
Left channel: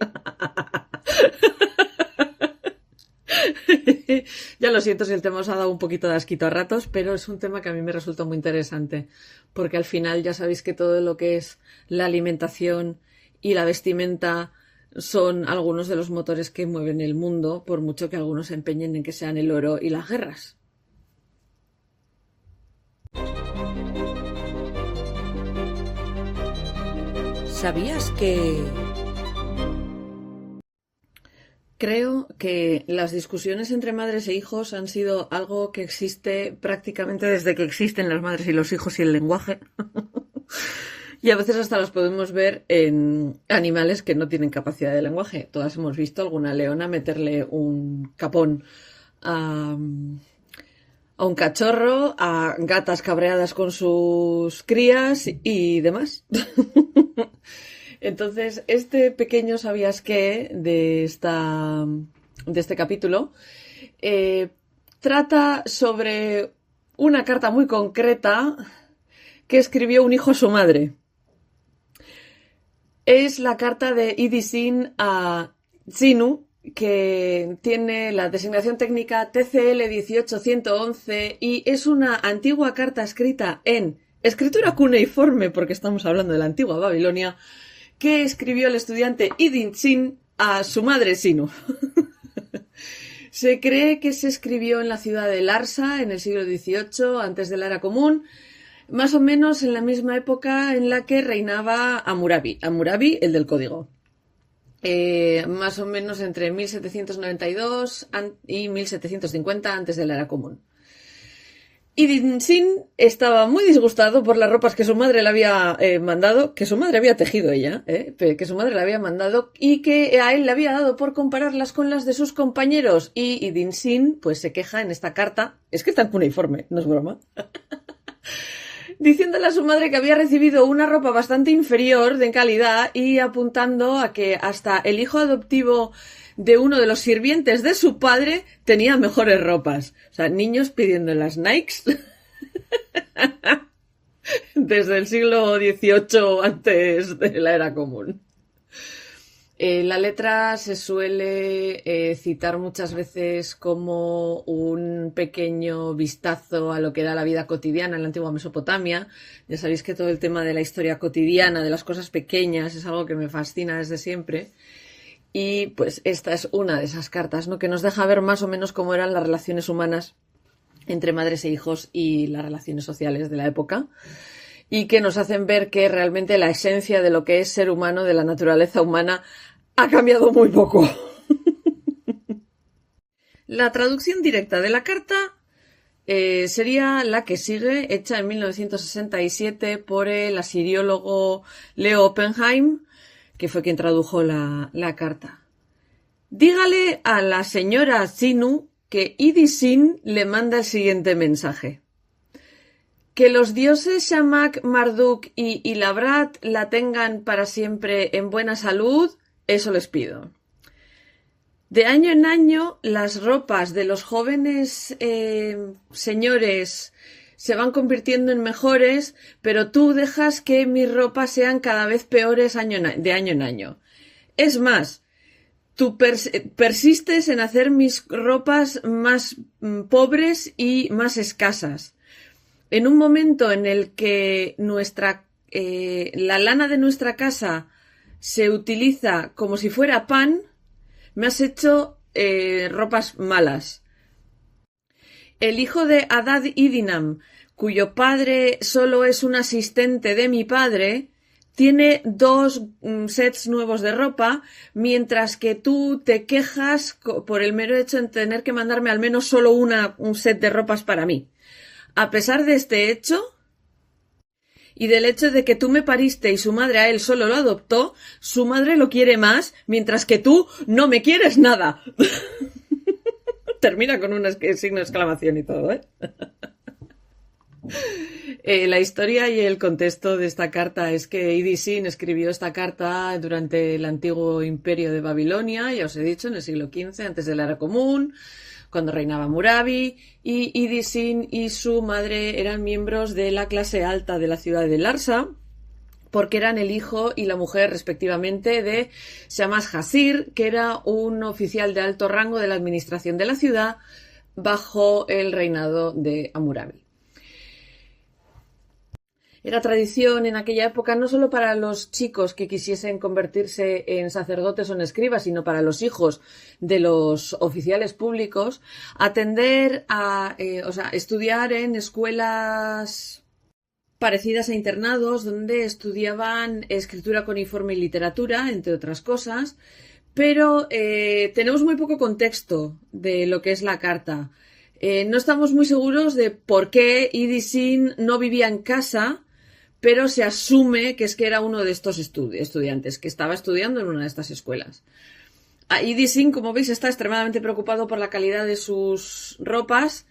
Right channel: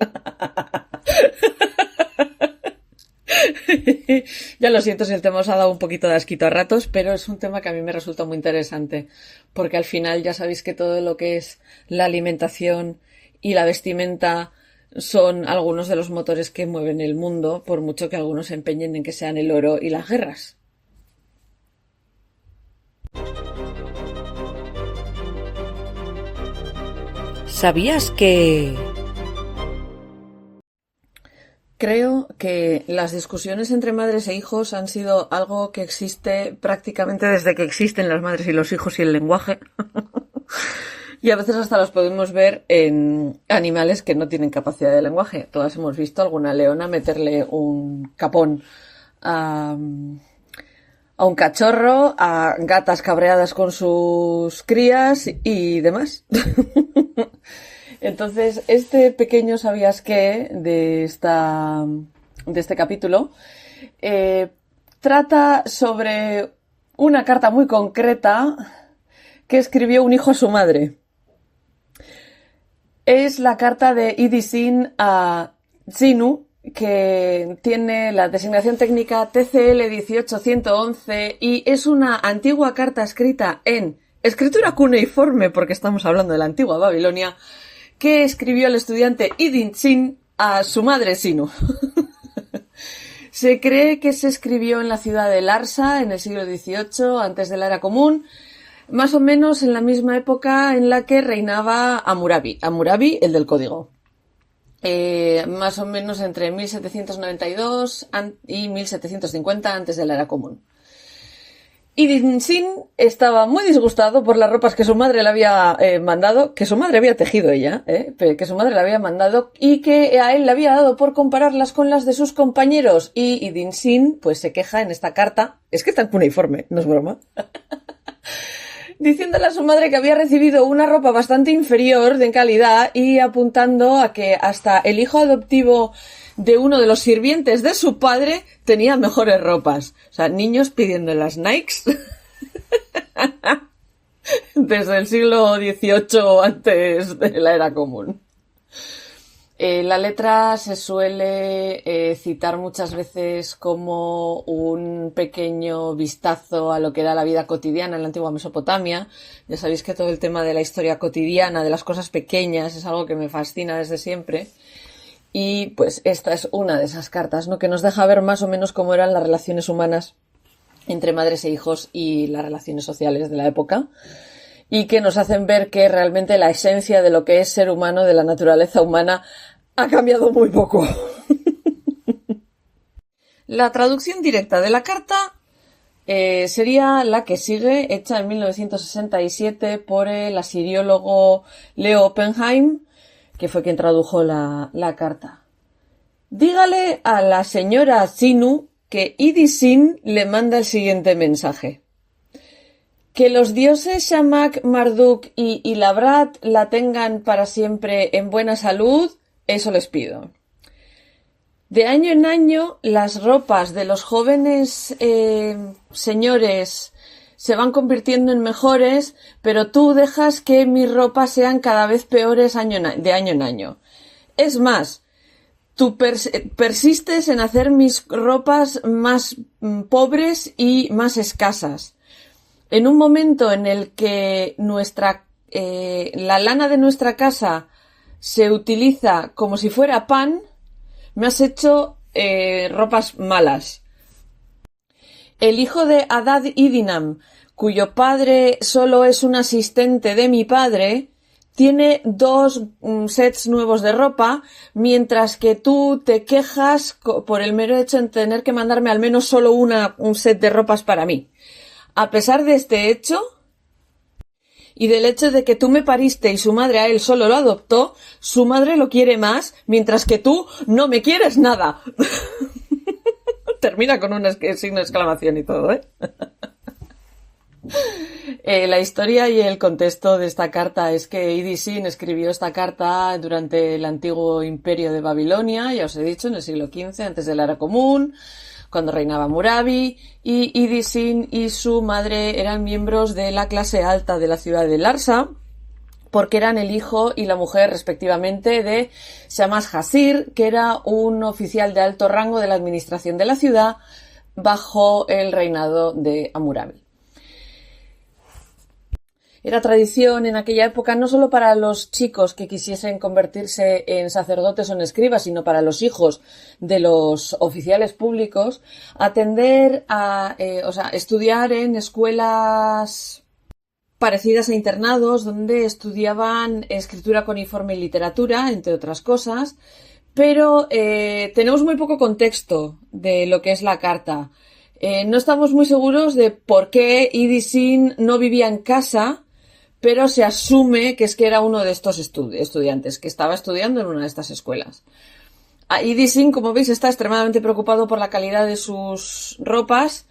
Ya lo siento si el tema os ha dado un poquito de asquito a ratos, pero es un tema que a mí me resulta muy interesante, porque al final ya sabéis que todo lo que es la alimentación y la vestimenta son algunos de los motores que mueven el mundo, por mucho que algunos se empeñen en que sean el oro y las guerras. ¿Sabías que... Creo que las discusiones entre madres e hijos han sido algo que existe prácticamente desde que existen las madres y los hijos y el lenguaje. Y a veces hasta los podemos ver en animales que no tienen capacidad de lenguaje. Todas hemos visto a alguna leona meterle un capón a un cachorro, a gatas cabreadas con sus crías y demás. Entonces, este pequeño ¿sabías qué? de este capítulo trata sobre una carta muy concreta que escribió un hijo a su madre. Es la carta de Idisin a Zinu, que tiene la designación técnica TCL 18111 y es una antigua carta escrita en escritura cuneiforme, porque estamos hablando de la antigua Babilonia, que escribió el estudiante Idisin a su madre Sinu. Se cree que se escribió en la ciudad de Larsa en el siglo XVIII, antes de la era común, más o menos en la misma época en la que reinaba Hammurabi, el del código. Más o menos entre 1792 y 1750 antes de la era común. Idisin estaba muy disgustado por las ropas que su madre le había mandado, que su madre había tejido ella, que su madre le había mandado y que a él le había dado por compararlas con las de sus compañeros. Y Idisin pues se queja en esta carta, es que está en cuneiforme, no es broma, diciéndole a su madre que había recibido una ropa bastante inferior de calidad y apuntando a que hasta el hijo adoptivo de uno de los sirvientes de su padre tenía mejores ropas. O sea, niños pidiendo las Nikes desde el siglo XVIII antes de la era común. La letra se suele citar muchas veces como un pequeño vistazo a lo que era la vida cotidiana en la antigua Mesopotamia. Ya sabéis que todo el tema de la historia cotidiana, de las cosas pequeñas, es algo que me fascina desde siempre. Y pues esta es una de esas cartas, ¿no? Que nos deja ver más o menos cómo eran las relaciones humanas entre madres e hijos y las relaciones sociales de la época. Y que nos hacen ver que realmente la esencia de lo que es ser humano, de la naturaleza humana, ha cambiado muy poco. La traducción directa de la carta sería la que sigue, hecha en 1967 por el asiriólogo Leo Oppenheim, que fue quien tradujo la carta. Dígale a la señora Sinu que Idisin le manda el siguiente mensaje. Que los dioses Shamak, Marduk y Ilabrat la tengan para siempre en buena salud, eso les pido. De año en año, las ropas de los jóvenes señores se van convirtiendo en mejores, pero tú dejas que mis ropas sean cada vez peores de año en año. Es más, tú persistes en hacer mis ropas más pobres y más escasas. En un momento en el que la lana de nuestra casa se utiliza como si fuera pan, me has hecho ropas malas. El hijo de Adad Idinam, cuyo padre solo es un asistente de mi padre, tiene 2 sets nuevos de ropa, mientras que tú te quejas por el mero hecho de tener que mandarme al menos solo un set de ropas para mí. A pesar de este hecho y del hecho de que tú me pariste y su madre a él solo lo adoptó, su madre lo quiere más, mientras que tú no me quieres nada. Termina con un signo de exclamación y todo, ¿eh? La historia y el contexto de esta carta es que Idisin escribió esta carta durante el antiguo imperio de Babilonia, ya os he dicho, en el siglo XV, antes de la era común, cuando reinaba Murabi, y Idisin y su madre eran miembros de la clase alta de la ciudad de Larsa, porque eran el hijo y la mujer respectivamente de Shamash Hasir, que era un oficial de alto rango de la administración de la ciudad bajo el reinado de Hammurabi. Era tradición en aquella época no solo para los chicos que quisiesen convertirse en sacerdotes o en escribas, sino para los hijos de los oficiales públicos, atender a, estudiar en escuelas parecidas a internados donde estudiaban escritura cuneiforme y literatura, entre otras cosas, pero tenemos muy poco contexto de lo que es la carta. No estamos muy seguros de por qué Idisin no vivía en casa, pero se asume que era uno de estos estudiantes, que estaba estudiando en una de estas escuelas. Idisin, como veis, está extremadamente preocupado por la calidad de sus ropas,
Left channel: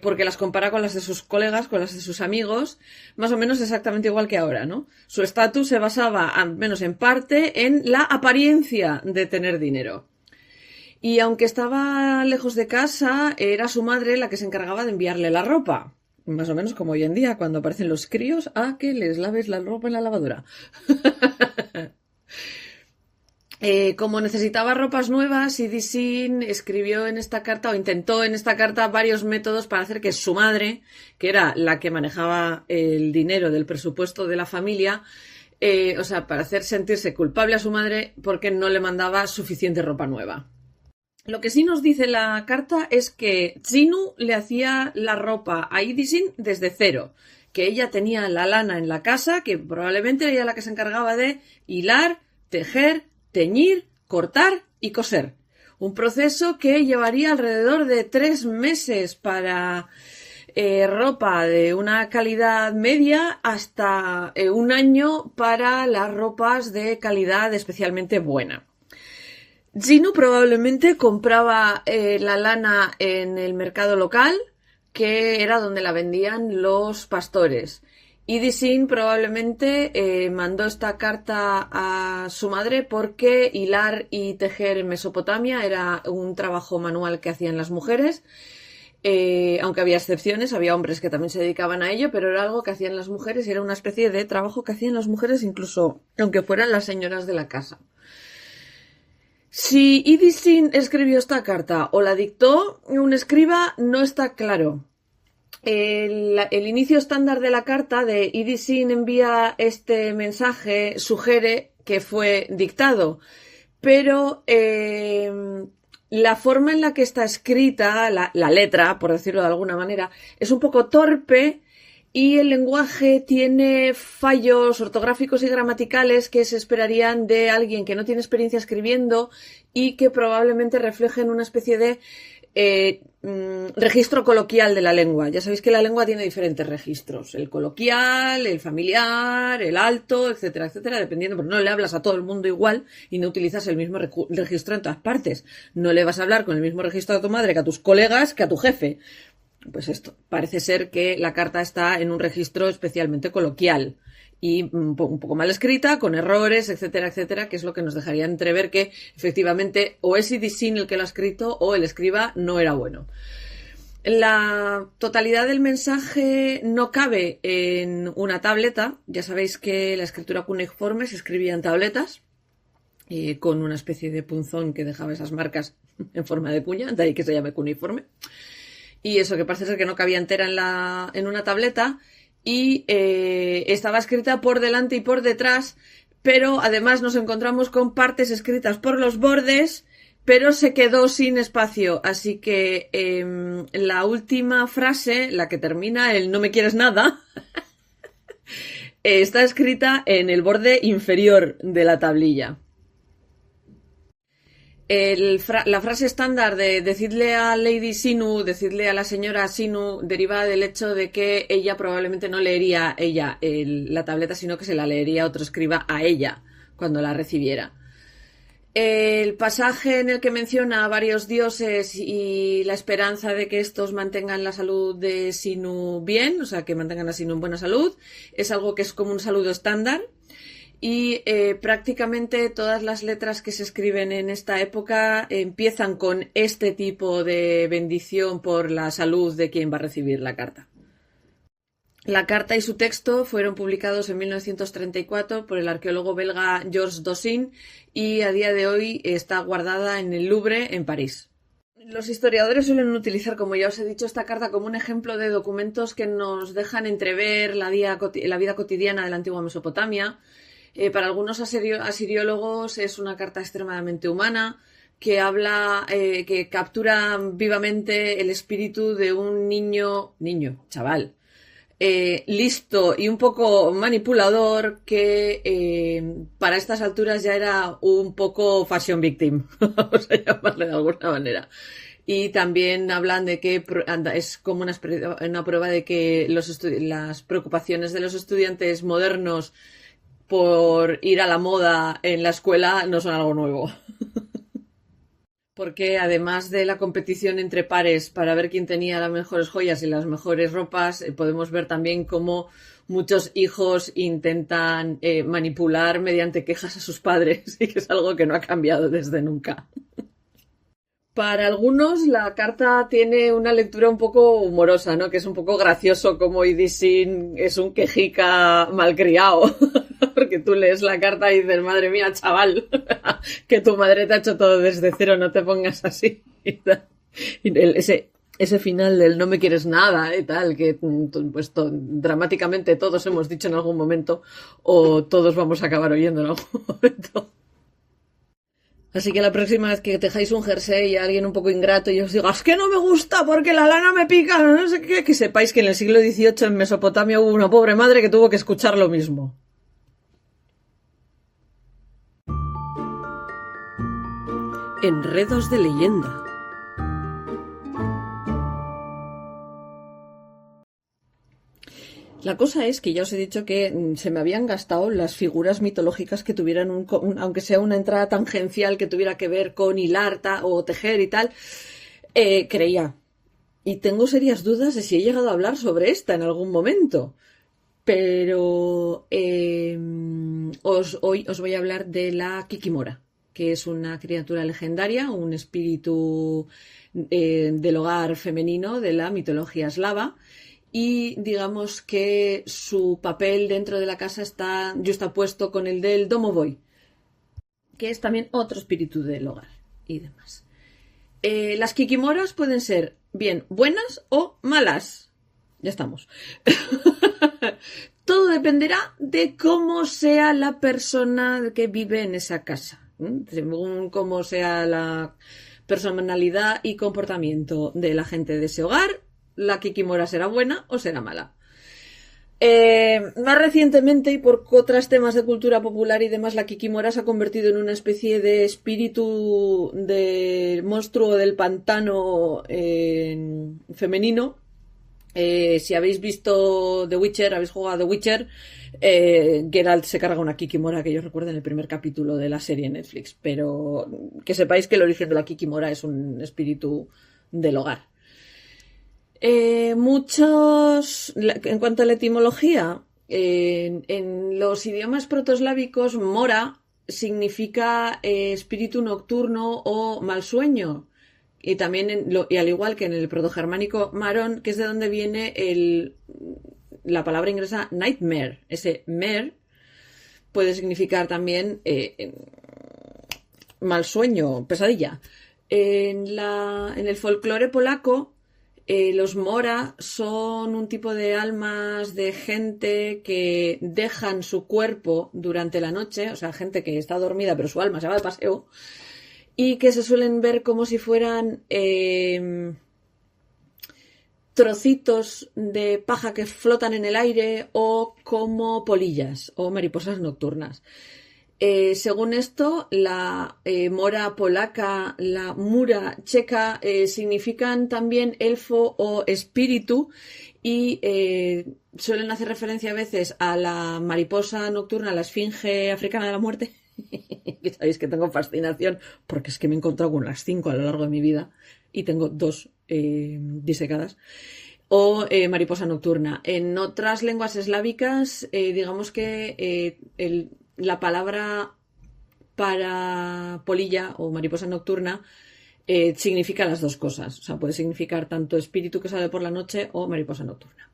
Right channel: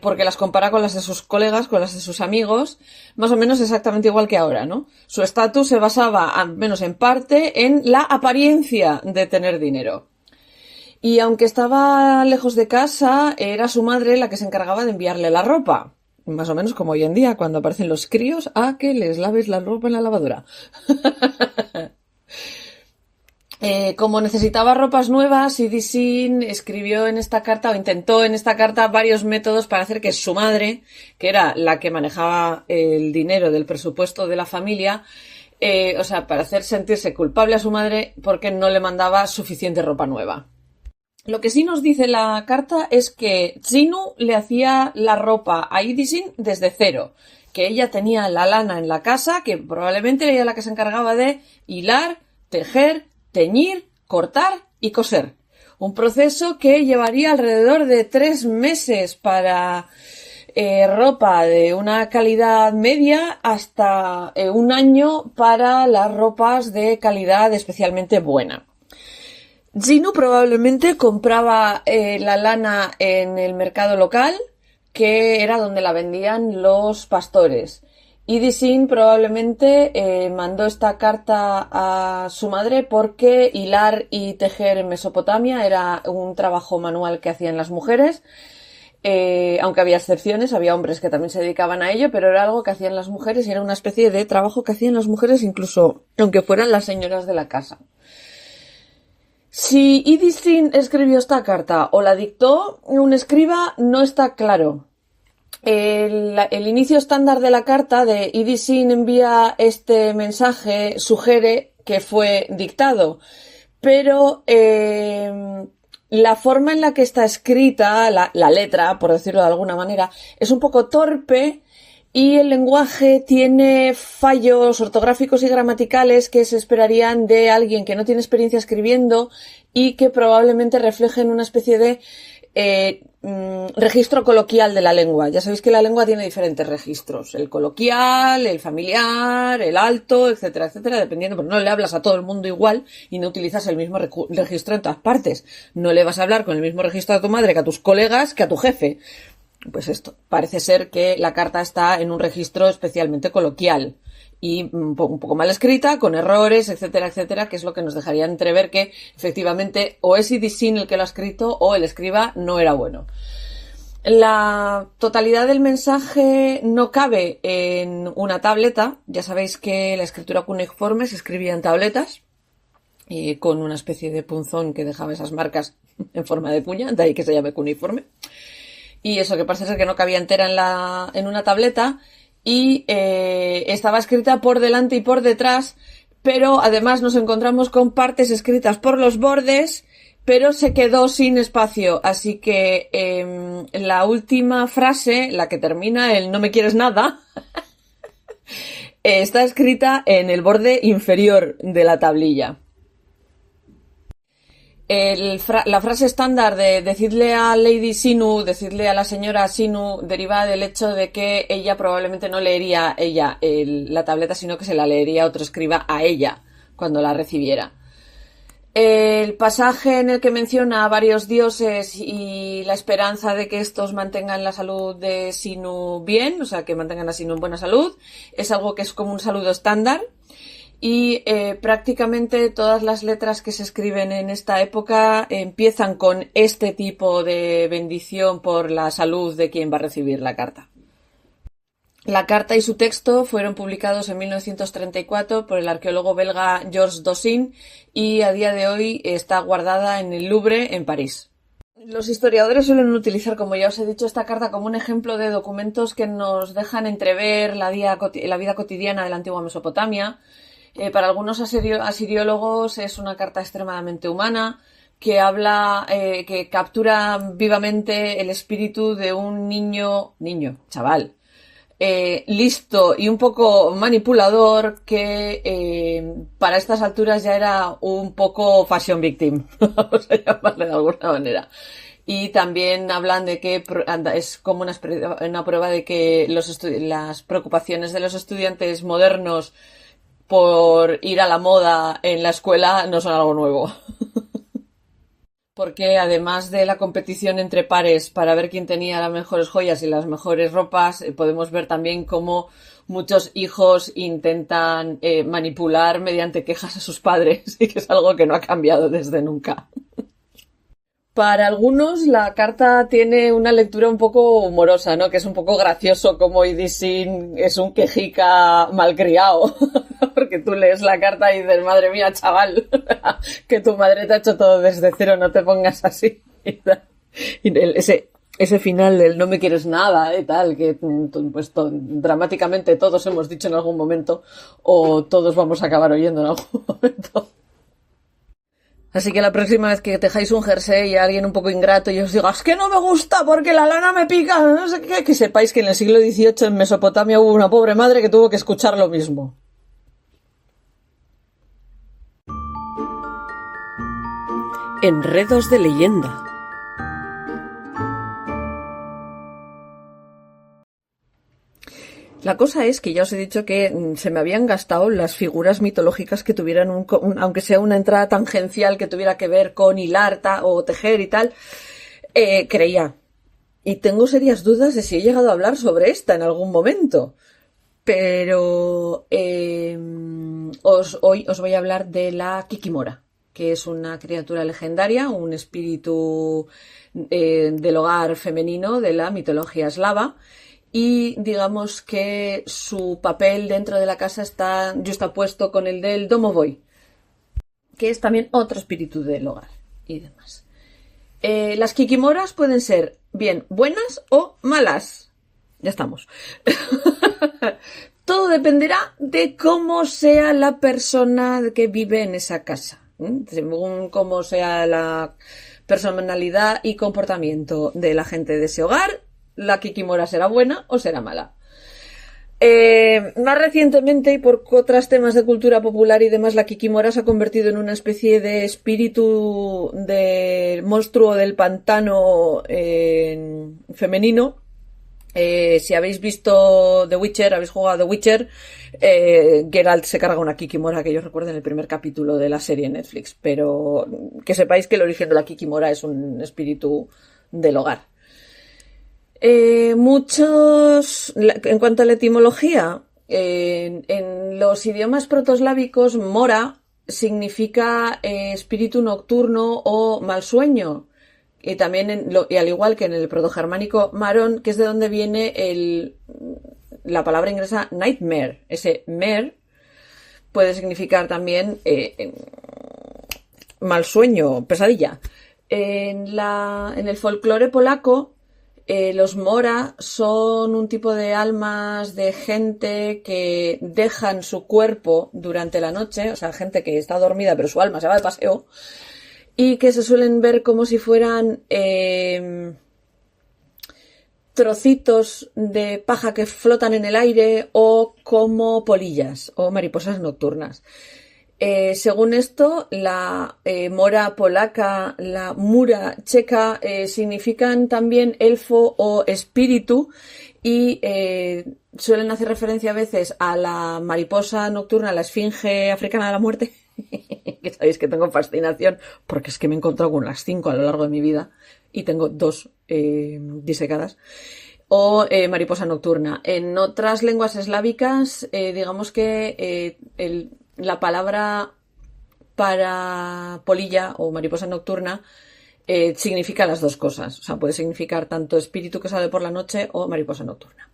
porque las compara con las de sus colegas, con las de sus amigos, más o menos exactamente igual que ahora, ¿no? Su estatus se basaba, al menos en parte, en la apariencia de tener dinero. Y aunque estaba lejos de casa, era su madre la que se encargaba de enviarle la ropa. Más o menos como hoy en día, cuando aparecen los críos, a que les laves la ropa en la lavadora. Como necesitaba ropas nuevas, Idisin escribió en esta carta, o intentó en esta carta, varios métodos para hacer que su madre, que era la que manejaba el dinero del presupuesto de la familia, para hacer sentirse culpable a su madre porque no le mandaba suficiente ropa nueva. Lo que sí nos dice la carta es que Tsinu le hacía la ropa a Idisin desde cero, que ella tenía la lana en la casa, que probablemente era ella la que se encargaba de hilar, tejer, teñir, cortar y coser. Un proceso que llevaría alrededor de 3 meses para ropa de una calidad media hasta 1 año para las ropas de calidad especialmente buena. Tsinu probablemente compraba la lana en el mercado local, que era donde la vendían los pastores. Idisin probablemente mandó esta carta a su madre porque hilar y tejer en Mesopotamia era un trabajo manual que hacían las mujeres, aunque había excepciones, había hombres que también se dedicaban a ello, pero era algo que hacían las mujeres y era una especie de trabajo que hacían las mujeres incluso aunque fueran las señoras de la casa. Si Idisin escribió esta carta o la dictó un escriba no está claro. El inicio estándar de la carta de Idisin envía este mensaje sugiere que fue dictado, pero la forma en la que está escrita, la letra, por decirlo de alguna manera, es un poco torpe y el lenguaje tiene fallos ortográficos y gramaticales que se esperarían de alguien que no tiene experiencia escribiendo y que probablemente reflejen una especie de registro coloquial de la lengua. Ya sabéis que la lengua tiene diferentes registros, el coloquial, el familiar, el alto, etcétera, etcétera, dependiendo, pero no le hablas a todo el mundo igual y no utilizas el mismo registro en todas partes. No le vas a hablar con el mismo registro a tu madre que a tus colegas que a tu jefe. Pues esto, parece ser que la carta está en un registro especialmente coloquial y un poco mal escrita, con errores, etcétera, etcétera, que es lo que nos dejaría entrever que efectivamente o es Idisin el que lo ha escrito o el escriba no era bueno. La totalidad del mensaje no cabe en una tableta. Ya sabéis que la escritura cuneiforme se escribía en tabletas con una especie de punzón que dejaba esas marcas en forma de puña, de ahí que se llame cuneiforme. Y eso que parece ser que no cabía entera en una tableta y estaba escrita por delante y por detrás, pero además nos encontramos con partes escritas por los bordes, pero se quedó sin espacio, así que la última frase, la que termina el "no me quieres nada", está escrita en el borde inferior de la tablilla. La frase estándar de decidle a Lady Sinu, decidle a la señora Sinu, deriva del hecho de que ella probablemente no leería la tableta, sino que se la leería otro escriba a ella cuando la recibiera. El pasaje en el que menciona a varios dioses y la esperanza de que estos mantengan la salud de Sinu bien, o sea, que mantengan a Sinu en buena salud, es algo que es como un saludo estándar. Y prácticamente todas las letras que se escriben en esta época empiezan con este tipo de bendición por la salud de quien va a recibir la carta. La carta y su texto fueron publicados en 1934 por el arqueólogo belga Georges Dossin y a día de hoy está guardada en el Louvre, en París. Los historiadores suelen utilizar, como ya os he dicho, esta carta como un ejemplo de documentos que nos dejan entrever la vida cotidiana de la antigua Mesopotamia. Para algunos asiriólogos es una carta extremadamente humana que que captura vivamente el espíritu de un chaval, listo y un poco manipulador que para estas alturas ya era un poco fashion victim, vamos a llamarle de alguna manera. Y también hablan de que es como una prueba de que las preocupaciones de los estudiantes modernos por ir a la moda en la escuela no son algo nuevo. Porque además de la competición entre pares para ver quién tenía las mejores joyas y las mejores ropas, podemos ver también cómo muchos hijos intentan manipular mediante quejas a sus padres, y que es algo que no ha cambiado desde nunca. Para algunos la carta tiene una lectura un poco humorosa, ¿no? Que es un poco gracioso como Idisin es un quejica malcriado. Porque tú lees la carta y dices, madre mía, chaval, que tu madre te ha hecho todo desde cero, no te pongas así. Y ese final del no me quieres nada y tal, que pues dramáticamente todos hemos dicho en algún momento, o todos vamos a acabar oyendo en algún momento. Así que la próxima vez que tejáis un jersey y a alguien un poco ingrato y os diga, es que no me gusta porque la lana me pica, no sé qué, que sepáis que en el siglo XVIII en Mesopotamia hubo una pobre madre que tuvo que escuchar lo mismo. Enredos de leyenda. La cosa es que ya os he dicho que se me habían gastado las figuras mitológicas que tuvieran aunque sea una entrada tangencial que tuviera que ver con hilar o tejer y tal, creía. Y tengo serias dudas de si he llegado a hablar sobre esta en algún momento. Pero hoy os voy a hablar de la Kikimora, que es una criatura legendaria, un espíritu del hogar femenino de la mitología eslava. Y digamos que su papel dentro de la casa está justapuesto con el del domovoi, que es también otro espíritu del hogar y demás. Las kikimoras pueden ser bien buenas o malas. Ya estamos. Todo dependerá de cómo sea la persona que vive en esa casa. Según cómo sea la personalidad y comportamiento de la gente de ese hogar, la kikimora será buena o será mala. Más recientemente, y por otros temas de cultura popular y demás, la kikimora se ha convertido en una especie de espíritu del monstruo del pantano femenino. Si habéis visto The Witcher, habéis jugado The Witcher, Geralt se carga una kikimora, que yo recuerdo en el primer capítulo de la serie en Netflix, pero que sepáis que el origen de la kikimora es un espíritu del hogar. En cuanto a la etimología, en los idiomas protoeslávicos, mora significa espíritu nocturno o mal sueño. Y también, y al igual que en el protogermánico, marón, que es de donde viene la palabra inglesa nightmare. Ese mer puede significar también mal sueño, pesadilla. En el folclore polaco, los mora son un tipo de almas de gente que dejan su cuerpo durante la noche, o sea, gente que está dormida pero su alma se va de paseo, y que se suelen ver como si fueran trocitos de paja que flotan en el aire o como polillas o mariposas nocturnas. Según esto, la mora polaca, la mura checa, significan también elfo o espíritu y suelen hacer referencia a veces a la mariposa nocturna, la esfinge africana de la muerte, que sabéis que tengo fascinación porque es que me he encontrado con las 5 a lo largo de mi vida y tengo 2 disecadas. O mariposa nocturna. En otras lenguas eslávicas, digamos que la palabra para polilla o mariposa nocturna significa las dos cosas. O sea, puede significar tanto espíritu que sale por la noche o mariposa nocturna.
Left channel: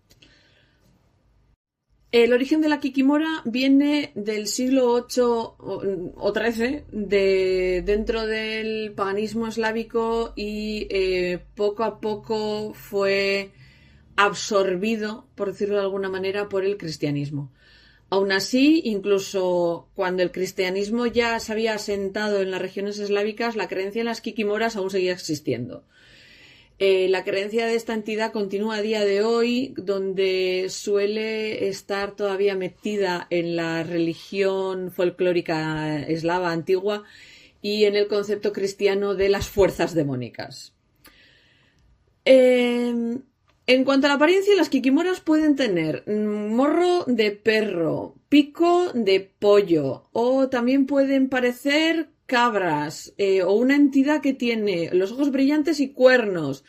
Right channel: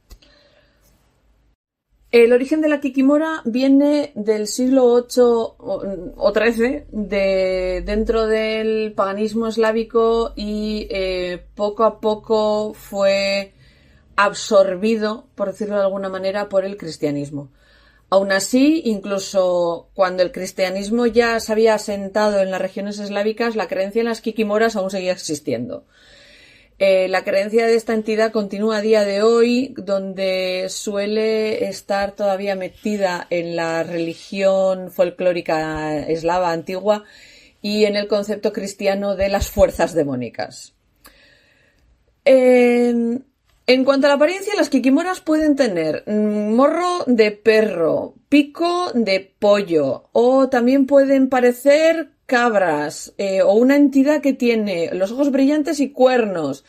El origen de la kikimora viene del siglo VIII o XIII, dentro del paganismo eslávico y poco a poco fue absorbido, por decirlo de alguna manera, por el cristianismo. Aún así, incluso cuando el cristianismo ya se había asentado en las regiones eslávicas, la creencia en las kikimoras aún seguía existiendo. La creencia de esta entidad continúa a día de hoy, donde suele estar todavía metida en la religión folclórica eslava antigua y en el concepto cristiano de las fuerzas demónicas. En cuanto a la apariencia, las kikimoras pueden tener morro de perro, pico de pollo o también pueden parecer cabras o una entidad que tiene los ojos brillantes y cuernos.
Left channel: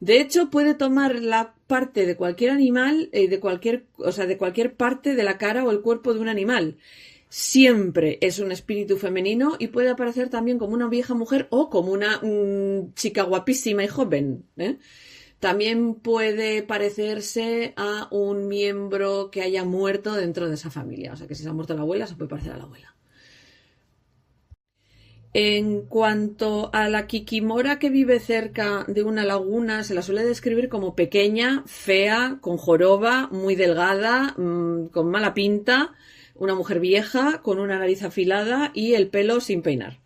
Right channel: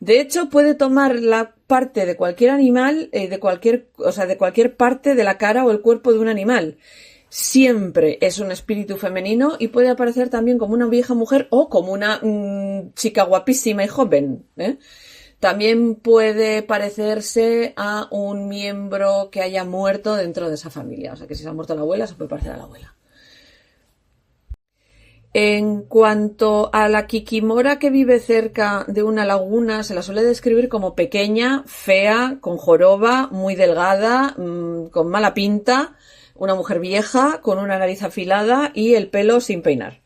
De hecho, puede tomar la parte de cualquier animal, de cualquier parte de la cara o el cuerpo de un animal. Siempre es un espíritu femenino y puede aparecer también como una vieja mujer o como una chica guapísima y joven, ¿eh? También puede parecerse a un miembro que haya muerto dentro de esa familia. O sea que si se ha muerto la abuela, se puede parecer a la abuela. En cuanto a la kikimora que vive cerca de una laguna, se la suele describir como pequeña, fea, con joroba, muy delgada, con mala pinta, una mujer vieja, con una nariz afilada y el pelo sin peinar.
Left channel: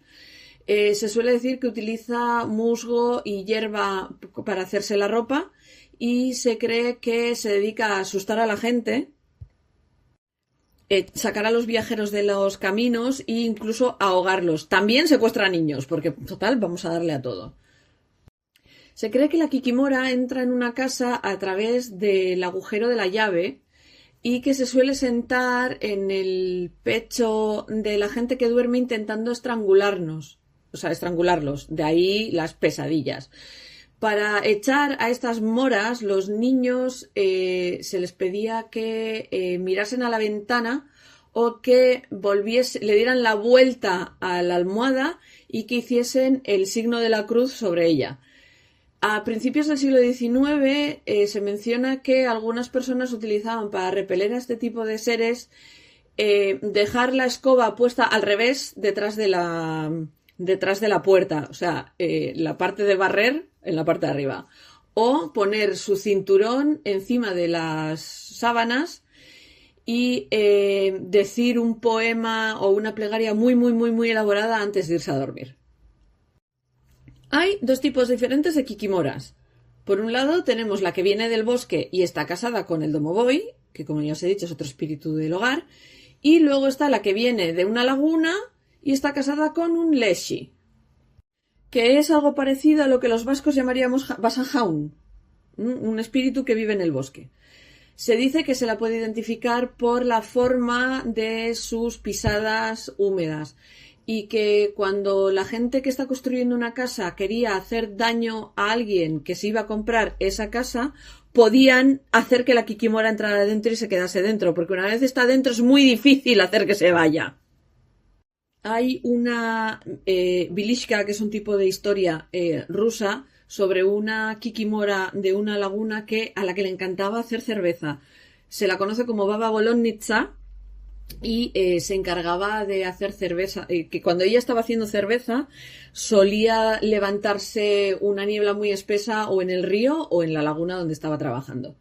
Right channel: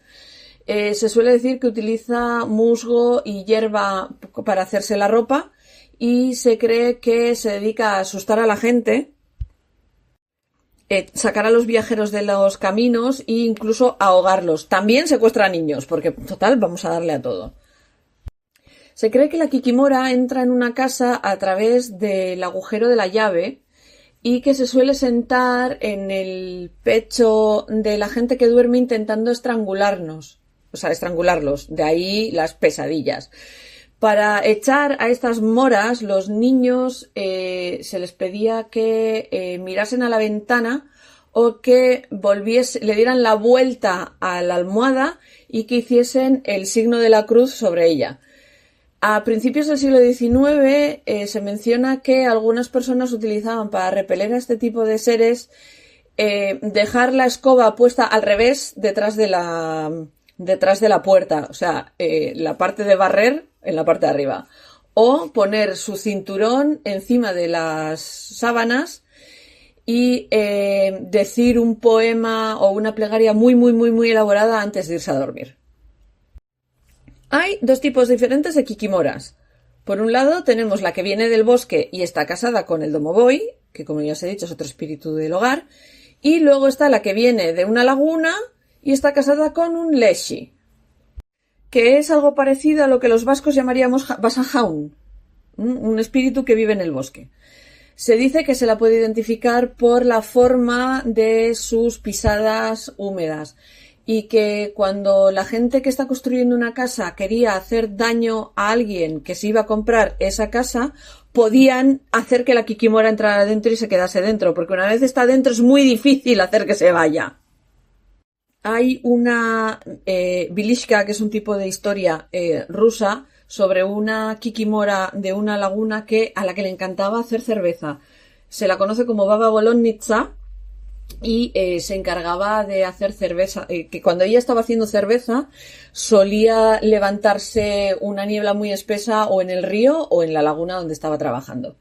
Se suele decir que utiliza musgo y hierba para hacerse la ropa y se cree que se dedica a asustar a la gente, sacar a los viajeros de los caminos e incluso ahogarlos. También secuestra a niños, porque total vamos a darle a todo. Se cree que la kikimora entra en una casa a través del agujero de la llave y que se suele sentar en el pecho de la gente que duerme intentando estrangularlos. De ahí las pesadillas. Para echar a estas moras, los niños se les pedía que mirasen a la ventana o que le dieran la vuelta a la almohada y que hiciesen el signo de la cruz sobre ella. A principios del siglo XIX se menciona que algunas personas utilizaban para repeler a este tipo de seres dejar la escoba puesta al revés detrás de la puerta, o sea, la parte de barrer en la parte de arriba, o poner su cinturón encima de las sábanas y decir un poema o una plegaria muy, muy, muy, muy elaborada antes de irse a dormir. Hay dos tipos diferentes de kikimoras. Por un lado tenemos la que viene del bosque y está casada con el domovoy, que como ya os he dicho es otro espíritu del hogar, y luego está la que viene de una laguna y está casada con un leshi, que es algo parecido a lo que los vascos llamaríamos basajaun, un espíritu que vive en el bosque. Se dice que se la puede identificar por la forma de sus pisadas húmedas y que cuando la gente que está construyendo una casa quería hacer daño a alguien que se iba a comprar esa casa, podían hacer que la kikimora entrara dentro y se quedase dentro, porque una vez está dentro es muy difícil hacer que se vaya. Hay una Vilishka, que es un tipo de historia rusa, sobre una kikimora de una laguna a la que le encantaba hacer cerveza. Se la conoce como Baba Bolonitsa y se encargaba de hacer cerveza. Que cuando ella estaba haciendo cerveza solía levantarse una niebla muy espesa o en el río o en la laguna donde estaba trabajando.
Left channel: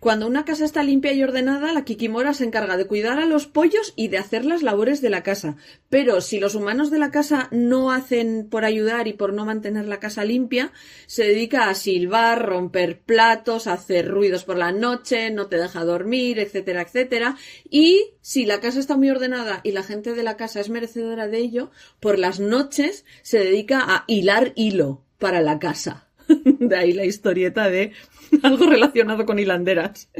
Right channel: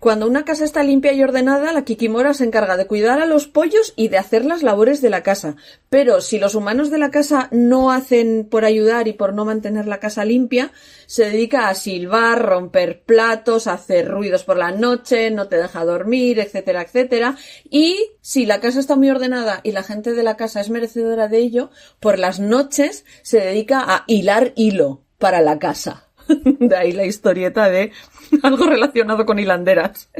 Cuando una casa está limpia y ordenada, la Kikimora se encarga de cuidar a los pollos y de hacer las labores de la casa. Pero si los humanos de la casa no hacen por ayudar y por no mantener la casa limpia, se dedica a silbar, romper platos, hacer ruidos por la noche, no te deja dormir, etcétera, etcétera. Y si la casa está muy ordenada y la gente de la casa es merecedora de ello, por las noches se dedica a hilar hilo para la casa. De ahí la historieta de algo relacionado con hilanderas.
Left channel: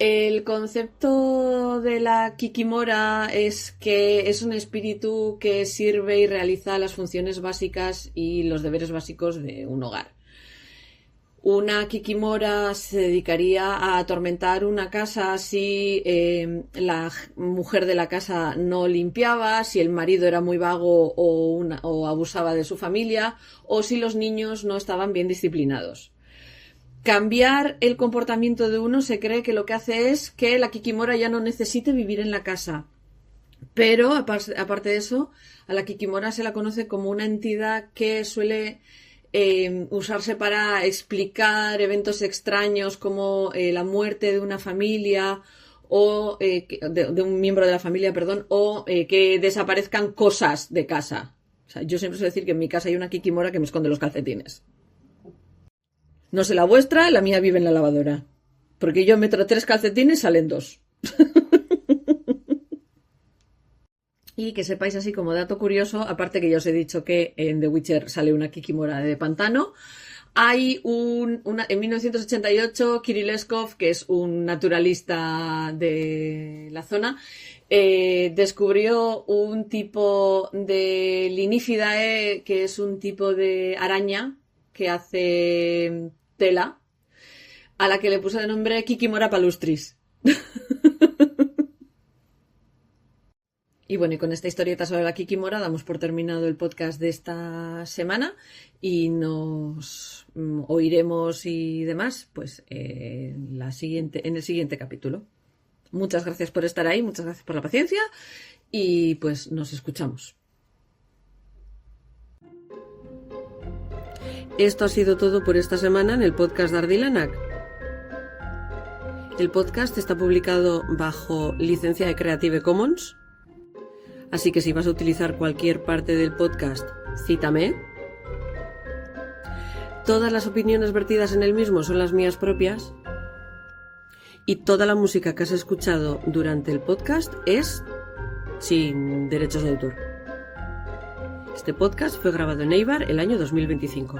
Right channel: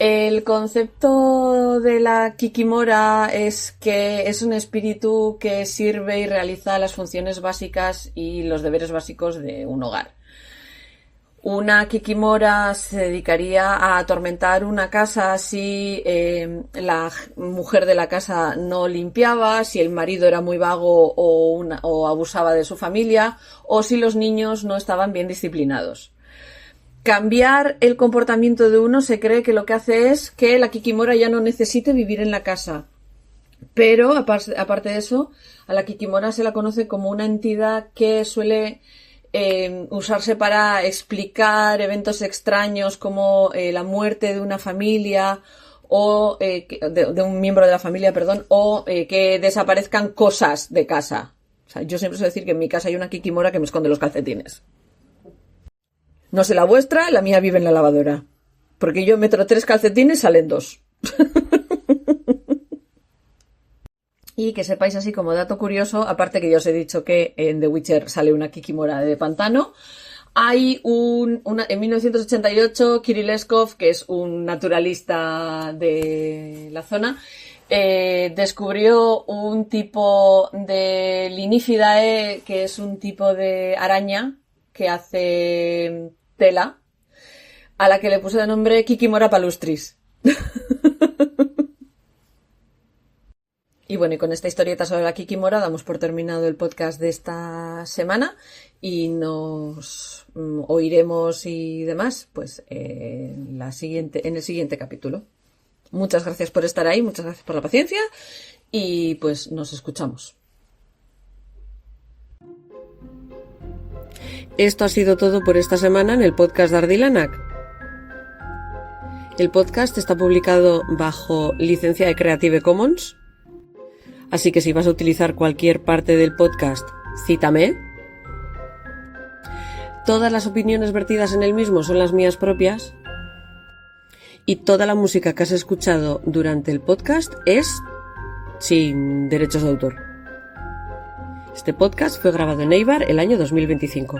El concepto de la Kikimora es que es un espíritu que sirve y realiza las funciones básicas y los deberes básicos de un hogar. Una Kikimora se dedicaría a atormentar una casa si la mujer de la casa no limpiaba, si el marido era muy vago o abusaba de su familia, o si los niños no estaban bien disciplinados. Cambiar el comportamiento de uno se cree que lo que hace es que la Kikimora ya no necesite vivir en la casa. Pero, aparte de eso, a la Kikimora se la conoce como una entidad que suele usarse para explicar eventos extraños como la muerte de una familia o de un miembro de la familia, perdón, o que desaparezcan cosas de casa. O sea, yo siempre suelo decir que en mi casa hay una Kikimora que me esconde los calcetines. No sé la vuestra, la mía vive en la lavadora. Porque yo meto 3 calcetines, salen 2. Y que sepáis así como dato curioso, aparte que ya os he dicho que en The Witcher sale una Kikimora de pantano, hay en 1988 Kirilleskov, que es un naturalista de la zona, descubrió un tipo de Linifidae, que es un tipo de araña que hace tela, a la que le puso de nombre Kikimora palustris. Y bueno, y con esta historieta sobre la Kikimora damos por terminado el podcast de esta semana y nos oiremos y demás pues en el siguiente capítulo. Muchas gracias por estar ahí, muchas gracias por la paciencia y pues nos escuchamos. Esto ha sido todo por esta semana en el podcast de Ardilanak. El podcast está publicado bajo licencia de Creative Commons. Así que si vas a utilizar cualquier parte del podcast, cítame. Todas las opiniones vertidas en el mismo son las mías propias. Y toda la música que has escuchado durante el podcast es sin derechos de autor. Este podcast fue grabado en Eibar el año 2025.